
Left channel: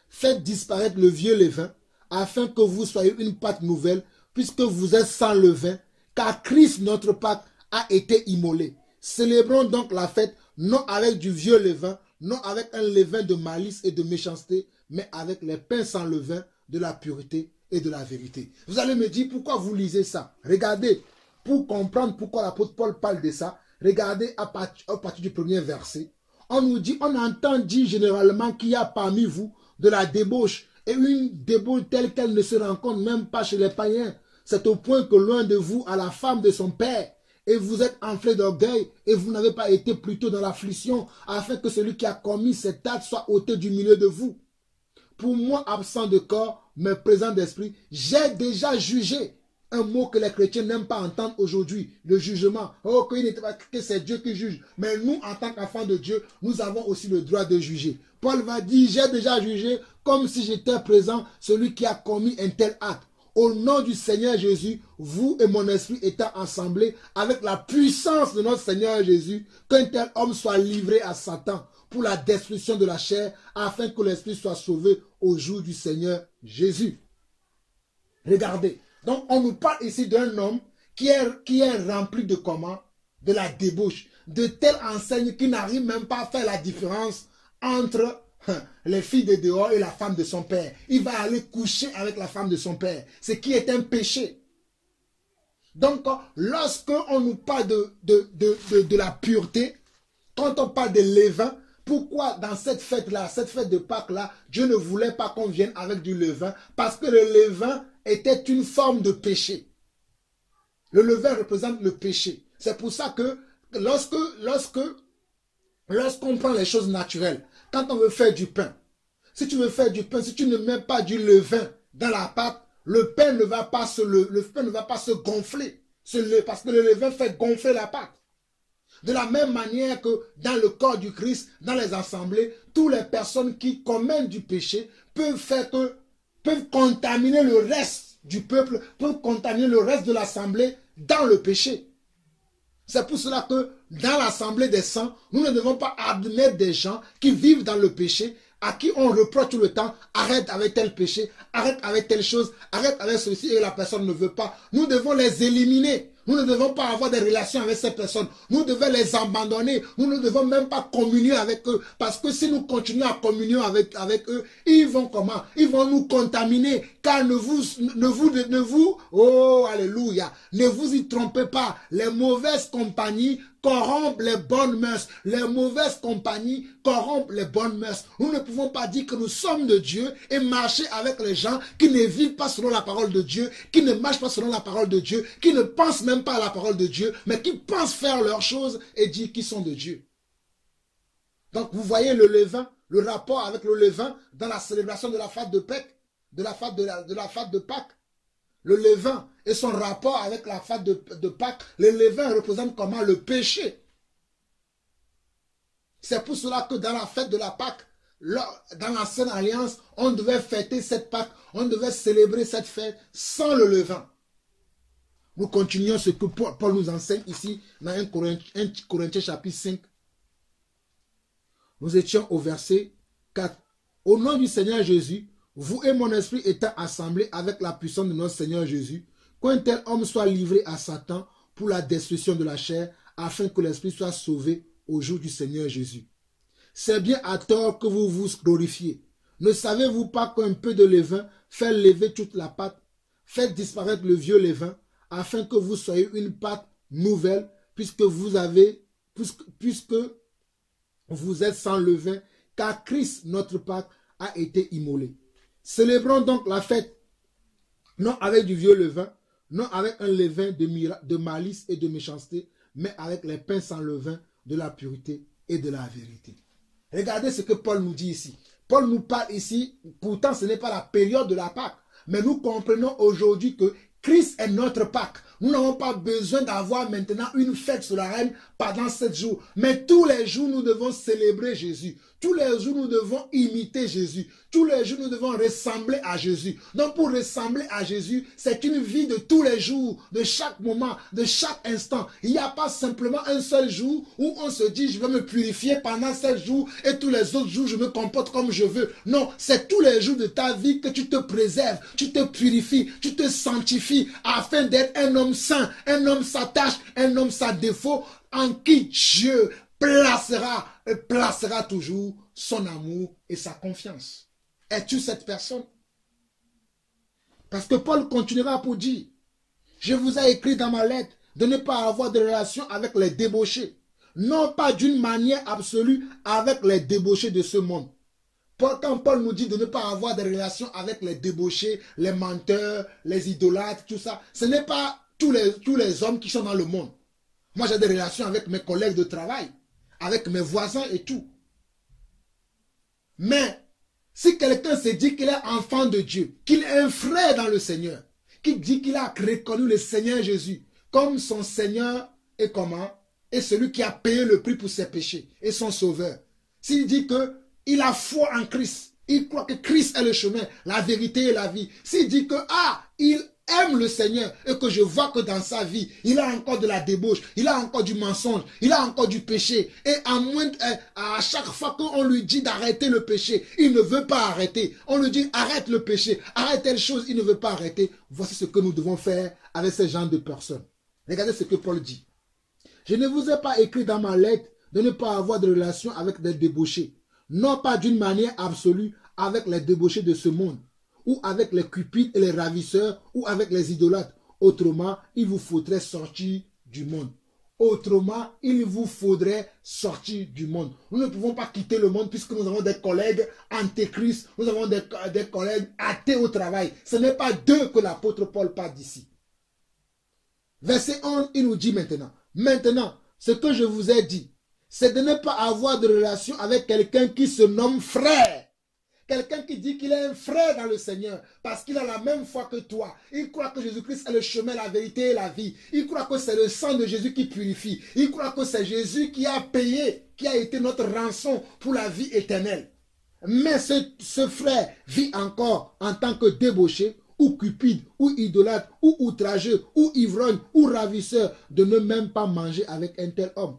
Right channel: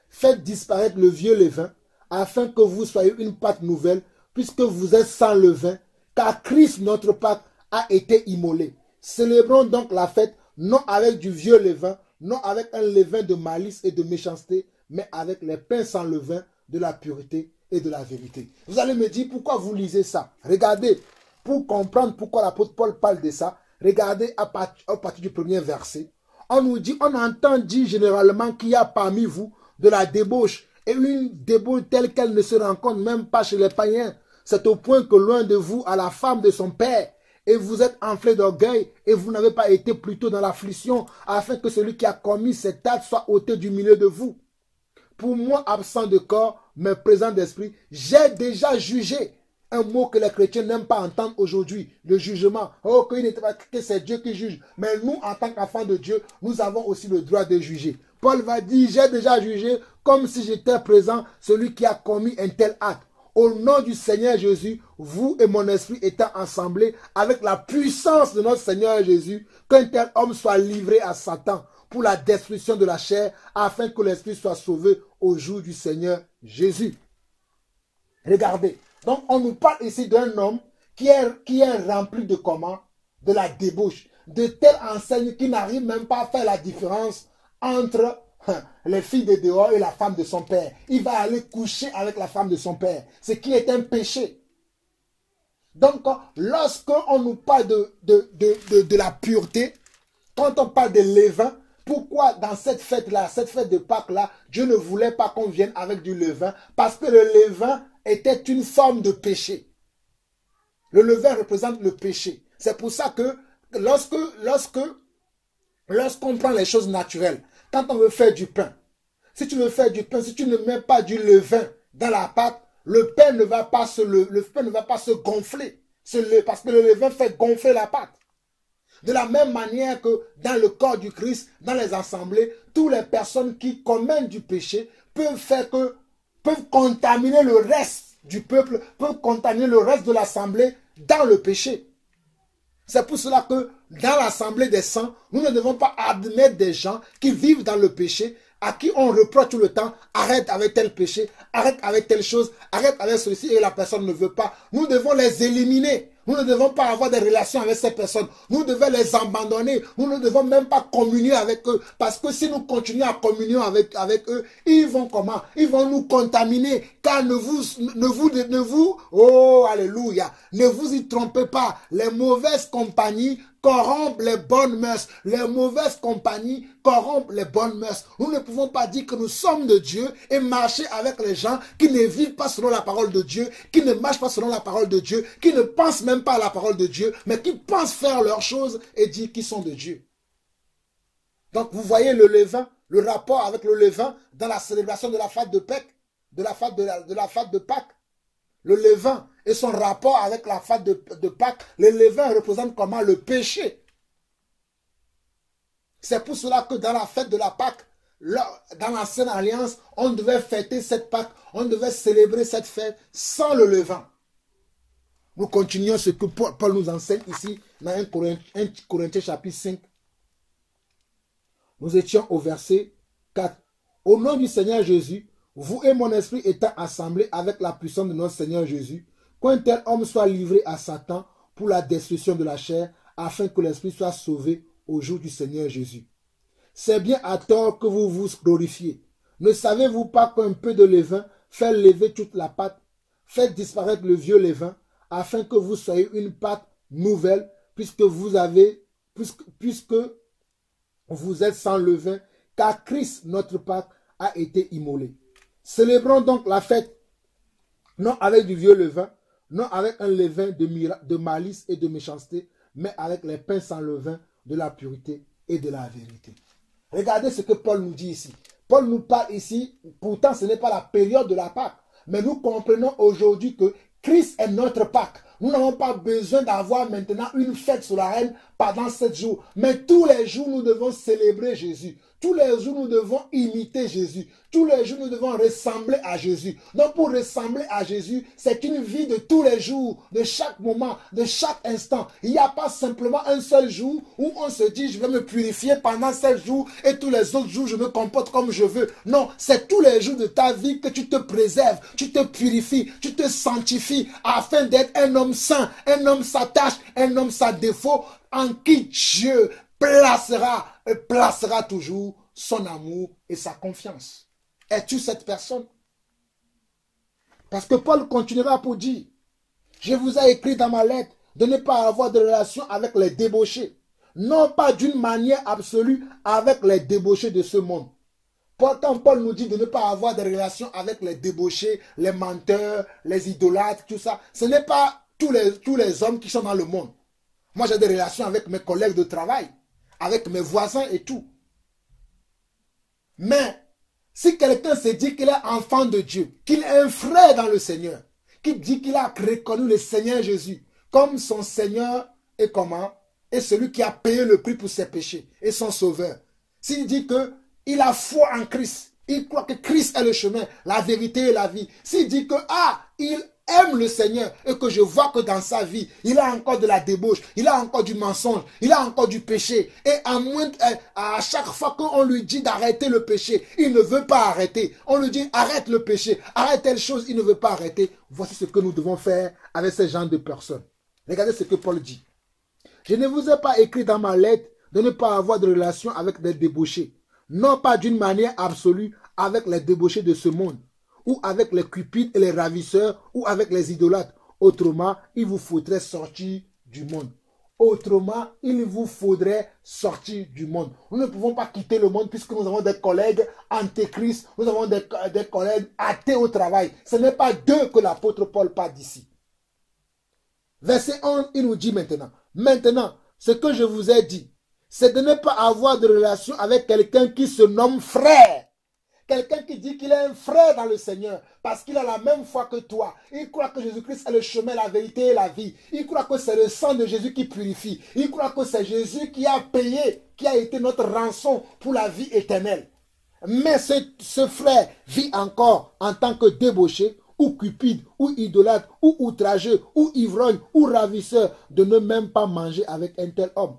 Faites disparaître le vieux levain, afin que vous soyez une pâte nouvelle, puisque vous êtes sans levain, car Christ, notre Pâque, a été immolé. Célébrons donc la fête, non avec du vieux levain, non avec un levain de malice et de méchanceté, mais avec les pains sans levain de la pureté et de la vérité. Vous allez me dire, pourquoi vous lisez ça? Regardez, pour comprendre pourquoi l'apôtre Paul parle de ça, regardez à partir du premier verset. On nous dit, on entend dire généralement qu'il y a parmi vous de la débauche, et une débauche telle qu'elle ne se rencontre même pas chez les païens. C'est au point que loin de vous a la femme de son père, et vous êtes enflé d'orgueil, et vous n'avez pas été plutôt dans l'affliction, afin que celui qui a commis cet acte soit ôté du milieu de vous. Pour moi, absent de corps, mais présent d'esprit, j'ai déjà jugé. Un mot que les chrétiens n'aiment pas entendre aujourd'hui, le jugement. Oh, que c'est Dieu qui juge. Mais nous, en tant qu'enfants de Dieu, nous avons aussi le droit de juger. Paul va dire, j'ai déjà jugé comme si j'étais présent celui qui a commis un tel acte. Au nom du Seigneur Jésus, vous et mon esprit étant assemblés avec la puissance de notre Seigneur Jésus, qu'un tel homme soit livré à Satan pour la destruction de la chair, afin que l'esprit soit sauvé au jour du Seigneur Jésus. Regardez, donc on nous parle ici d'un homme qui est rempli de comment? De la débauche, de telle enseigne qu'il n'arrive même pas à faire la différence entre les filles de dehors et la femme de son père. Il va aller coucher avec la femme de son père, ce qui est un péché. Donc, lorsque on nous parle de la pureté, quand on parle de levain, pourquoi dans cette fête-là, cette fête de Pâques-là, Dieu ne voulait pas qu'on vienne avec du levain? Parce que le levain était une forme de péché. Le levain représente le péché. C'est pour ça que lorsqu'on prend les choses naturelles, quand on veut faire du pain, si tu veux faire du pain, si tu ne mets pas du levain dans la pâte, le pain ne va pas se gonfler. Parce que le levain fait gonfler la pâte. De la même manière que dans le corps du Christ, dans les assemblées, toutes les personnes qui commettent du péché peuvent contaminer le reste du peuple, peuvent contaminer le reste de l'assemblée dans le péché. C'est pour cela que dans l'assemblée des saints, nous ne devons pas admettre des gens qui vivent dans le péché, à qui on reproche tout le temps, arrête avec tel péché, arrête avec telle chose, arrête avec ceci, et la personne ne veut pas. Nous devons les éliminer. Nous ne devons pas avoir des relations avec ces personnes. Nous devons les abandonner. Nous ne devons même pas communier avec eux. Parce que si nous continuons à communier avec eux, ils vont comment? Ils vont nous contaminer. Car oh alléluia, ne vous y trompez pas. Les mauvaises compagnies corrompent les bonnes mœurs. Les mauvaises compagnies corrompent les bonnes mœurs. Nous ne pouvons pas dire que nous sommes de Dieu et marcher avec les gens qui ne vivent pas selon la parole de Dieu, qui ne marchent pas selon la parole de Dieu, qui ne pensent même pas à la parole de Dieu, mais qui pensent faire leurs choses et dire qu'ils sont de Dieu. Donc vous voyez le levain, le rapport avec le levain dans la célébration de la fête de Pâques, de la fête de Pâques. Le levain et son rapport avec la fête de Pâques, le levain représente comment? Le péché. C'est pour cela que dans la fête de la Pâques, dans l'ancienne alliance, on devait fêter cette Pâques, on devait célébrer cette fête sans le levain. Nous continuons ce que Paul nous enseigne ici dans 1 Corinthiens chapitre 5. Nous étions au verset 4. Au nom du Seigneur Jésus, vous et mon esprit étant assemblés avec la puissance de notre Seigneur Jésus, qu'un tel homme soit livré à Satan pour la destruction de la chair, afin que l'esprit soit sauvé au jour du Seigneur Jésus. C'est bien à tort que vous vous glorifiez. Ne savez-vous pas qu'un peu de levain fait lever toute la pâte? Faites disparaître le vieux levain, afin que vous soyez une pâte nouvelle, puisque vous êtes sans levain, car Christ, notre Pâque, a été immolé. Célébrons donc la fête, non avec du vieux levain, non avec un levain de malice et de méchanceté, mais avec les pains sans levain de la pureté et de la vérité. Regardez ce que Paul nous dit ici. Paul nous parle ici, pourtant ce n'est pas la période de la Pâque, mais nous comprenons aujourd'hui que Christ est notre Pâque. Nous n'avons pas besoin d'avoir maintenant une fête solennelle pendant 7 jours. Mais tous les jours, nous devons célébrer Jésus. Tous les jours, nous devons imiter Jésus. Tous les jours, nous devons ressembler à Jésus. Donc, pour ressembler à Jésus, c'est une vie de tous les jours, de chaque moment, de chaque instant. Il n'y a pas simplement un seul jour où on se dit, je vais me purifier pendant 7 jours et tous les autres jours, je me comporte comme je veux. Non, c'est tous les jours de ta vie que tu te préserves, tu te purifies, tu te sanctifies afin d'être un homme saint, un homme sans tache, un homme sans défaut, en qui Dieu placera toujours son amour et sa confiance. Es-tu cette personne? Parce que Paul continuera pour dire, je vous ai écrit dans ma lettre de ne pas avoir de relation avec les débauchés, non pas d'une manière absolue avec les débauchés de ce monde. Quand Paul nous dit de ne pas avoir de relation avec les débauchés, les menteurs, les idolâtres, tout ça, ce n'est pas tous les hommes qui sont dans le monde. Moi, j'ai des relations avec mes collègues de travail, avec mes voisins et tout. Mais, si quelqu'un se dit qu'il est enfant de Dieu, qu'il est un frère dans le Seigneur, qui dit qu'il a reconnu le Seigneur Jésus comme son Seigneur et comment? Et celui qui a payé le prix pour ses péchés et son sauveur. S'il dit qu'il a foi en Christ, il croit que Christ est le chemin, la vérité et la vie. S'il dit que, il aime le Seigneur et que je vois que dans sa vie, il a encore de la débauche, il a encore du mensonge, il a encore du péché. Et à chaque fois qu'on lui dit d'arrêter le péché, il ne veut pas arrêter. On lui dit arrête le péché, arrête telle chose, il ne veut pas arrêter. Voici ce que nous devons faire avec ce genre de personnes. Regardez ce que Paul dit. Je ne vous ai pas écrit dans ma lettre de ne pas avoir de relation avec des débauchés, non pas d'une manière absolue avec les débauchés de ce monde, ou avec les cupides et les ravisseurs, ou avec les idolâtres. Autrement, il vous faudrait sortir du monde. Autrement, il vous faudrait sortir du monde. Nous ne pouvons pas quitter le monde puisque nous avons des collègues antéchrist, nous avons des collègues athées au travail. Ce n'est pas d'eux que l'apôtre Paul parle d'ici. Verset 11, il nous dit maintenant, ce que je vous ai dit, c'est de ne pas avoir de relation avec quelqu'un qui se nomme frère. Quelqu'un qui dit qu'il est un frère dans le Seigneur parce qu'il a la même foi que toi. Il croit que Jésus-Christ est le chemin, la vérité et la vie. Il croit que c'est le sang de Jésus qui purifie. Il croit que c'est Jésus qui a payé, qui a été notre rançon pour la vie éternelle. Mais ce frère vit encore en tant que débauché, ou cupide, ou idolâtre, ou outrageux, ou ivrogne, ou ravisseur, de ne même pas manger avec un tel homme.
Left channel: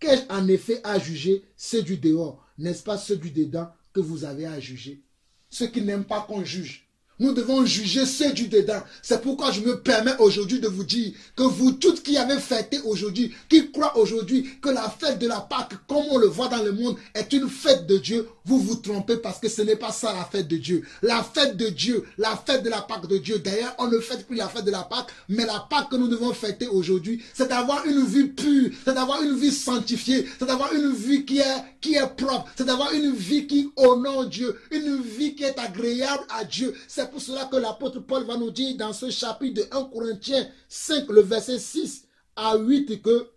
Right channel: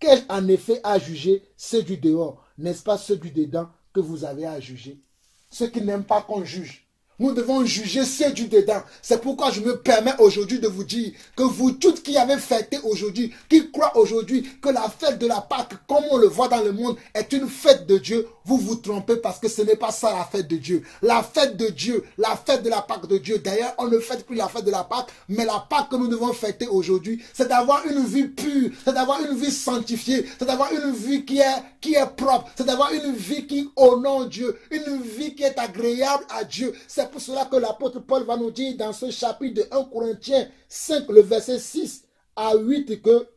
Qu'ai-je en effet à juger ceux du dehors, n'est-ce pas ceux du dedans que vous avez à juger? Ceux qui n'aiment pas qu'on juge. Nous devons juger ceux du dedans. C'est pourquoi je me permets aujourd'hui de vous dire que vous toutes qui avez fêté aujourd'hui, qui croient aujourd'hui que la fête de la Pâque, comme on le voit dans le monde, est une fête de Dieu, vous vous trompez parce que ce n'est pas ça la fête de Dieu. La fête de Dieu, la fête de la Pâque de Dieu. D'ailleurs, on ne fête plus la fête de la Pâque, mais la Pâque que nous devons fêter aujourd'hui, c'est d'avoir une vie pure, c'est d'avoir une vie sanctifiée, c'est d'avoir une vie qui est propre, c'est d'avoir une vie qui honore Dieu, une vie qui est agréable à Dieu. C'est pour cela que l'apôtre Paul va nous dire dans ce chapitre de 1 Corinthiens 5, le verset 6 à 8, que,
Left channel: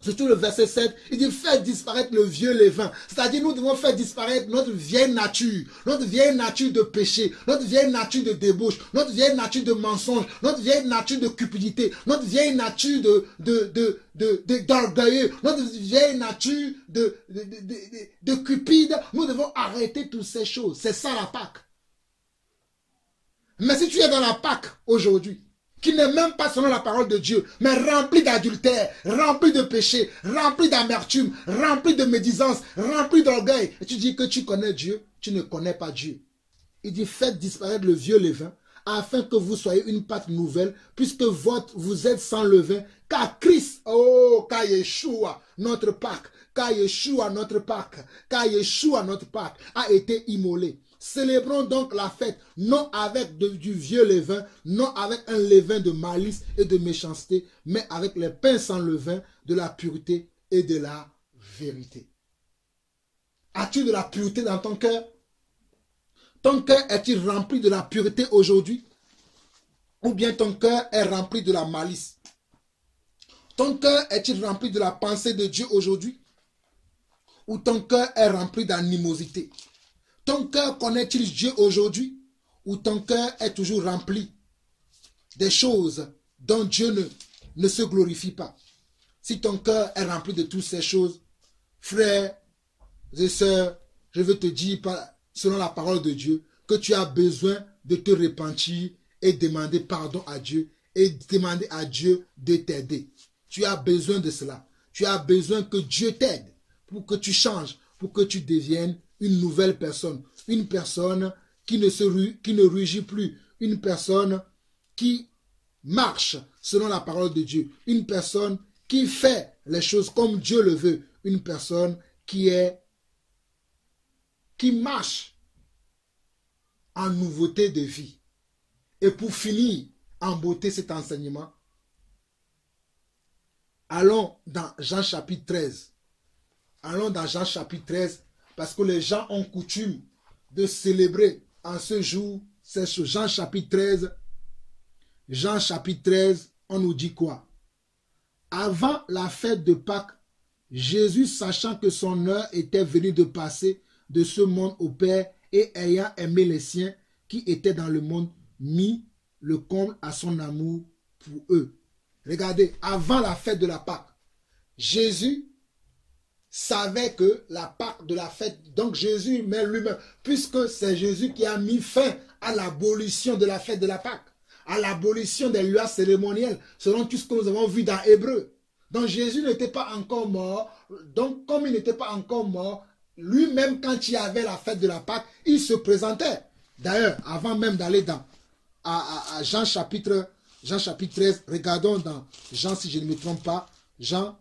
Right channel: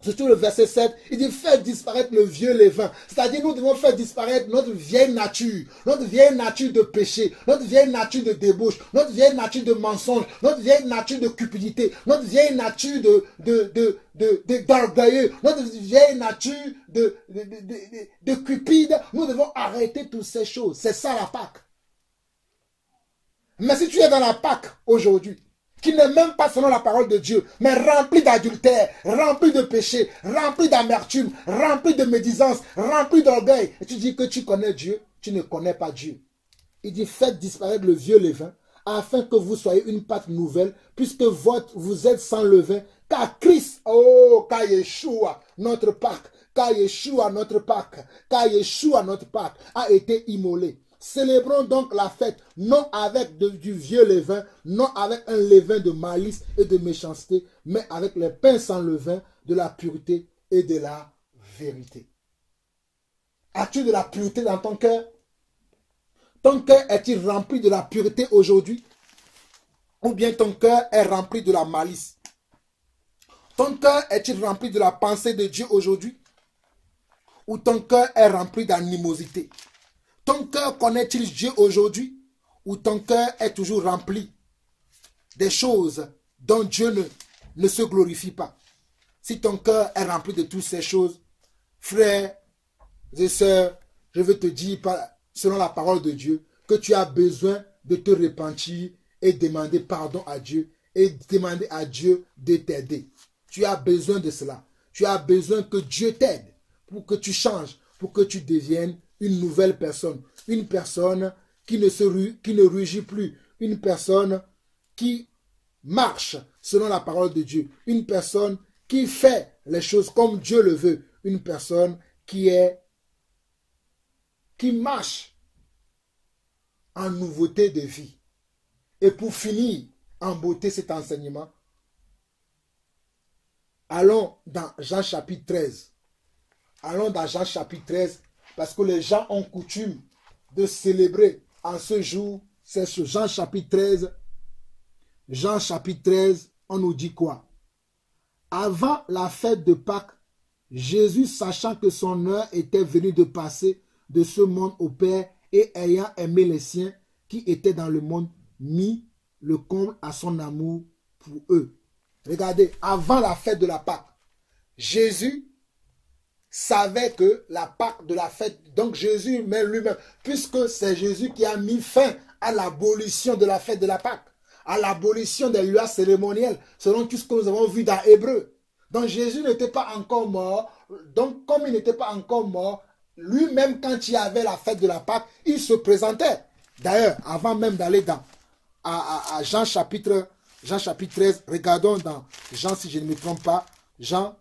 surtout le verset 7, il dit faites disparaître le vieux levain. C'est-à-dire nous devons faire disparaître notre vieille nature de péché, notre vieille nature de débauche, notre vieille nature de mensonge, notre vieille nature de cupidité, notre vieille nature d'orgueilleux, notre vieille nature de cupide. Nous devons arrêter toutes ces choses. C'est ça la Pâque. Mais si tu es dans la Pâque aujourd'hui, qui n'est même pas selon la parole de Dieu, mais rempli d'adultère, rempli de péché, rempli d'amertume, rempli de médisance, rempli d'orgueil, et tu dis que tu connais Dieu, tu ne connais pas Dieu. Il dit faites disparaître le vieux levain, afin que vous soyez une pâte nouvelle, puisque vous êtes sans levain, car Christ, car Yeshua, notre Pâque, car Yeshua, notre Pâque, a été immolé. Célébrons donc la fête, non avec du vieux levain, non avec un levain de malice et de méchanceté, mais avec les pains sans levain, de la pureté et de la vérité. As-tu de la pureté dans ton cœur? Ton cœur est-il rempli de la pureté aujourd'hui? Ou bien ton cœur est rempli de la malice? Ton cœur est-il rempli de la pensée de Dieu aujourd'hui? Ou ton cœur est rempli d'animosité? Ton cœur connaît-il Dieu aujourd'hui? Ou ton cœur est toujours rempli des choses dont Dieu ne se glorifie pas? Si ton cœur est rempli de toutes ces choses, frères et sœurs, je veux te dire, selon la parole de Dieu, que tu as besoin de te repentir et demander pardon à Dieu et demander à Dieu de t'aider. Tu as besoin de cela. Tu as besoin que Dieu t'aide pour que tu changes, pour que tu deviennes une nouvelle personne. Une personne qui ne rugit plus. Une personne qui marche selon la parole de Dieu. Une personne qui fait les choses comme Dieu le veut. Une personne qui marche en nouveauté de vie. Et pour finir en beauté cet enseignement, allons dans Jean chapitre 13. Allons dans Jean chapitre 13, parce que les gens ont coutume de célébrer en ce jour. C'est ce Jean chapitre 13. Jean chapitre 13, on nous dit quoi? Avant la fête de Pâques, Jésus, sachant que son heure était venue de passer de ce monde au Père, et ayant aimé les siens qui étaient dans le monde, mit le comble à son amour pour eux. Regardez, avant la fête de la Pâque, Jésus savait que la Pâque de la fête, donc Jésus met lui-même, puisque c'est Jésus qui a mis fin à l'abolition de la fête de la Pâque, à l'abolition des lois cérémonielles, selon tout ce que nous avons vu dans Hébreu. Donc Jésus n'était pas encore mort, donc comme il n'était pas encore mort, lui-même quand il y avait la fête de la Pâque, il se présentait. D'ailleurs, avant même d'aller à Jean chapitre 13, regardons dans Jean, si je ne me trompe pas, Jean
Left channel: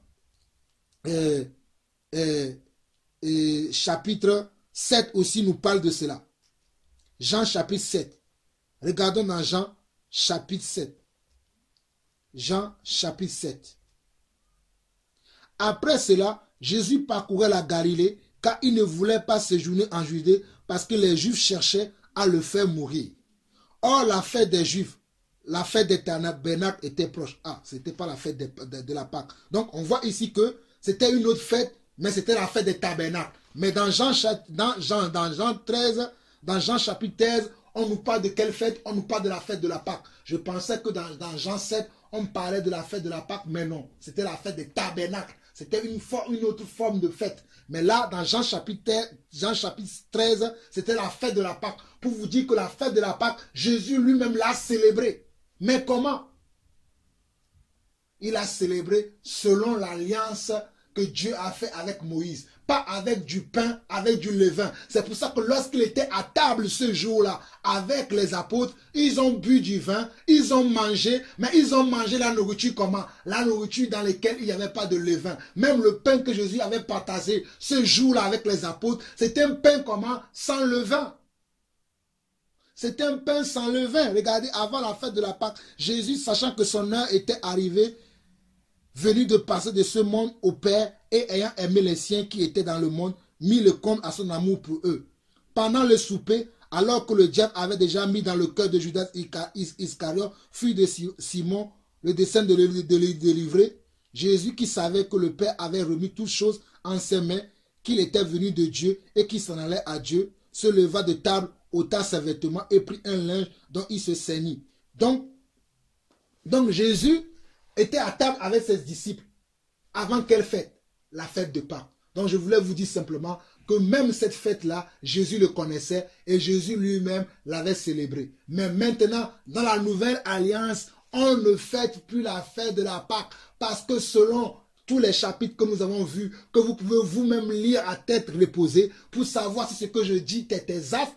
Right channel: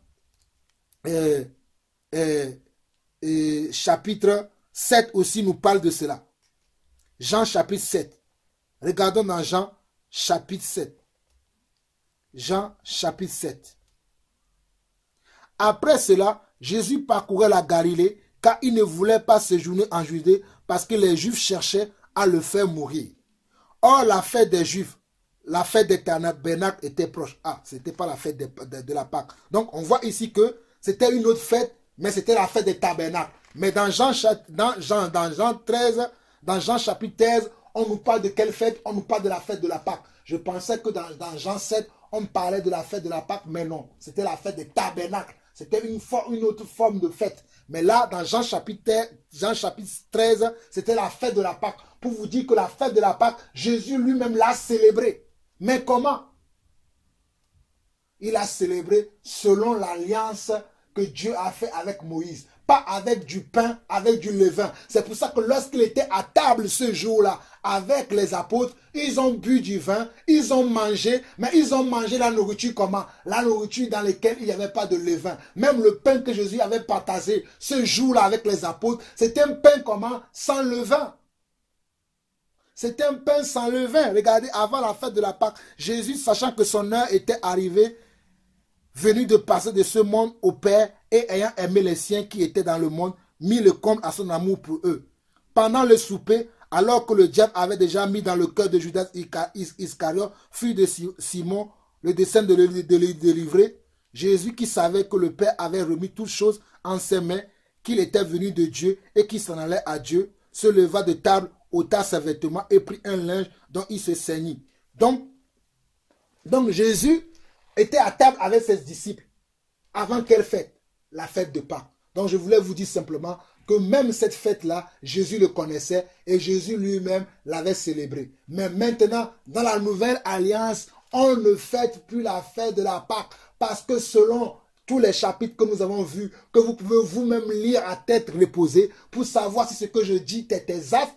chapitre 7 aussi nous parle de cela. Jean chapitre 7. Regardons dans Jean chapitre 7. Jean chapitre 7. Après cela, Jésus parcourait la Galilée, car il ne voulait pas séjourner en Judée, parce que les Juifs cherchaient à le faire mourir. Or, la fête des Juifs, la fête des tabernacles était proche. Ah, ce n'était pas la fête de la Pâque. Donc, on voit ici que c'était une autre fête, mais c'était la fête des tabernacles. Mais dans Jean 13, dans Jean chapitre 13, on nous parle de quelle fête? On nous parle de la fête de la Pâque. Je pensais que dans Jean 7, on parlait de la fête de la Pâque, mais non. C'était la fête des tabernacles. C'était une autre forme de fête. Mais là, dans Jean chapitre 13, c'était la fête de la Pâque. Pour vous dire que la fête de la Pâque, Jésus lui-même l'a célébrée. Mais comment? Il a célébré selon l'alliance que Dieu a fait avec Moïse. pas avec du pain, avec du levain. C'est pour ça que lorsqu'il était à table ce jour-là, avec les apôtres, ils ont bu du vin, ils ont mangé, mais ils ont mangé la nourriture comment? La nourriture dans laquelle il n'y avait pas de levain. Même le pain que Jésus avait partagé ce jour-là avec les apôtres, c'était un pain comment? Sans levain. C'était un pain sans levain. Regardez, avant la fête de la Pâque, Jésus, sachant que son heure était arrivée, venu de passer de ce monde au Père et ayant aimé les siens qui étaient dans le monde, mit le compte à son amour pour eux. Pendant le souper, alors que le diable avait déjà mis dans le cœur de Judas Iscariote, fils de Simon, le dessein de le délivrer, Jésus, qui savait que le Père avait remis toutes choses en ses mains, qu'il était venu de Dieu et qu'il s'en allait à Dieu, se leva de table, ôta ses vêtements et prit un linge dont il se ceignit. Donc Jésus était à table avec ses disciples. Avant quelle fête? La fête de Pâques. Donc je voulais vous dire simplement que même cette fête-là, Jésus le connaissait et Jésus lui-même l'avait célébrée. Mais maintenant, dans la nouvelle alliance, on ne fête plus la fête de la Pâque parce que selon tous les chapitres que nous avons vus, que vous pouvez vous-même lire à tête reposée pour savoir si ce que je dis est exact,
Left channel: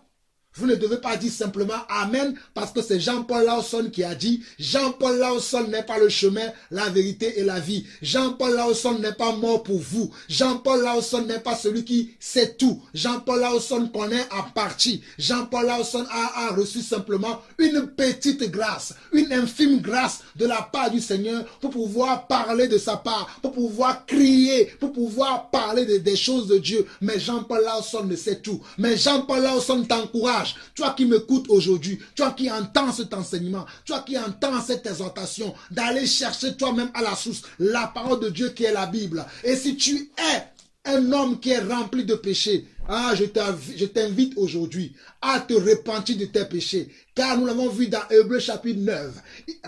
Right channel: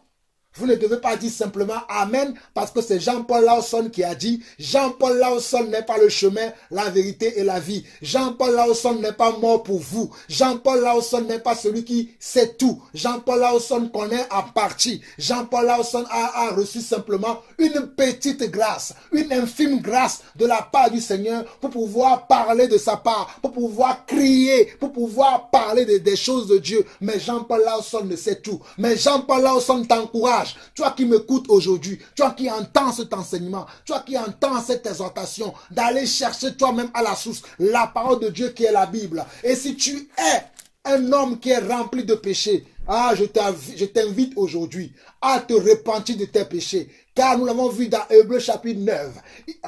vous ne devez pas dire simplement Amen parce que c'est Jean-Paul Lawson qui a dit. Jean-Paul Lawson n'est pas le chemin, la vérité et la vie. Jean-Paul Lawson n'est pas mort pour vous. Jean-Paul Lawson n'est pas celui qui sait tout. Jean-Paul Lawson connaît en partie. Jean-Paul Lawson a reçu simplement une petite grâce, une infime grâce de la part du Seigneur pour pouvoir parler de sa part, pour pouvoir crier, pour pouvoir parler des choses de Dieu. Mais Jean-Paul Lawson ne sait tout. Mais Jean-Paul Lawson t'encourage. Toi qui m'écoutes aujourd'hui, toi qui entends cet enseignement, toi qui entends cette exhortation, d'aller chercher toi-même à la source la parole de Dieu qui est la Bible. Et si tu es un homme qui est rempli de péchés, je t'invite aujourd'hui à te repentir de tes péchés. Car nous l'avons vu dans Hébreux chapitre 9.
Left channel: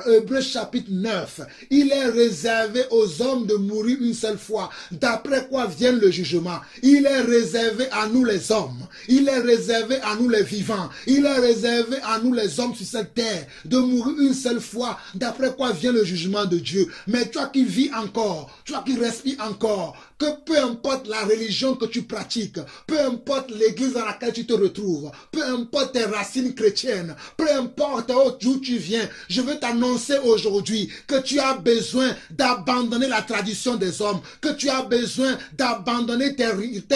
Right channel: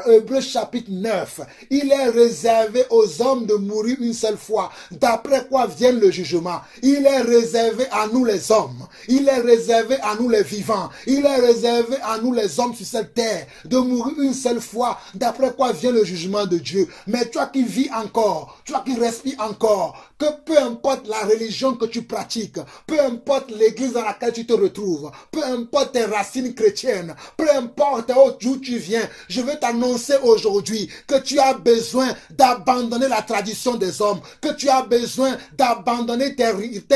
Hébreux chapitre 9. Il est réservé aux hommes de mourir une seule fois. D'après quoi vient le jugement. Il est réservé à nous les hommes. Il est réservé à nous les vivants. Il est réservé à nous les hommes sur cette terre. De mourir une seule fois. D'après quoi vient le jugement de Dieu. Mais toi qui vis encore. Toi qui respires encore. Que peu importe la religion que tu pratiques. Peu importe l'église dans laquelle tu te retrouves. Peu importe tes racines chrétiennes. Peu importe d'où tu viens, je veux t'annoncer aujourd'hui que tu as besoin d'abandonner la tradition des hommes, que tu as besoin d'abandonner tes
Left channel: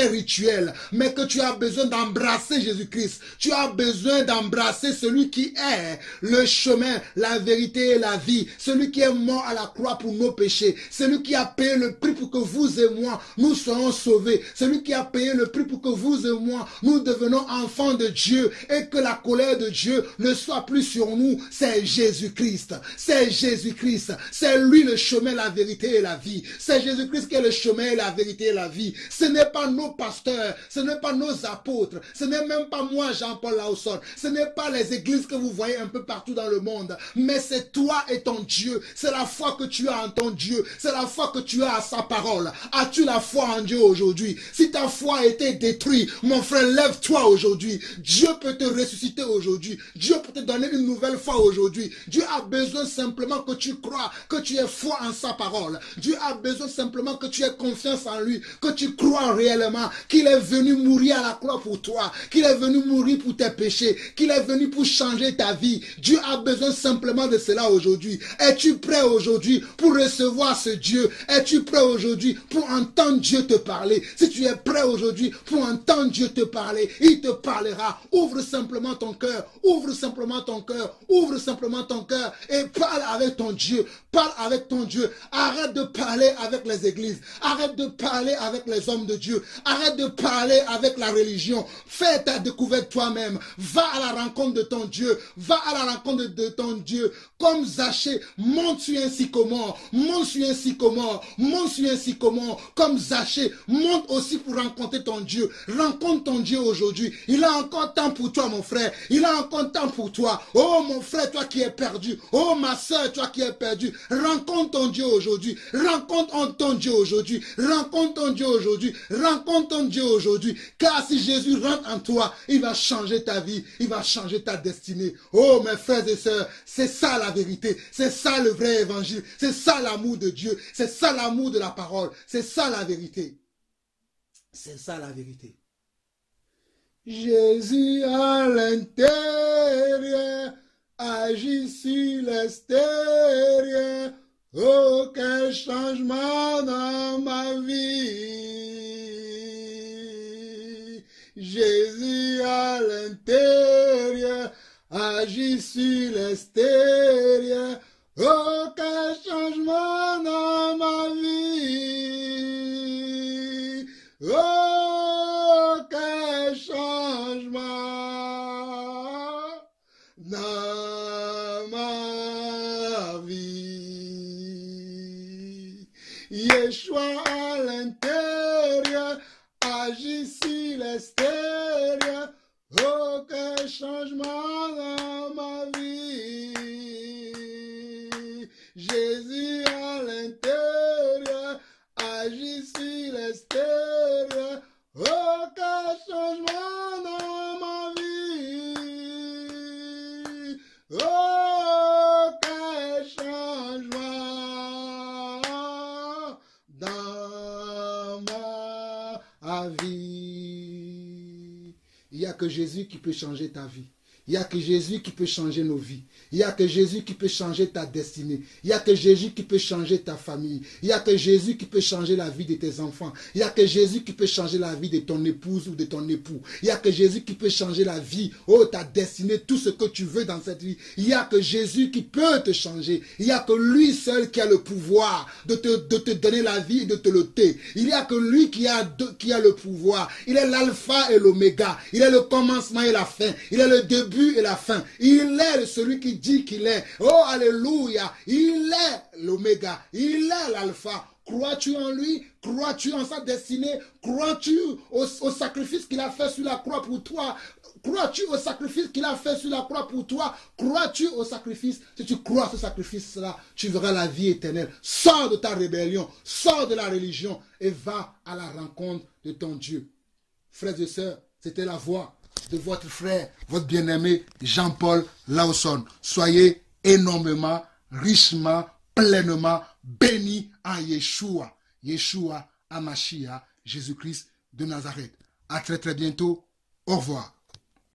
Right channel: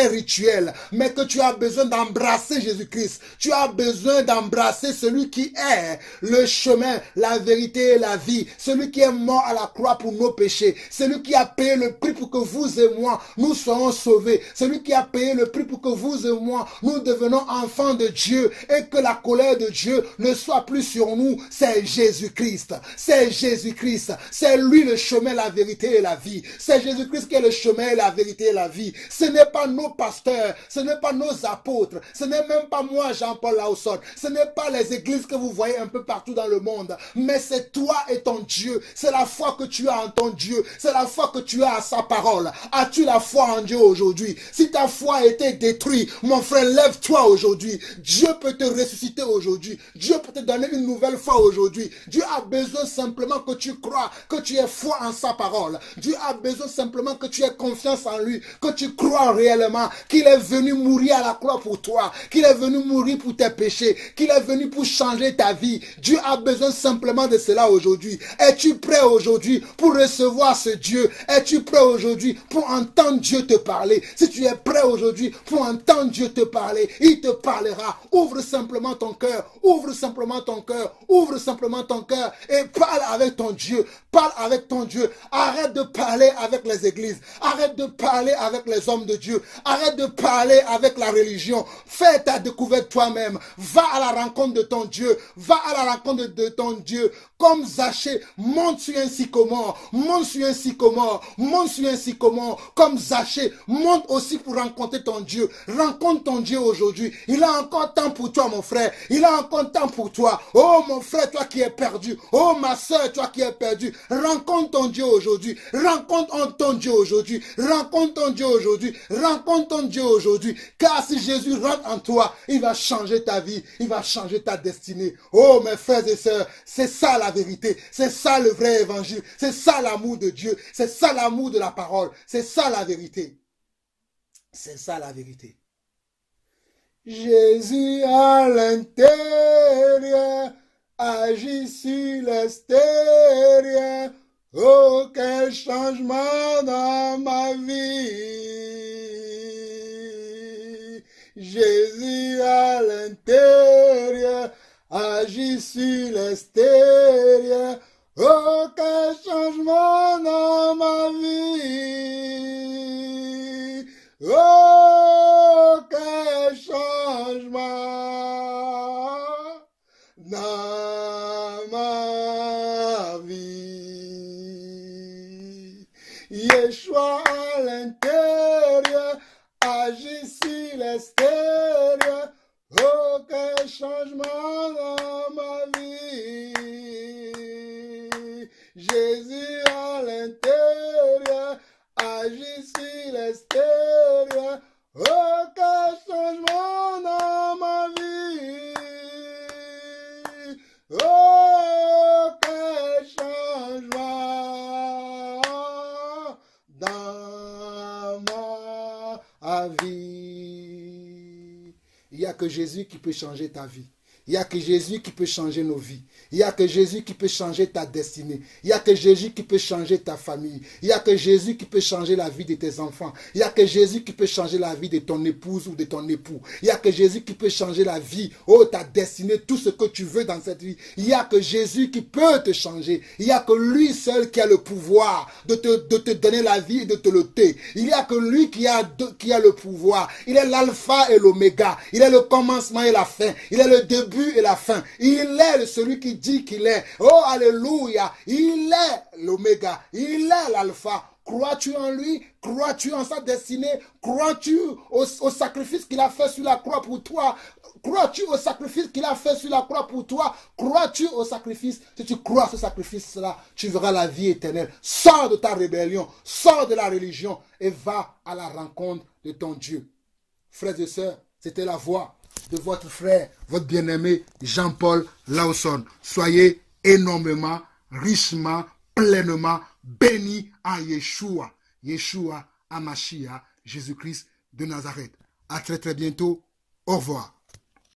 rituels, mais que tu as besoin d'embrasser Jésus-Christ. Tu as besoin d'embrasser celui qui est le chemin, la vérité et la vie, celui qui est mort à la croix pour nos péchés, celui qui a payé le prix pour que vous et moi, nous soyons sauvés, celui qui a payé le prix pour que vous et moi, nous devenons enfants de Dieu et que la colère de Dieu ne soit plus sur nous. C'est Jésus-Christ. C'est Jésus-Christ. C'est lui le chemin, la vérité et la vie. C'est Jésus-Christ qui est le chemin, la vérité et la vie. Ce n'est pas nos pasteurs, ce n'est pas nos apôtres, ce n'est même pas moi, Jean-Paul Lawson, ce n'est pas les églises que vous voyez un peu partout dans le monde, mais c'est toi et ton Dieu. C'est la foi que tu as en ton Dieu. C'est la foi que tu as à sa parole. As-tu la foi en Dieu aujourd'hui? Si ta foi a été détruite, mon frère, lève-toi aujourd'hui. Dieu peut te ressusciter aujourd'hui. Dieu peut te donner une nouvelle foi aujourd'hui. Dieu a besoin simplement que tu crois, que tu aies foi en sa parole. Dieu a besoin simplement que tu aies confiance en lui, que tu crois réellement qu'il est venu mourir à la croix pour toi, qu'il est venu mourir pour tes péchés, qu'il est venu pour changer ta vie. Dieu a besoin simplement de cela aujourd'hui. Es-tu prêt aujourd'hui pour recevoir ce Dieu? Es-tu prêt aujourd'hui pour entendre Dieu te parler? Si tu es prêt aujourd'hui pour entendre Dieu te parler, il te parlera. Ouvre simplement ton cœur, ouvre simplement ton cœur, ouvre simplement ton cœur et parle avec ton Dieu. Parle avec ton Dieu. Arrête de parler avec les églises. Arrête de parler avec les hommes de Dieu. Arrête de parler avec la religion. Fais ta découverte toi-même. Va à la rencontre de ton Dieu. Va à la rencontre de ton Dieu. Comme Zachée, monte sur un sycomore. Monte sur un sycomore. Monte sur un sycomore. Comme Zachée, monte aussi pour rencontrer ton Dieu. Rencontre ton Dieu aujourd'hui. Il a encore temps pour toi, mon frère. Il a encore temps pour toi. Oh, mon frère, toi qui es perdu. Oh, ma soeur, toi qui es perdu. Rencontre ton Dieu aujourd'hui. Rencontre ton Dieu aujourd'hui. Rencontre ton Dieu aujourd'hui. Rencontre ton Dieu aujourd'hui. Car si Jésus rentre en toi, il va changer ta vie. Il va changer ta destinée. Oh, mes frères et sœurs, c'est ça la vérité. C'est ça le vrai évangile. C'est ça l'amour de Dieu. C'est ça l'amour de la parole. C'est ça la vérité. C'est ça la vérité. Jésus à l'intérieur agit sur l'extérieur. Oh, quel changement dans ma vie. Jésus à l'intérieur agit sur l'extérieur. Oh, quel changement dans ma vie. Oh, quel changement dans ma vie. Yeshua à l'intérieur agit sur l'extérieur. Oh, quel changement dans ma vie. Jésus à l'intérieur agit sur l'extérieur. Oh, quel changement dans ma vie. Oh, quel changement dans ma vie. Il n'y a que Jésus qui peut changer ta vie. Il n'y a que Jésus qui peut changer nos vies. Il n'y a que Jésus qui peut changer ta destinée. Il n'y a que Jésus qui peut changer ta famille. Il n'y a que Jésus qui peut changer la vie de tes enfants. Il n'y a que Jésus qui peut changer la vie de ton épouse ou de ton époux. Il n'y a que Jésus qui peut changer la vie, oh, ta destinée, tout ce que tu veux dans cette vie. Il n'y a que Jésus qui peut te changer. Il n'y a que lui seul qui a le pouvoir de te donner la vie et de te l'ôter. Il n'y a que lui qui a le pouvoir. Il est l'alpha et l'oméga. Il est le commencement et la fin. Il est le début et la fin. Il est celui qui dit qu'il est. Oh, alléluia. Il est l'oméga. Il est l'alpha. Crois-tu en lui? Crois-tu en sa destinée? Crois-tu au sacrifice qu'il a fait sur la croix pour toi? Crois-tu au sacrifice qu'il a fait sur la croix pour toi? Crois-tu au sacrifice? Si tu crois à ce sacrifice-là, tu verras la vie éternelle. Sors de ta rébellion, sors de la religion et va à la rencontre de ton Dieu. Frères et sœurs, c'était la voix de votre frère, votre bien-aimé Jean-Paul Lawson. Soyez énormément, richement, pleinement bénis en Yeshua. Yeshua Hamashiach, Jésus-Christ de Nazareth. À très très bientôt. Au revoir.